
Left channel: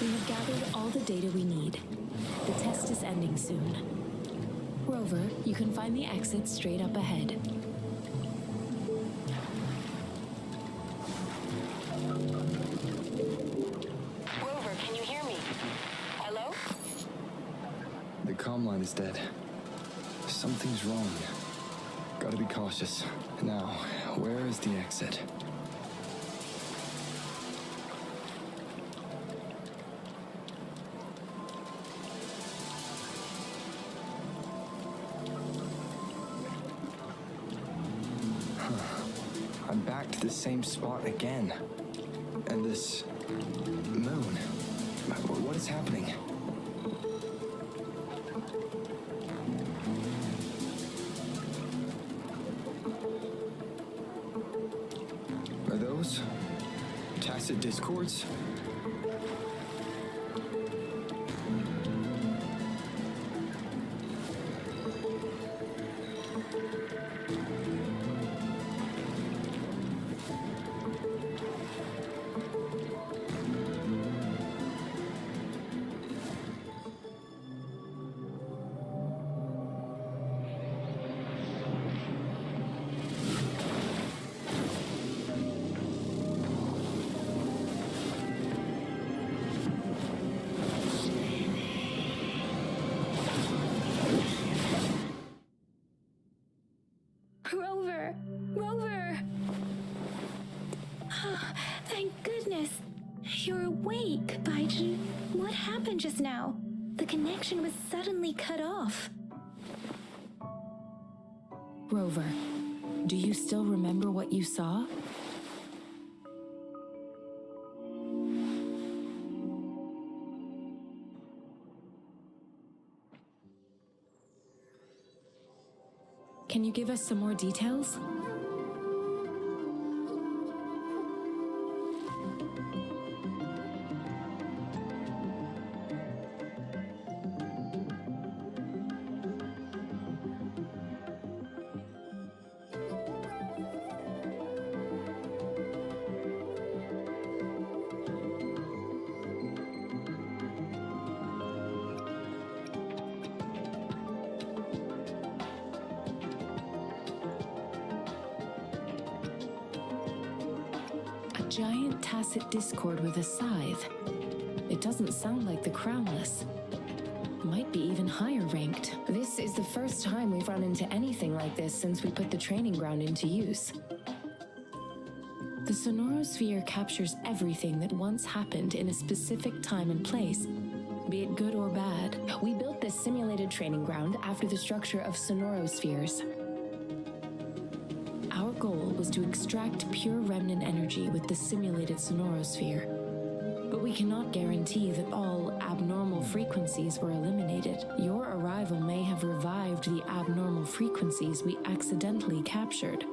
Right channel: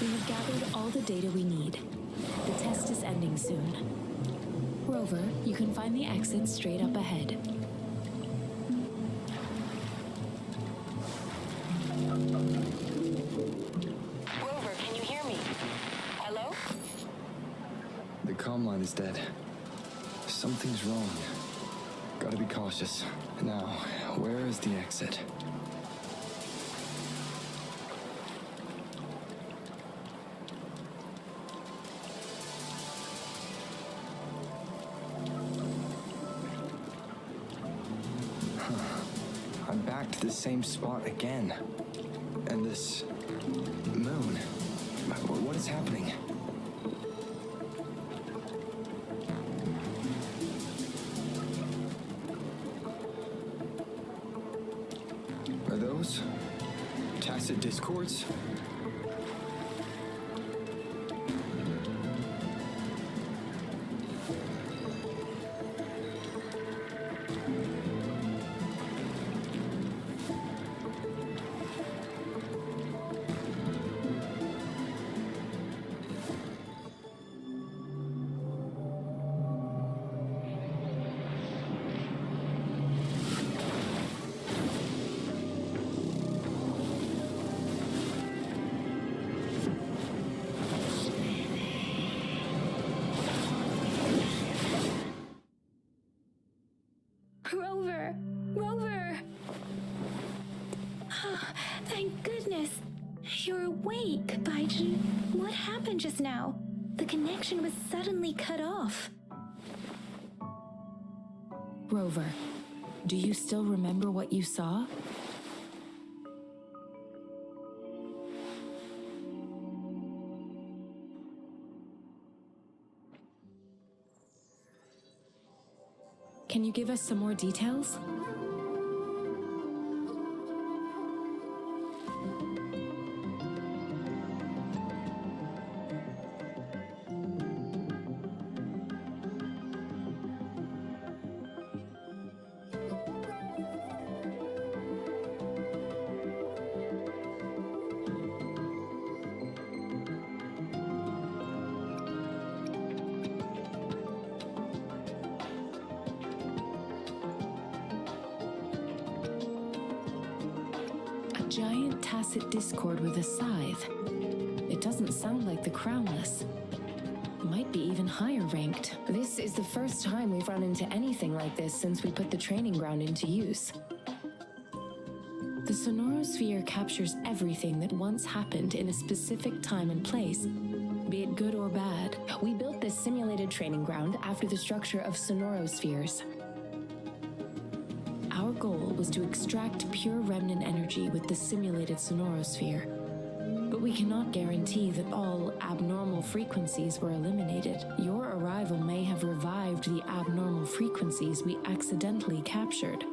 We have gathered all the data we need. The test is ending soon. Rover, you can find the exit straight up ahead. Rover, can you hear me? Hello? The comm line is dead. Something's wrong. Gotta be cautious. Now, where is the exit? I'm back to the same spot again. And this moon. What is happening? Are those tacit discords? Rover! Rover! Thank goodness. You're awake, Baiju. What happened just now? The connection was suddenly cut off. Rover, do you still remember what you saw? Can you give us some more details? Giant tacit discord with a scythe. It doesn't sound like the crownless. Might be even higher ranked. This is the first time we've run into anything like this since we put the training ground into use. The sonorosphere captures everything that once happened in a specific time and place, be it good or bad. We built this simulated training ground after the structure of sonorospheres. Our goal was to extract pure remnant energy with the simulated sonorosphere. But we cannot guarantee that all abnormal frequencies were eliminated. Your arrival may have revived the abnormal frequencies we accidentally captured.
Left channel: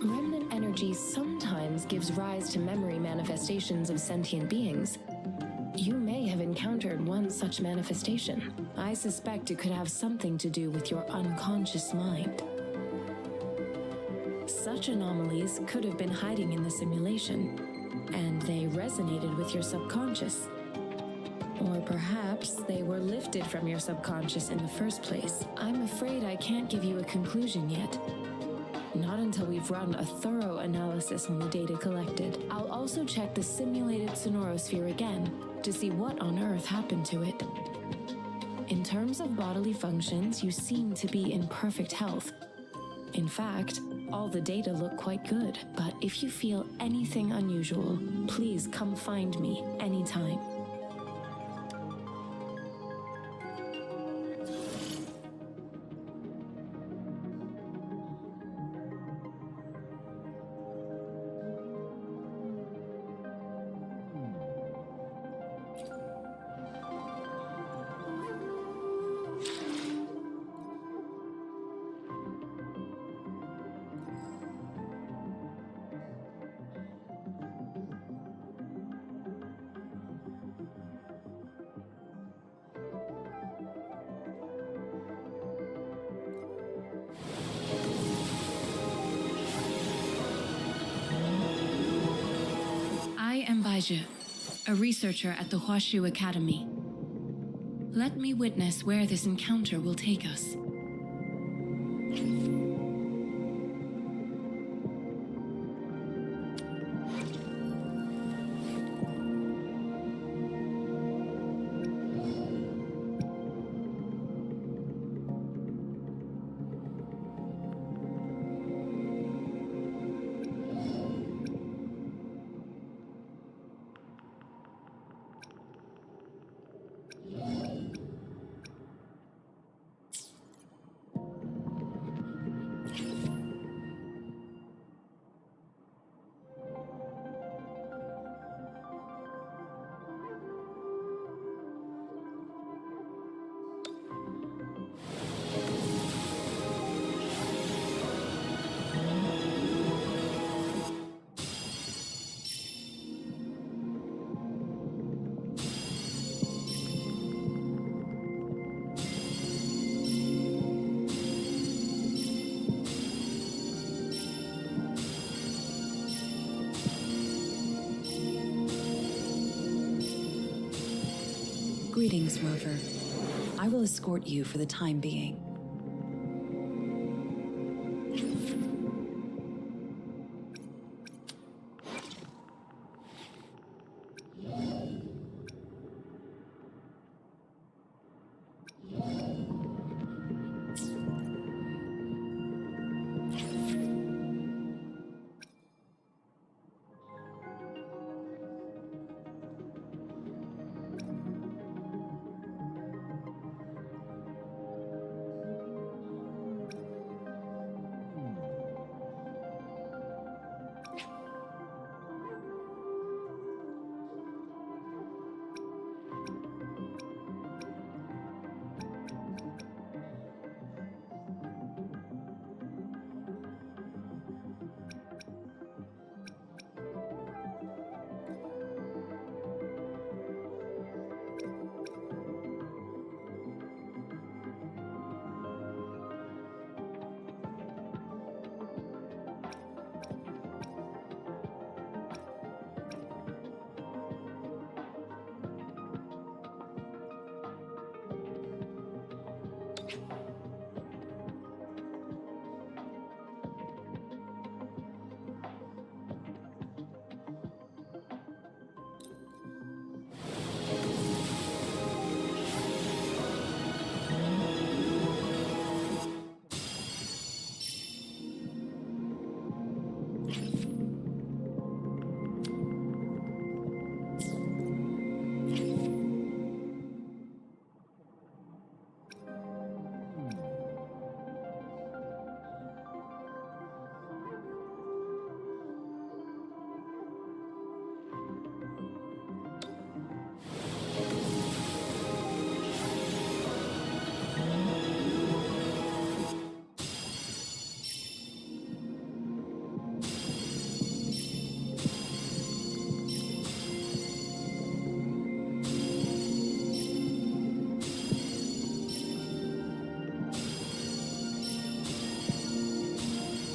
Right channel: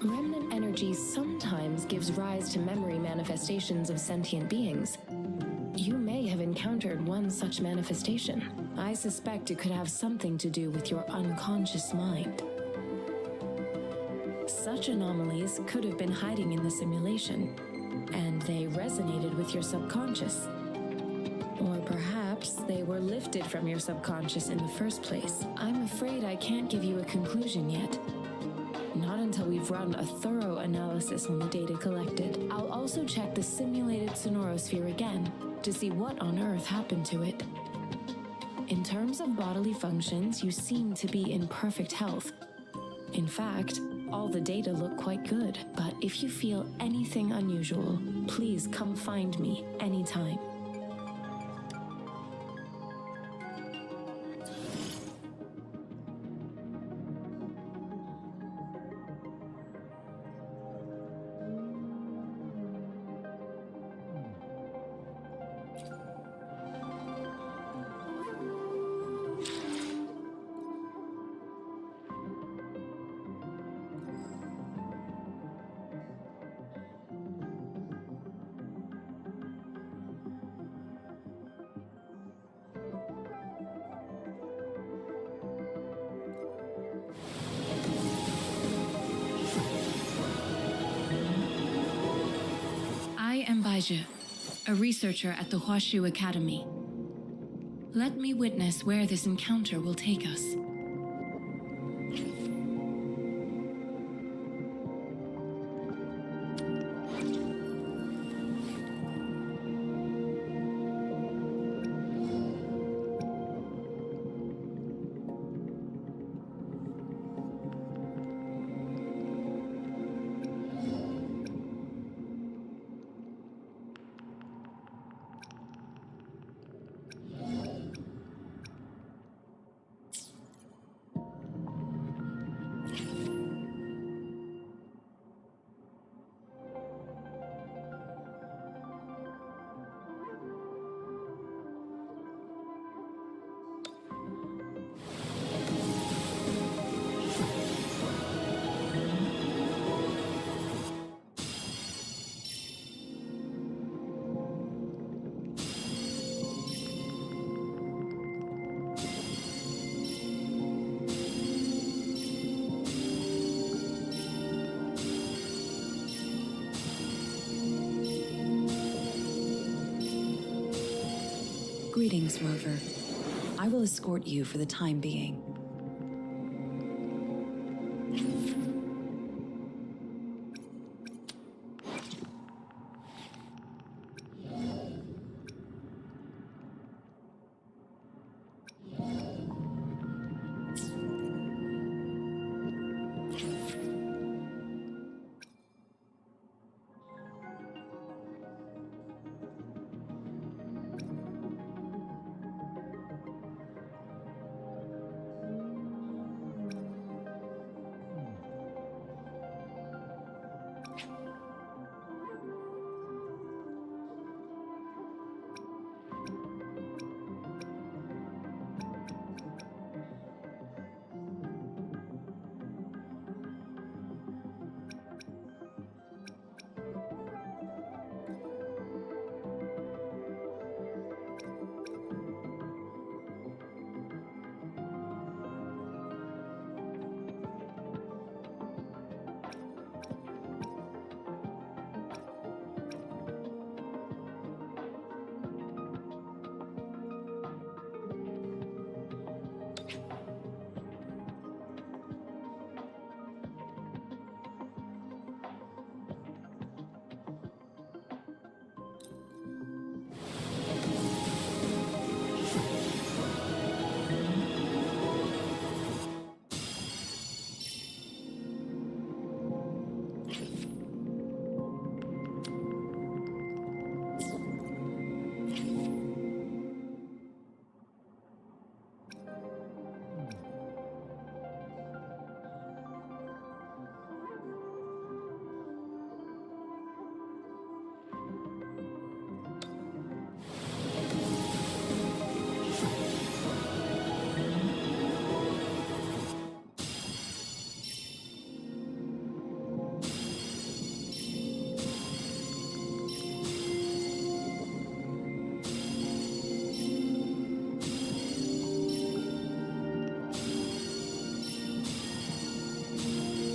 Remnant energy sometimes gives rise to memory manifestations of sentient beings. You may have encountered one such manifestation. I suspect it could have something to do with your unconscious mind. Such anomalies could have been hiding in the simulation, and they resonated with your subconscious. Or perhaps they were lifted from your subconscious in the first place. I'm afraid I can't give you a conclusion yet. Not until we've run a thorough analysis on the data collected. I'll also check the simulated sonorosphere again to see what on earth happened to it. In terms of bodily functions, you seem to be in perfect health. In fact, all the data look quite good, but if you feel anything unusual, please come find me anytime. I am Baiju, a researcher at the Huashu Academy. Let me witness where this encounter will take us. Greetings, Rover. I will escort you for the time being.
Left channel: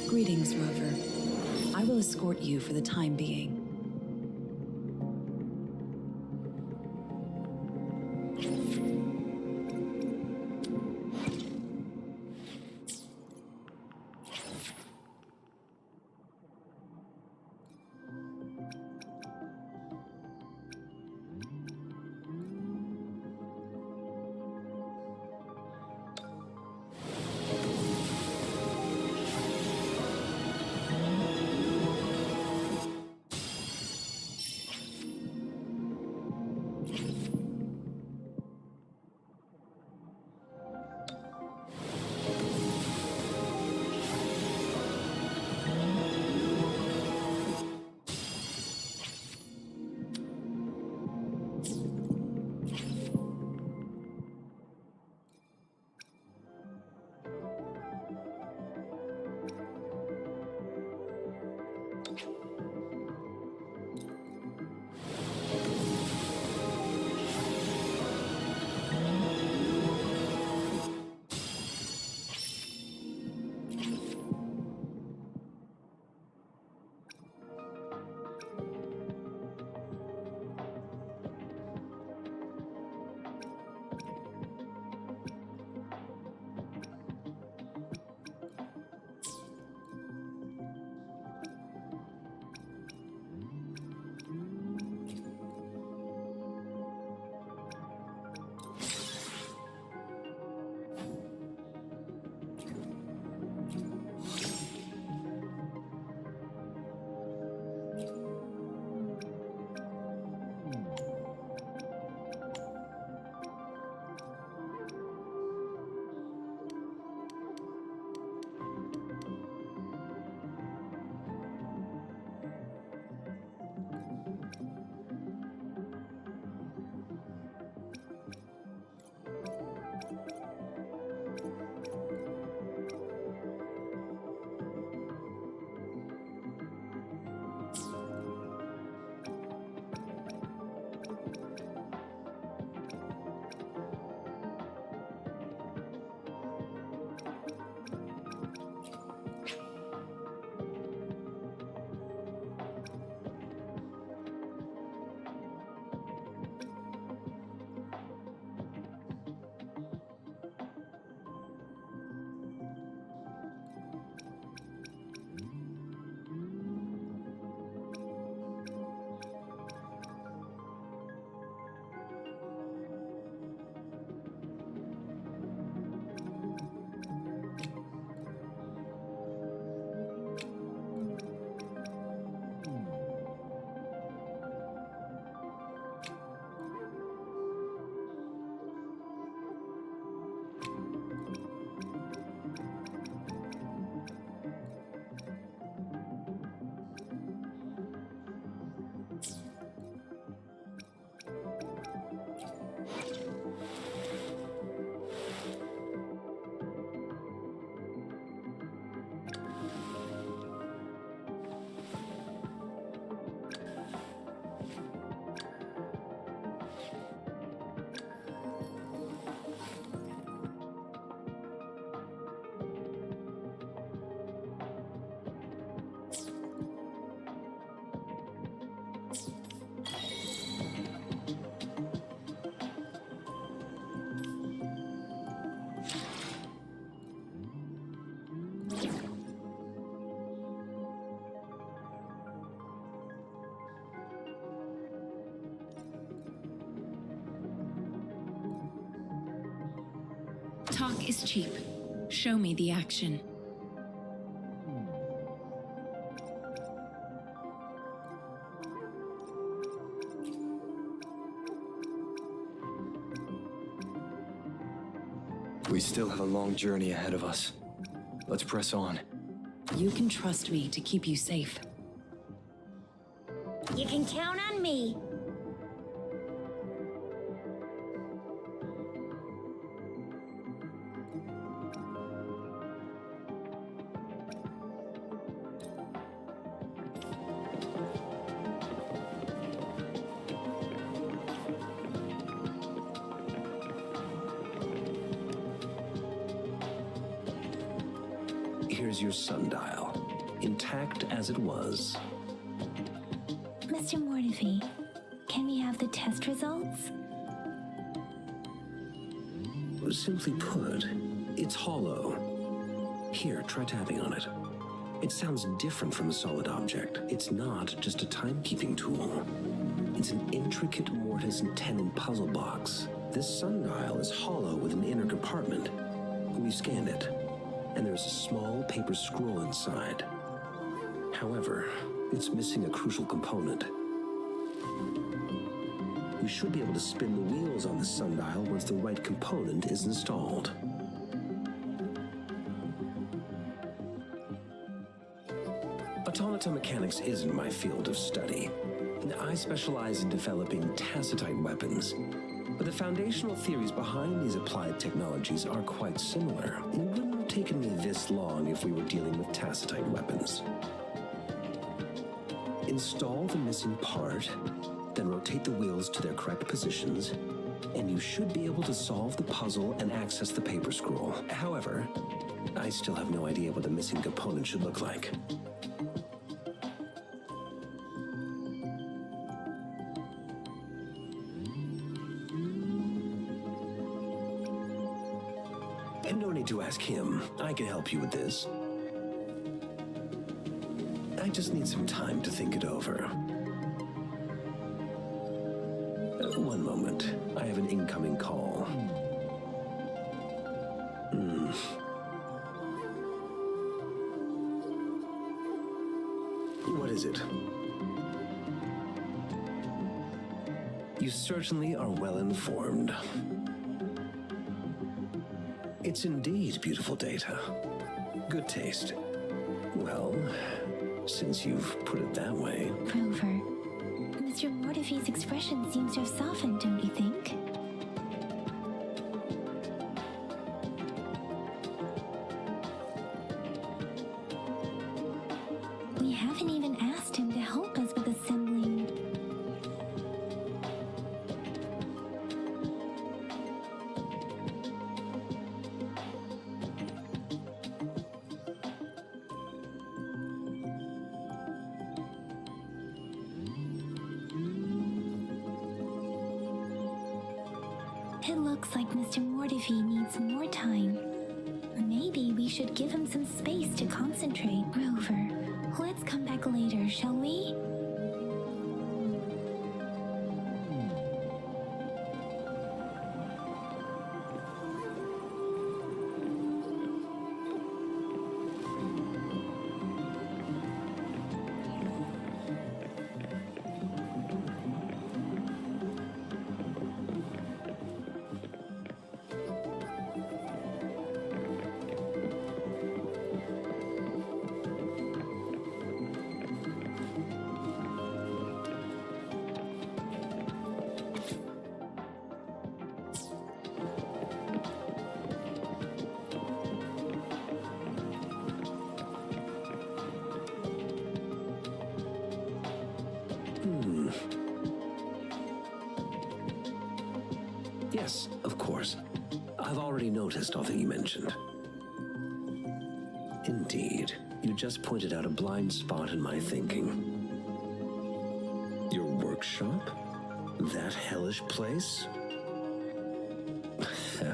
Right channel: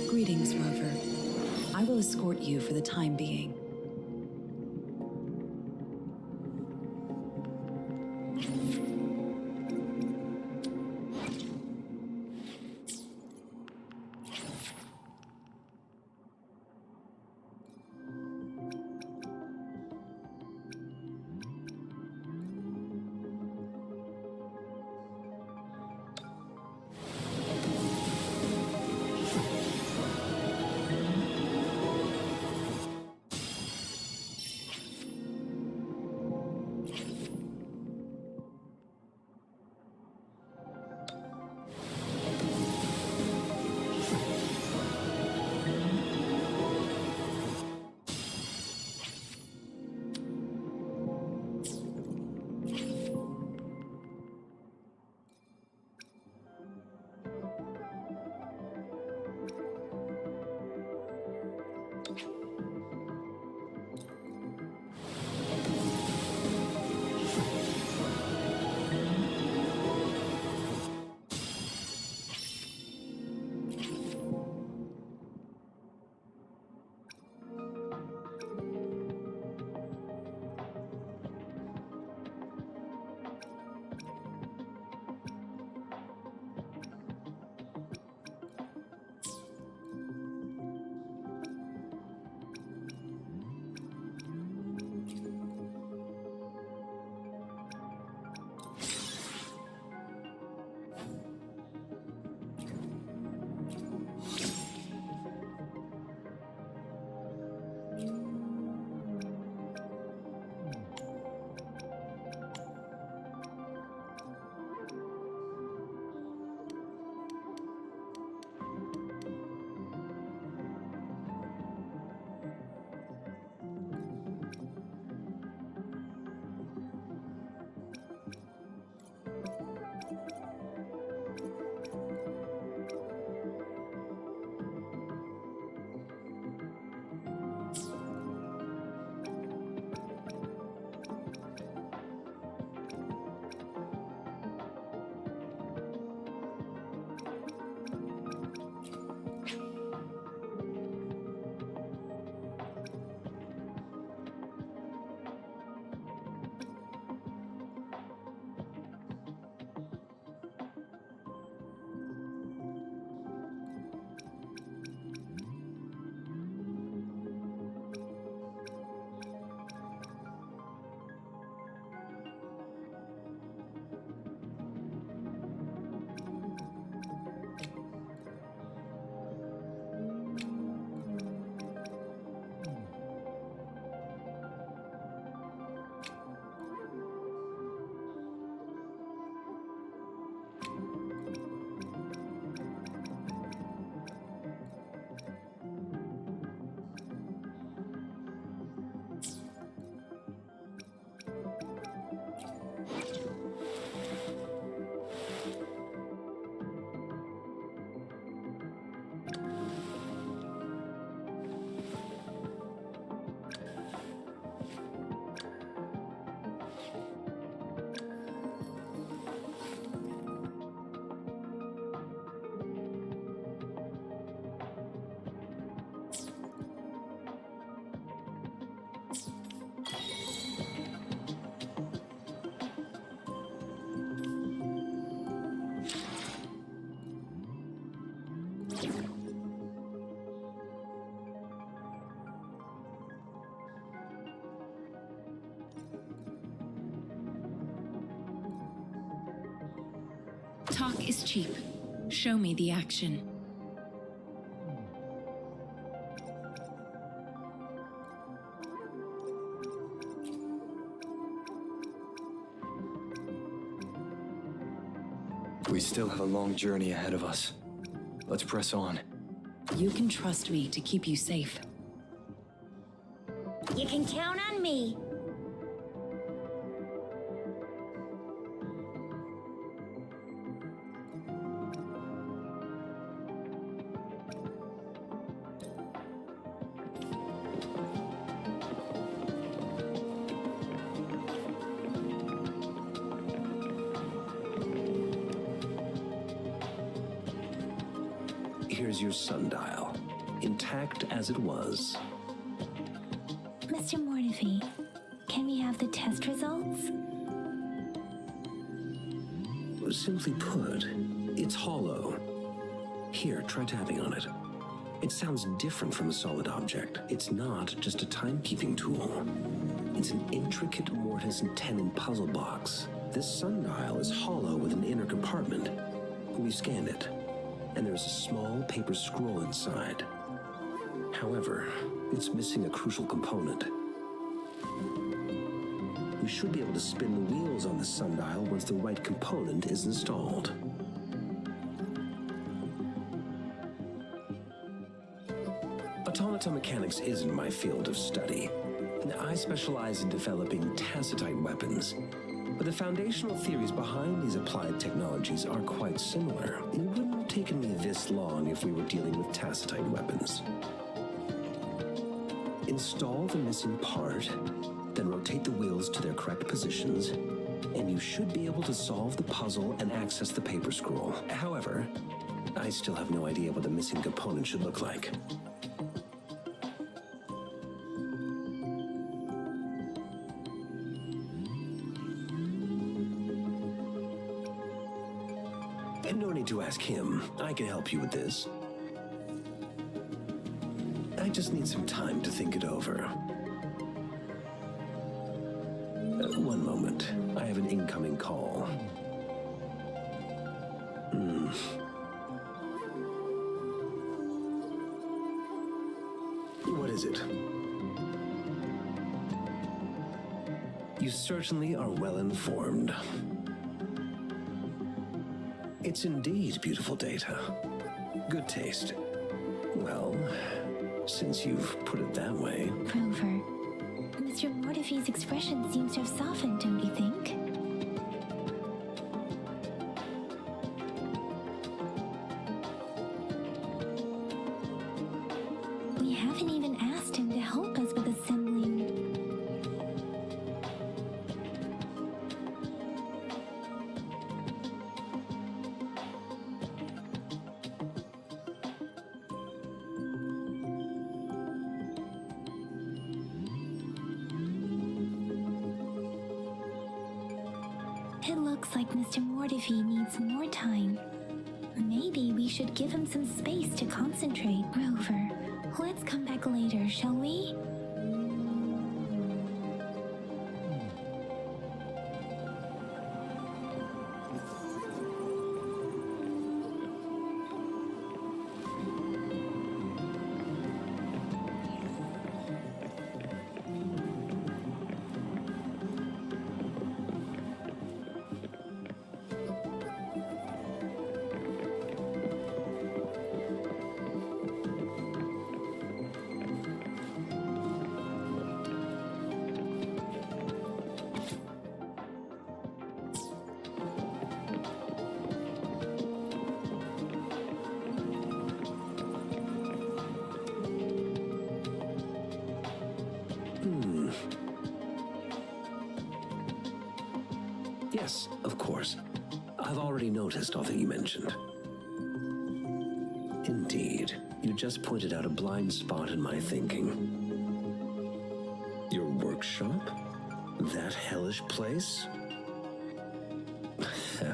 Greetings, Rover. I will escort you for the time being. Talk is cheap. Show me the action. We still have a long journey ahead of us. Let's press on. You can trust me to keep you safe. You can count on me. Here's your sundial, intact as it was. Mr. Mortefi, can we have the test results? Simply put, it's hollow. Here, try tapping on it. It sounds different from a solid object. It's not just a timekeeping tool. It's an intricate mortise and tenon puzzle box. This sundial is hollow with an inner compartment. We scanned it, and there's a small paper scroll inside. However, it's missing a crucial component. We should be able to spin the wheels on the sundial once the right component is installed. Automata mechanics isn't my field of study. I specialize in developing tacitite weapons, but the foundational theories behind these applied technologies are quite similar. It wouldn't have taken me this long if we were dealing with tacitite weapons. Install the missing part, then rotate the wheels to their correct positions, and you should be able to solve the puzzle and access the paper scroll. However, I still have no idea what the missing component should look like. No need to ask him. I can help you with this. I just need some time to think it over. One moment. I have an incoming call. What is it? You certainly are well informed. It's indeed beautiful data. Good taste. Well, since you've put it that way... Rover, Mr. Mortefi's expression seems to have softened, don't you think? We haven't even asked him to help us with assembling... It looks like Mr. Mortefi needs more time. Maybe we should give him some space to concentrate. Rover, let's come back later, shall we? Yes, of course. I've already noticed all that you mentioned. Indeed, you just pointed out a blind spot in my thinking. Your workshop? That hellish place?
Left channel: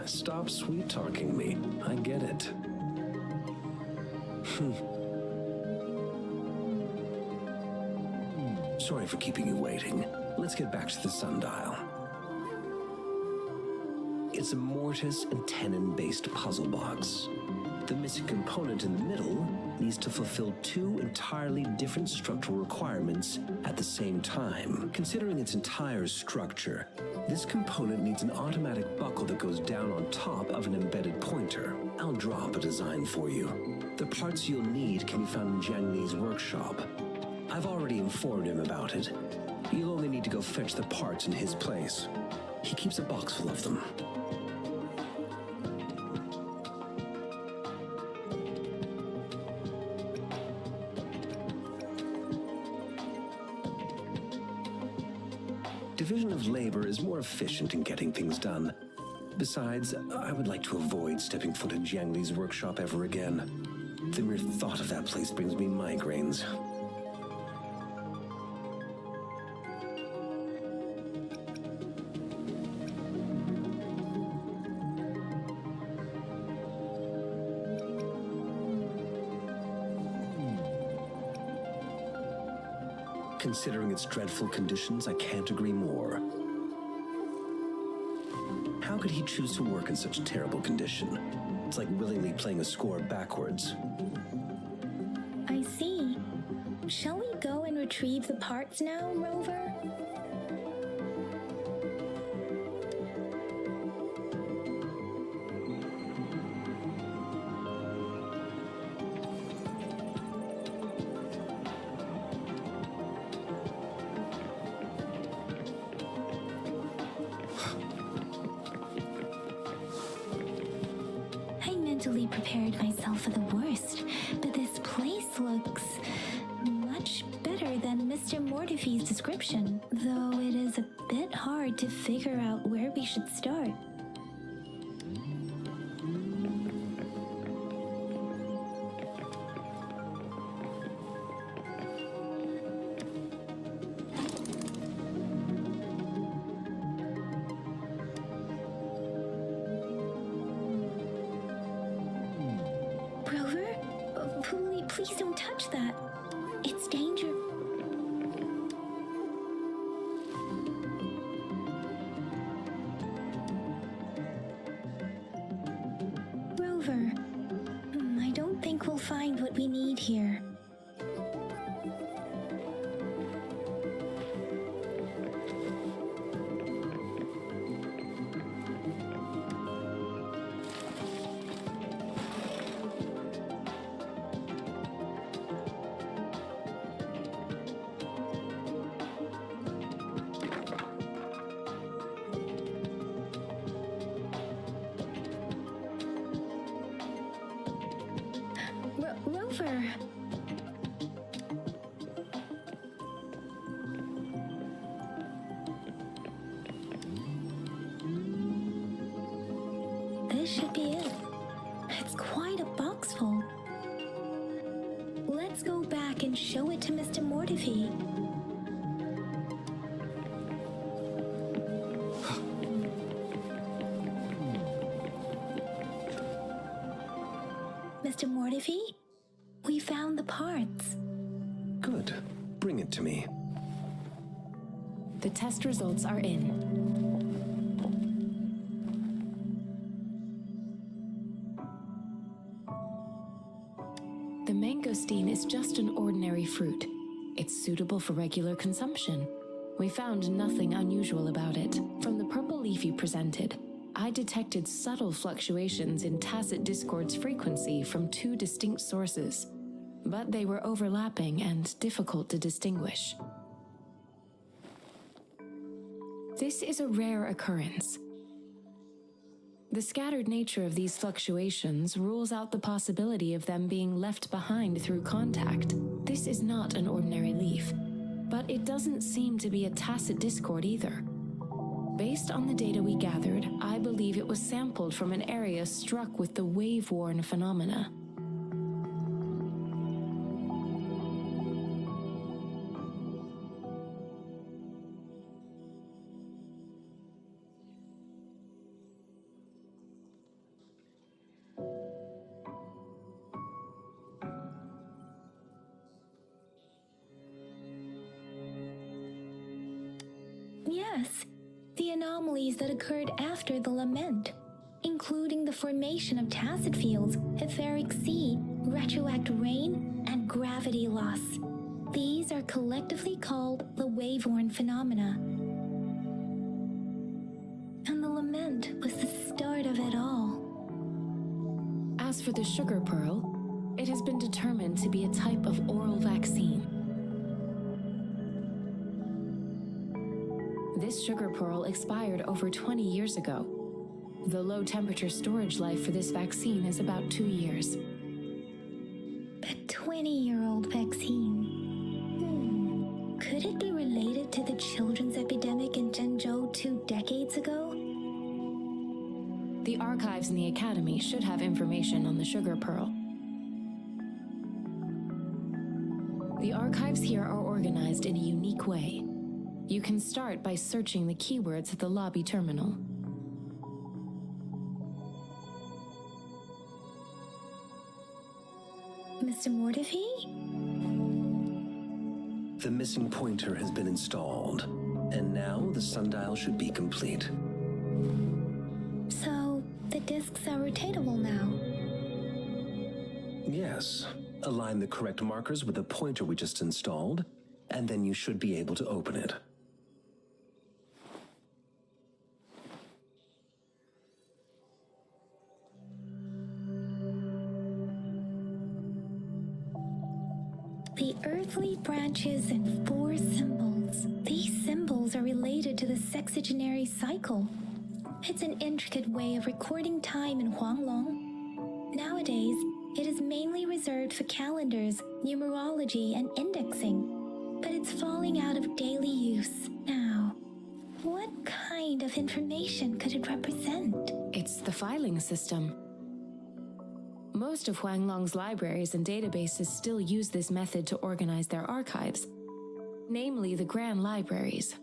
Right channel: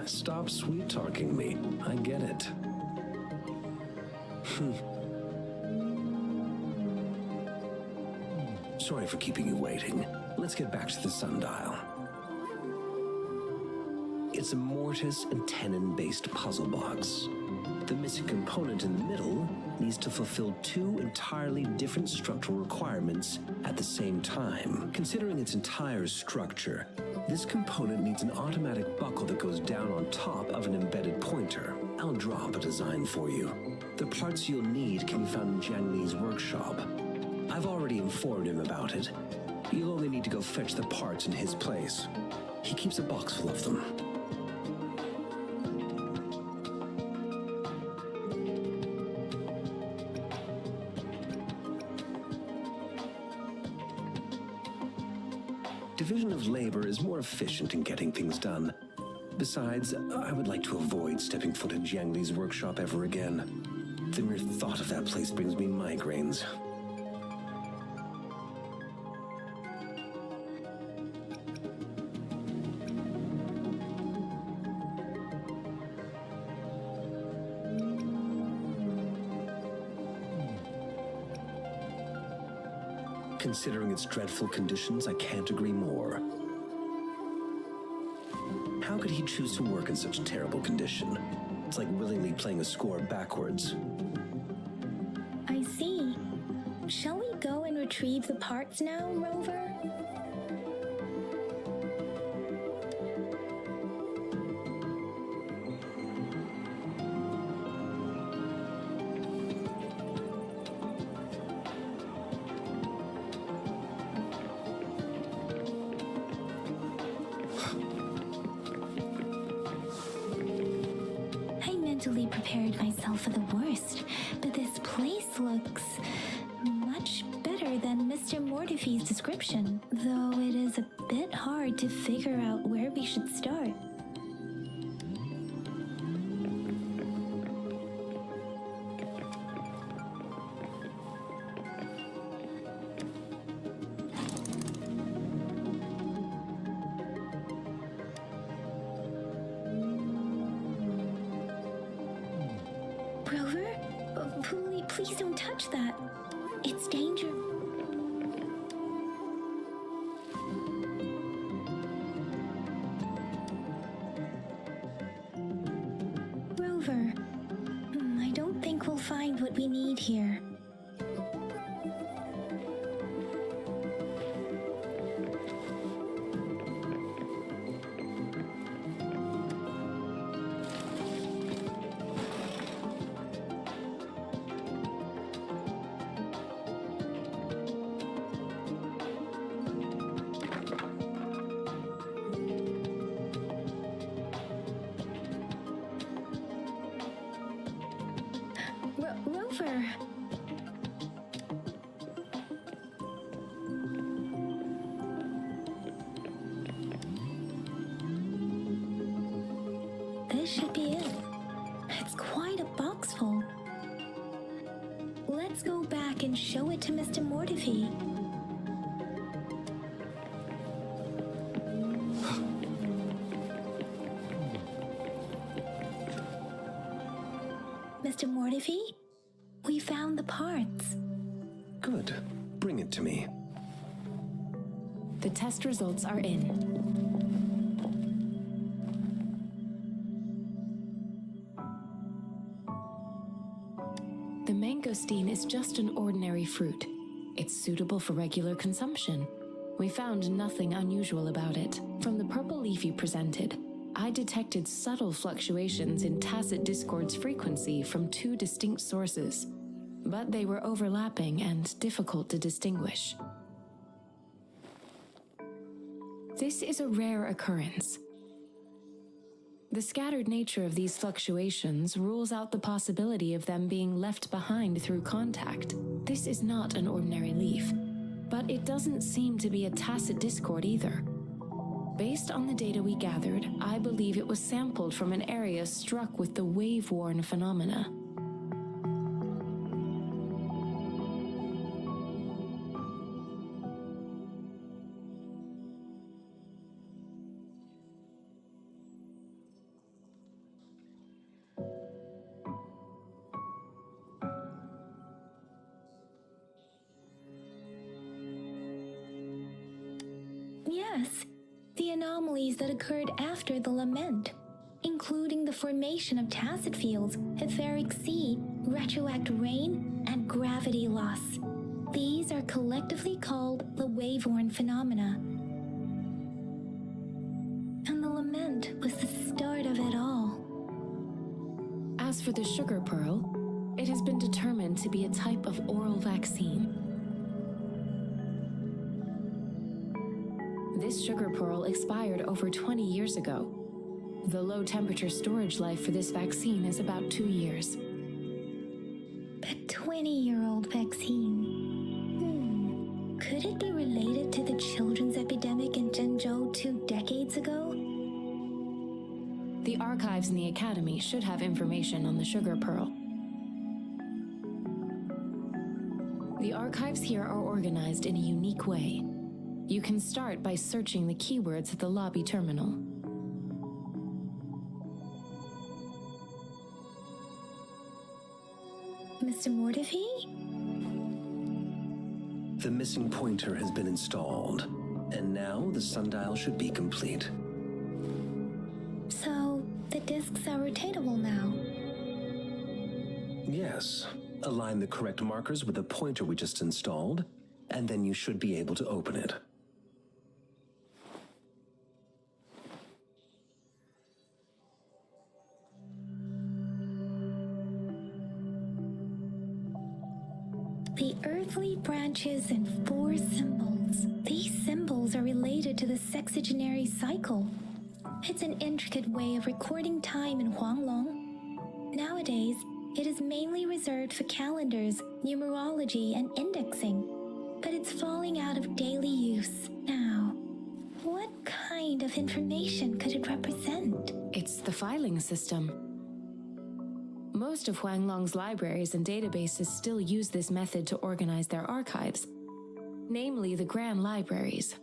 Stop sweet-talking me. I get it. Sorry for keeping you waiting. Let's get back to the sundial. It's a mortise and tenon-based puzzle box. The missing component in the middle needs to fulfill two entirely different structural requirements at the same time. Considering its entire structure, this component needs an automatic buckle that goes down on top of an embedded pointer. I'll drop a design for you. The parts you'll need can be found in Jiang Li's workshop. I've already informed him about it. You'll only need to go fetch the parts in his place. He keeps a box full of them. Division of labor is more efficient in getting things done. Besides, I would like to avoid stepping foot in Jiang Li's workshop ever again. The mere thought of that place brings me migraines. Considering its dreadful conditions, I can't agree more. How could he choose to work in such terrible condition? It's like willingly playing a score backwards. I see. Shall we go and retrieve the parts now, Rover? I mentally prepared myself for the worst, but this place looks much better than Mr. Mortify's description, though it is a bit hard to figure out where we should start. Rover? Please don't touch that. It's danger. Rover, I don't think we'll find what we need here. Rover. This should be it. It's quite a box full. Let's go back and show it to Mr. Mortify. Mr. Mortify? We found the parts. Good. Bring it to me. The test results are in. The mangosteen is just an ordinary fruit. It's suitable for regular consumption. We found nothing unusual about it. From the purple leaf you presented, I detected subtle fluctuations in tacit discord's frequency from two distinct sources, but they were overlapping and difficult to distinguish. This is a rare occurrence. The scattered nature of these fluctuations rules out the possibility of them being left behind through contact. This is not an ordinary leaf, but it doesn't seem to be a tacit discord either. Based on the data we gathered, I believe it was sampled from an area struck with the wave-worn phenomena. Yes, the anomalies that occurred after the Lament, including the formation of tacit fields, etheric sea, retroact rain, and gravity loss. These are collectively called the wave-worn phenomena. And the Lament was the start of it all. As for the sugar pearl, it has been determined to be a type of oral vaccine. This sugar pearl expired over 20 years ago. The low-temperature storage life for this vaccine is about 2 years. A 20-year-old vaccine. Could it be related to the children's epidemic in Zhengzhou 2 decades ago? The archives in the Academy should have information on the sugar pearl. The archives here are organized in a unique way. You can start by searching the keywords at the lobby terminal. Mr. Mortefi? The missing pointer has been installed, and now the sundial should be complete. So, the discs are rotatable now. Yes. Align the correct markers with the pointer we just installed, and then you should be able to open it. The earthly branches and 4 symbols. These symbols are related to the sexagenary cycle. It's an intricate way of recording time in Huanglong. Nowadays, it is mainly reserved for calendars, numerology, and indexing. But it's falling out of daily use now. What kind of information could it represent? It's the filing system. Most of Huanglong's libraries and databases still use this method to organize their archives, namely the Grand Libraries.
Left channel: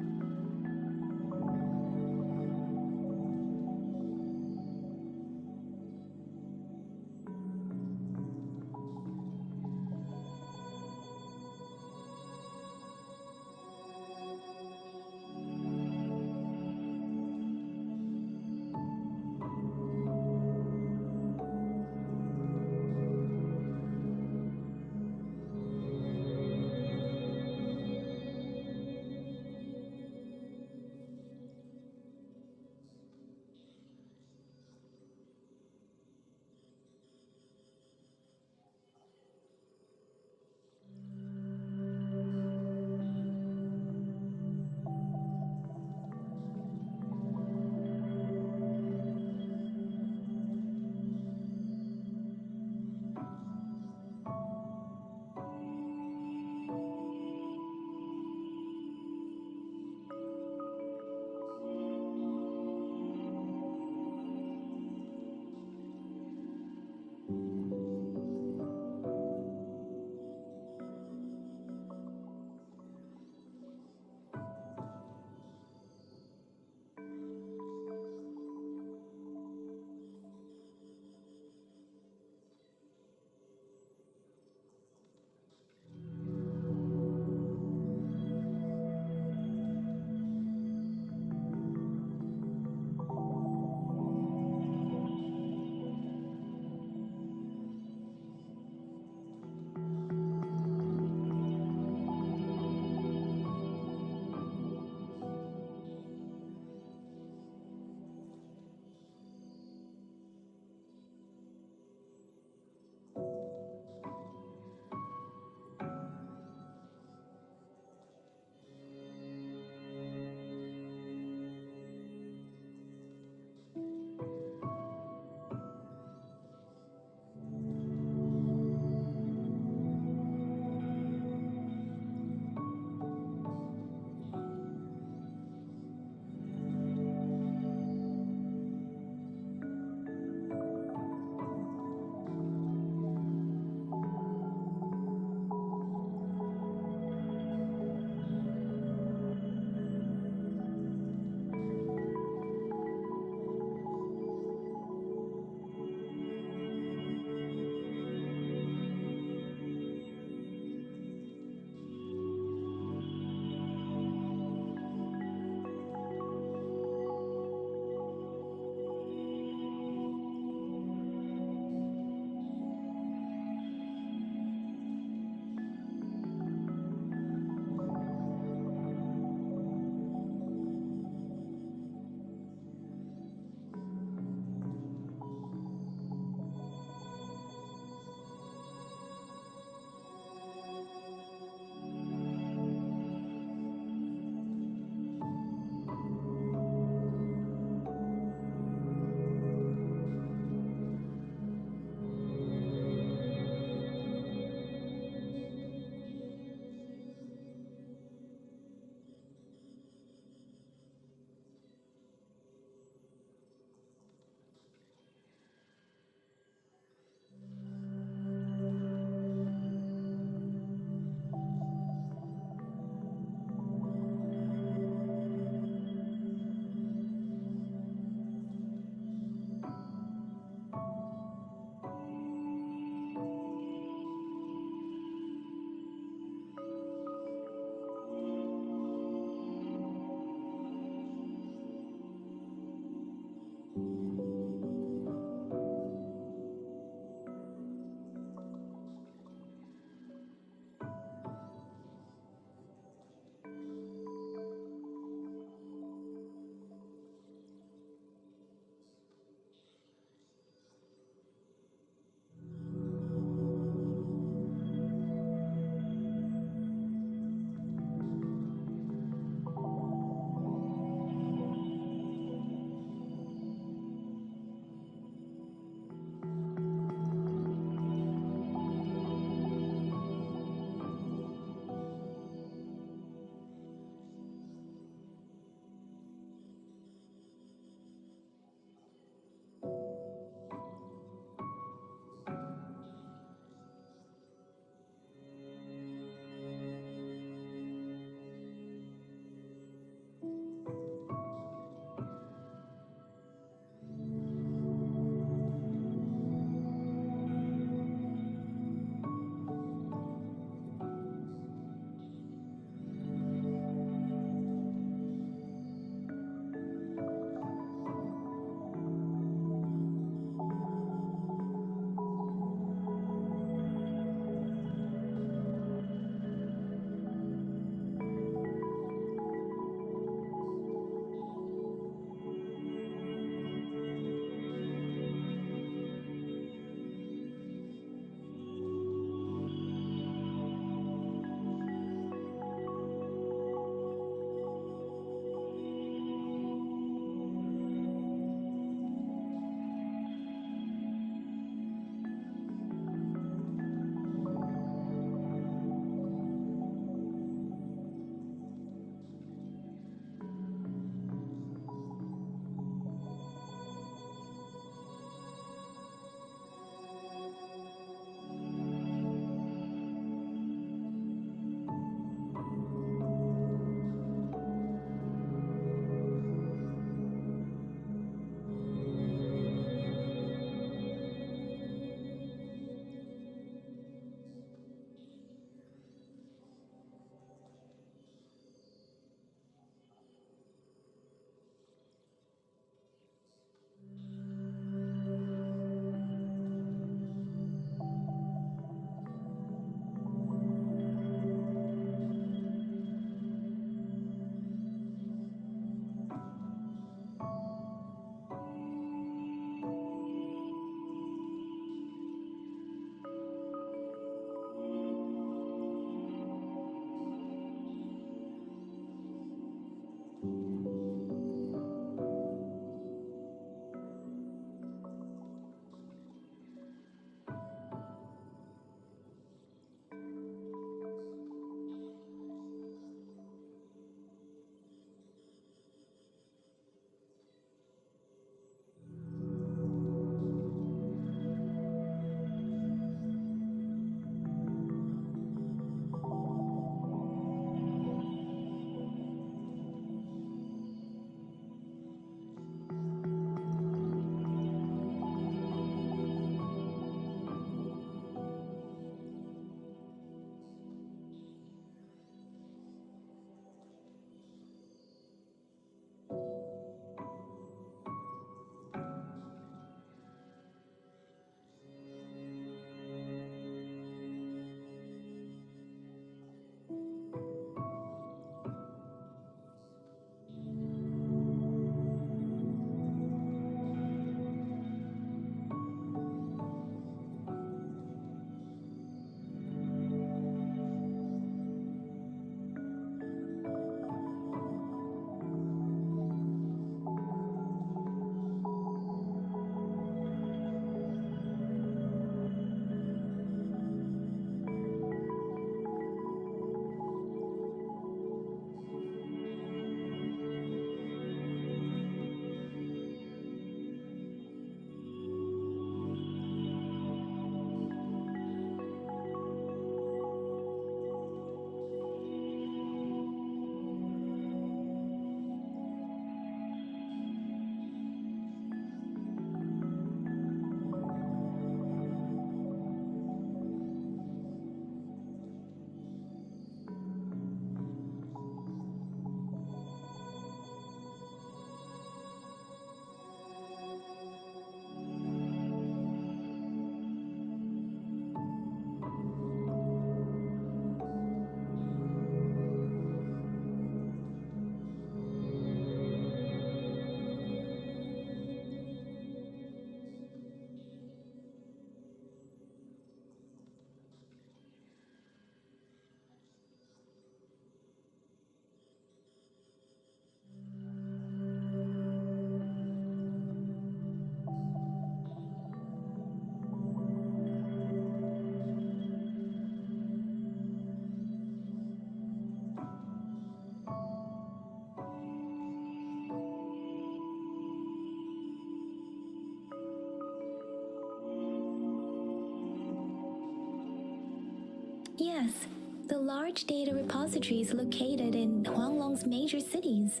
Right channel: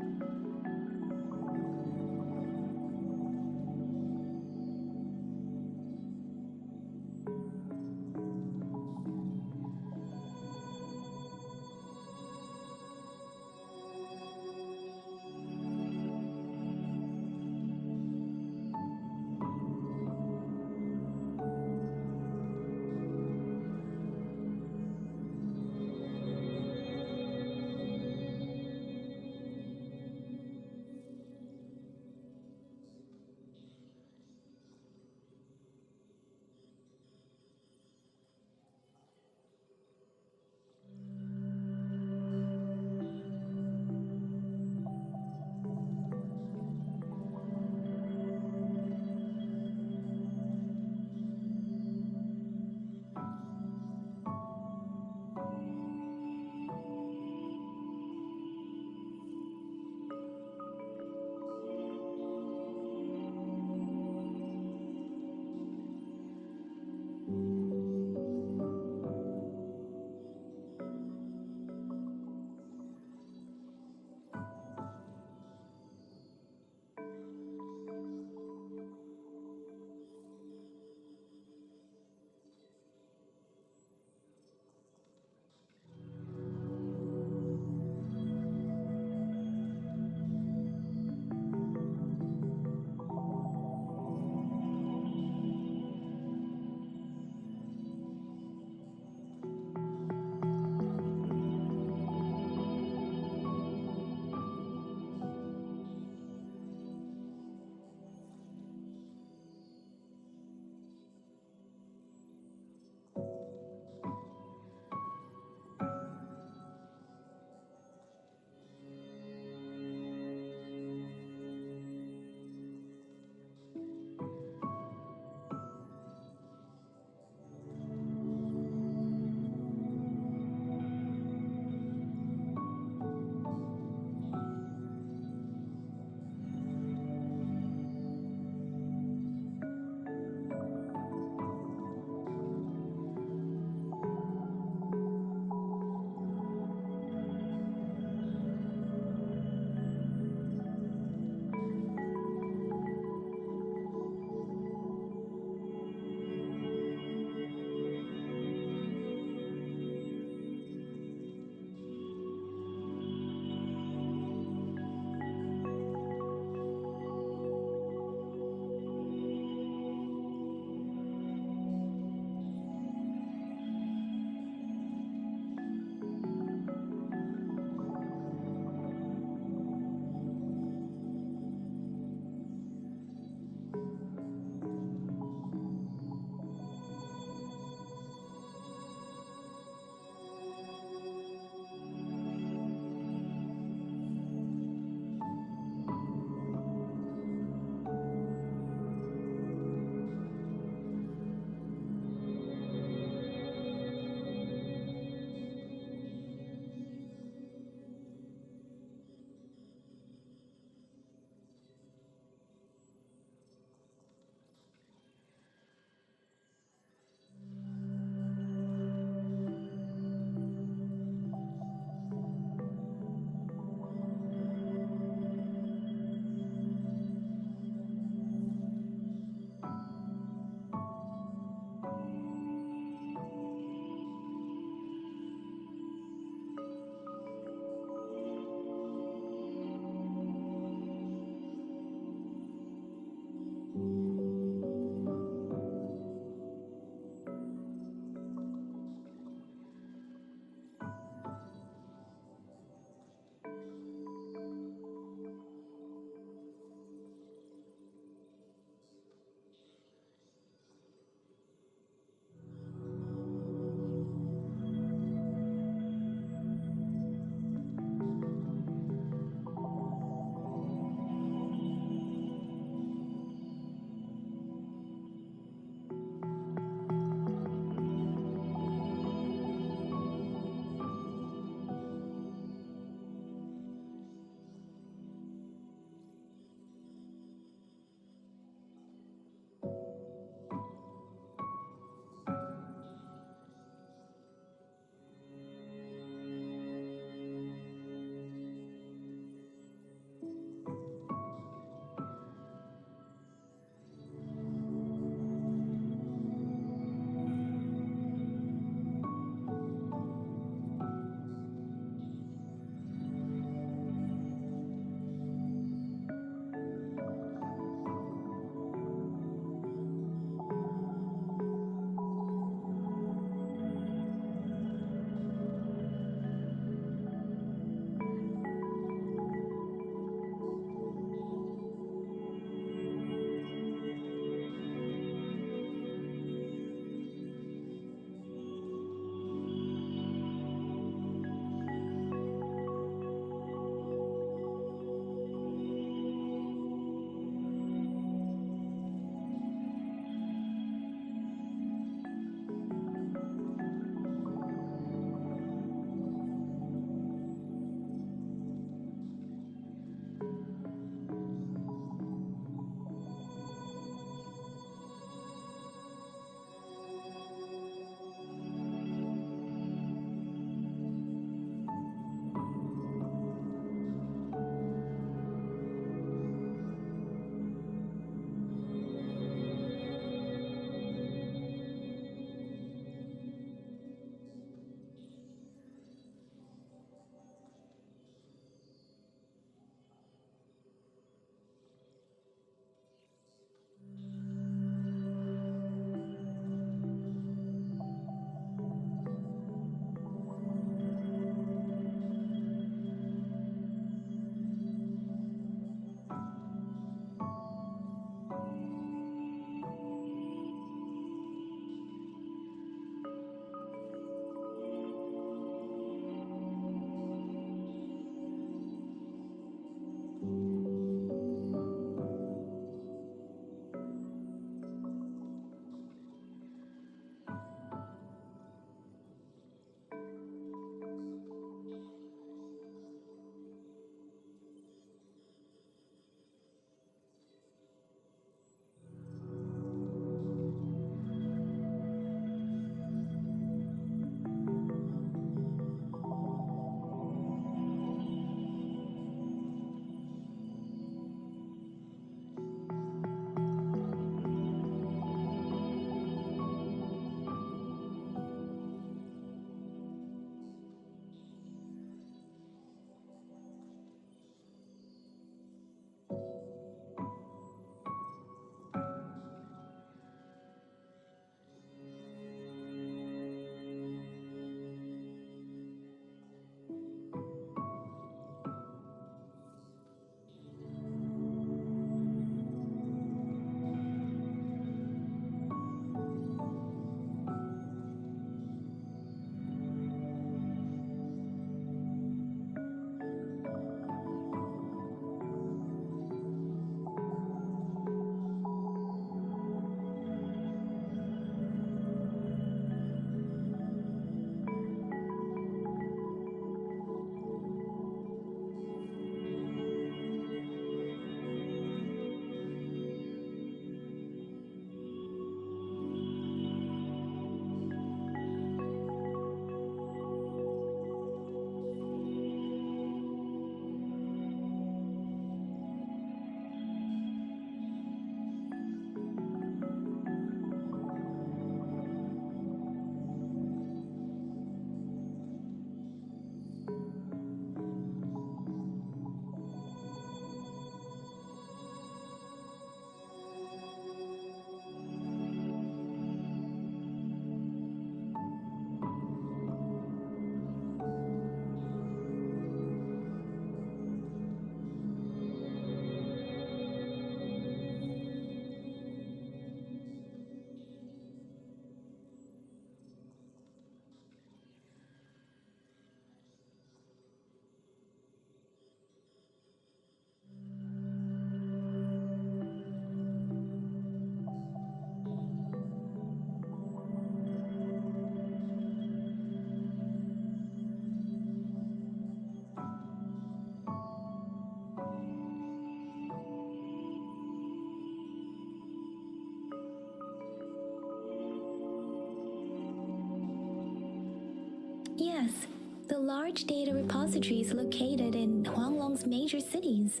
Yes, the large data repositories located in Huanglong's major cities.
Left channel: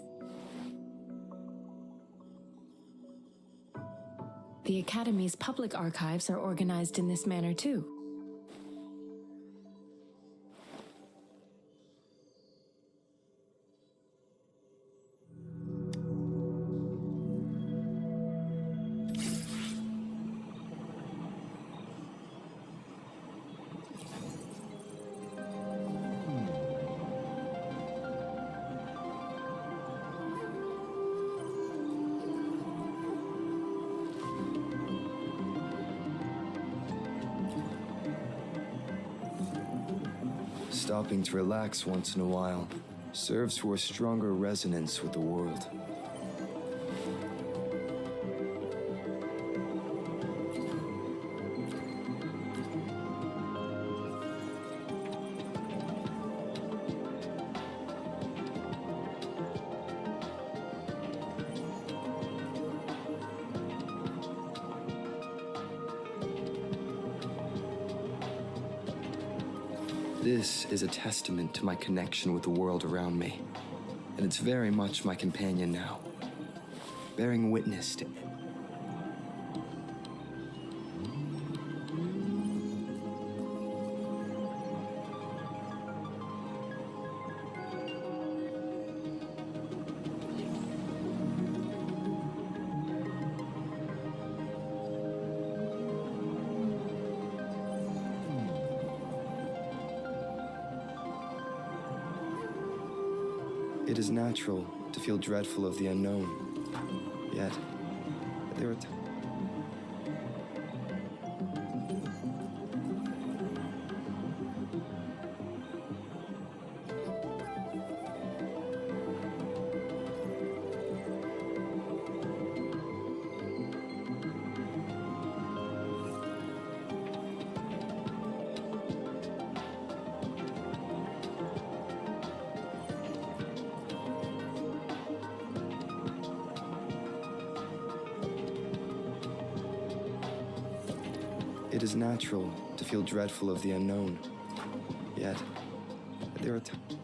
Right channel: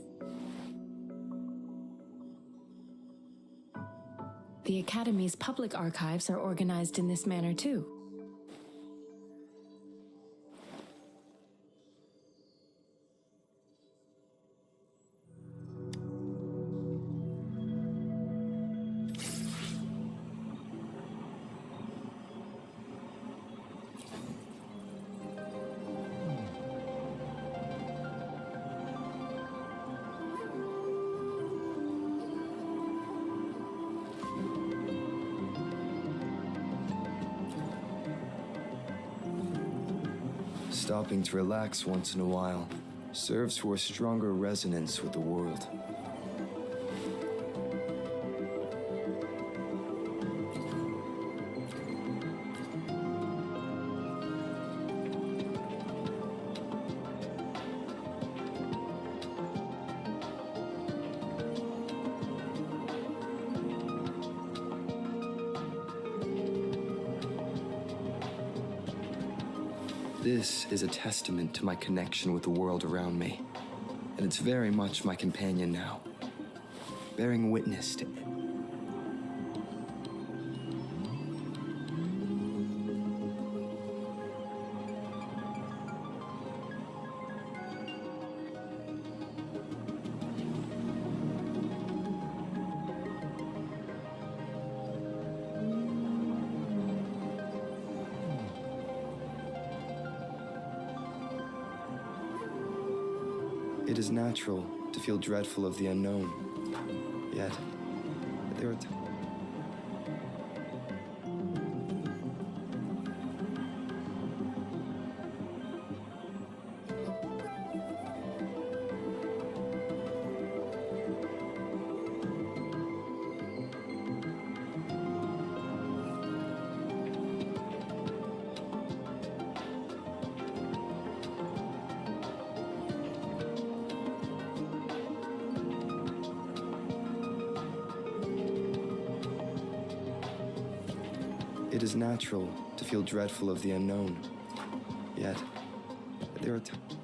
The Academy's public archives are organized in this manner too. Stopping to relax once in a while serves for a stronger resonance with the world. This is a testament to my connection with the world around me, and it's very much my companion now, bearing witness to it. It is natural to feel dreadful of the unknown, yet there are times. It is natural to feel dreadful of the unknown. Yet, there are times.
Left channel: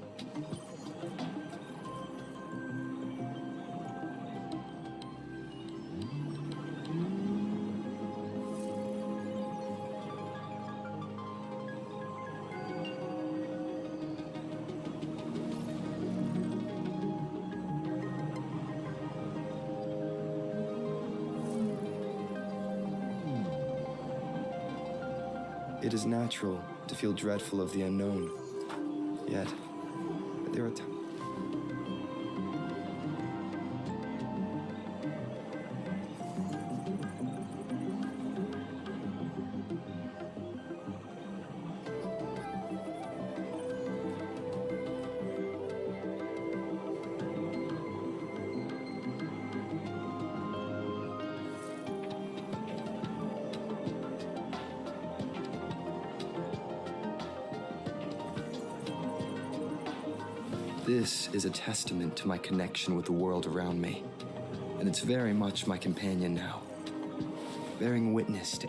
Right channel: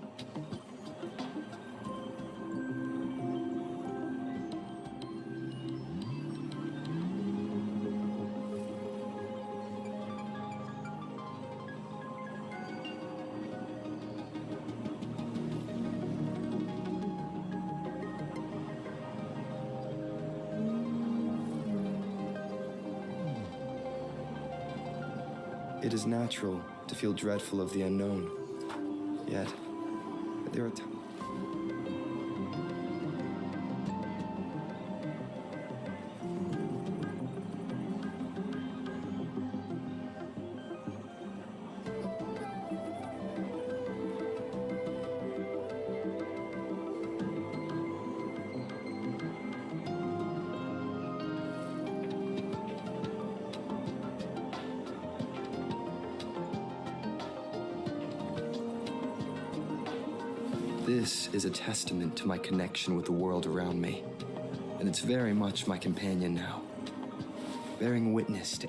It is natural to feel dreadful of the unknown. Yet, there are times. This is a testament to my connection with the world around me, and it's very much my companion now, bearing witness to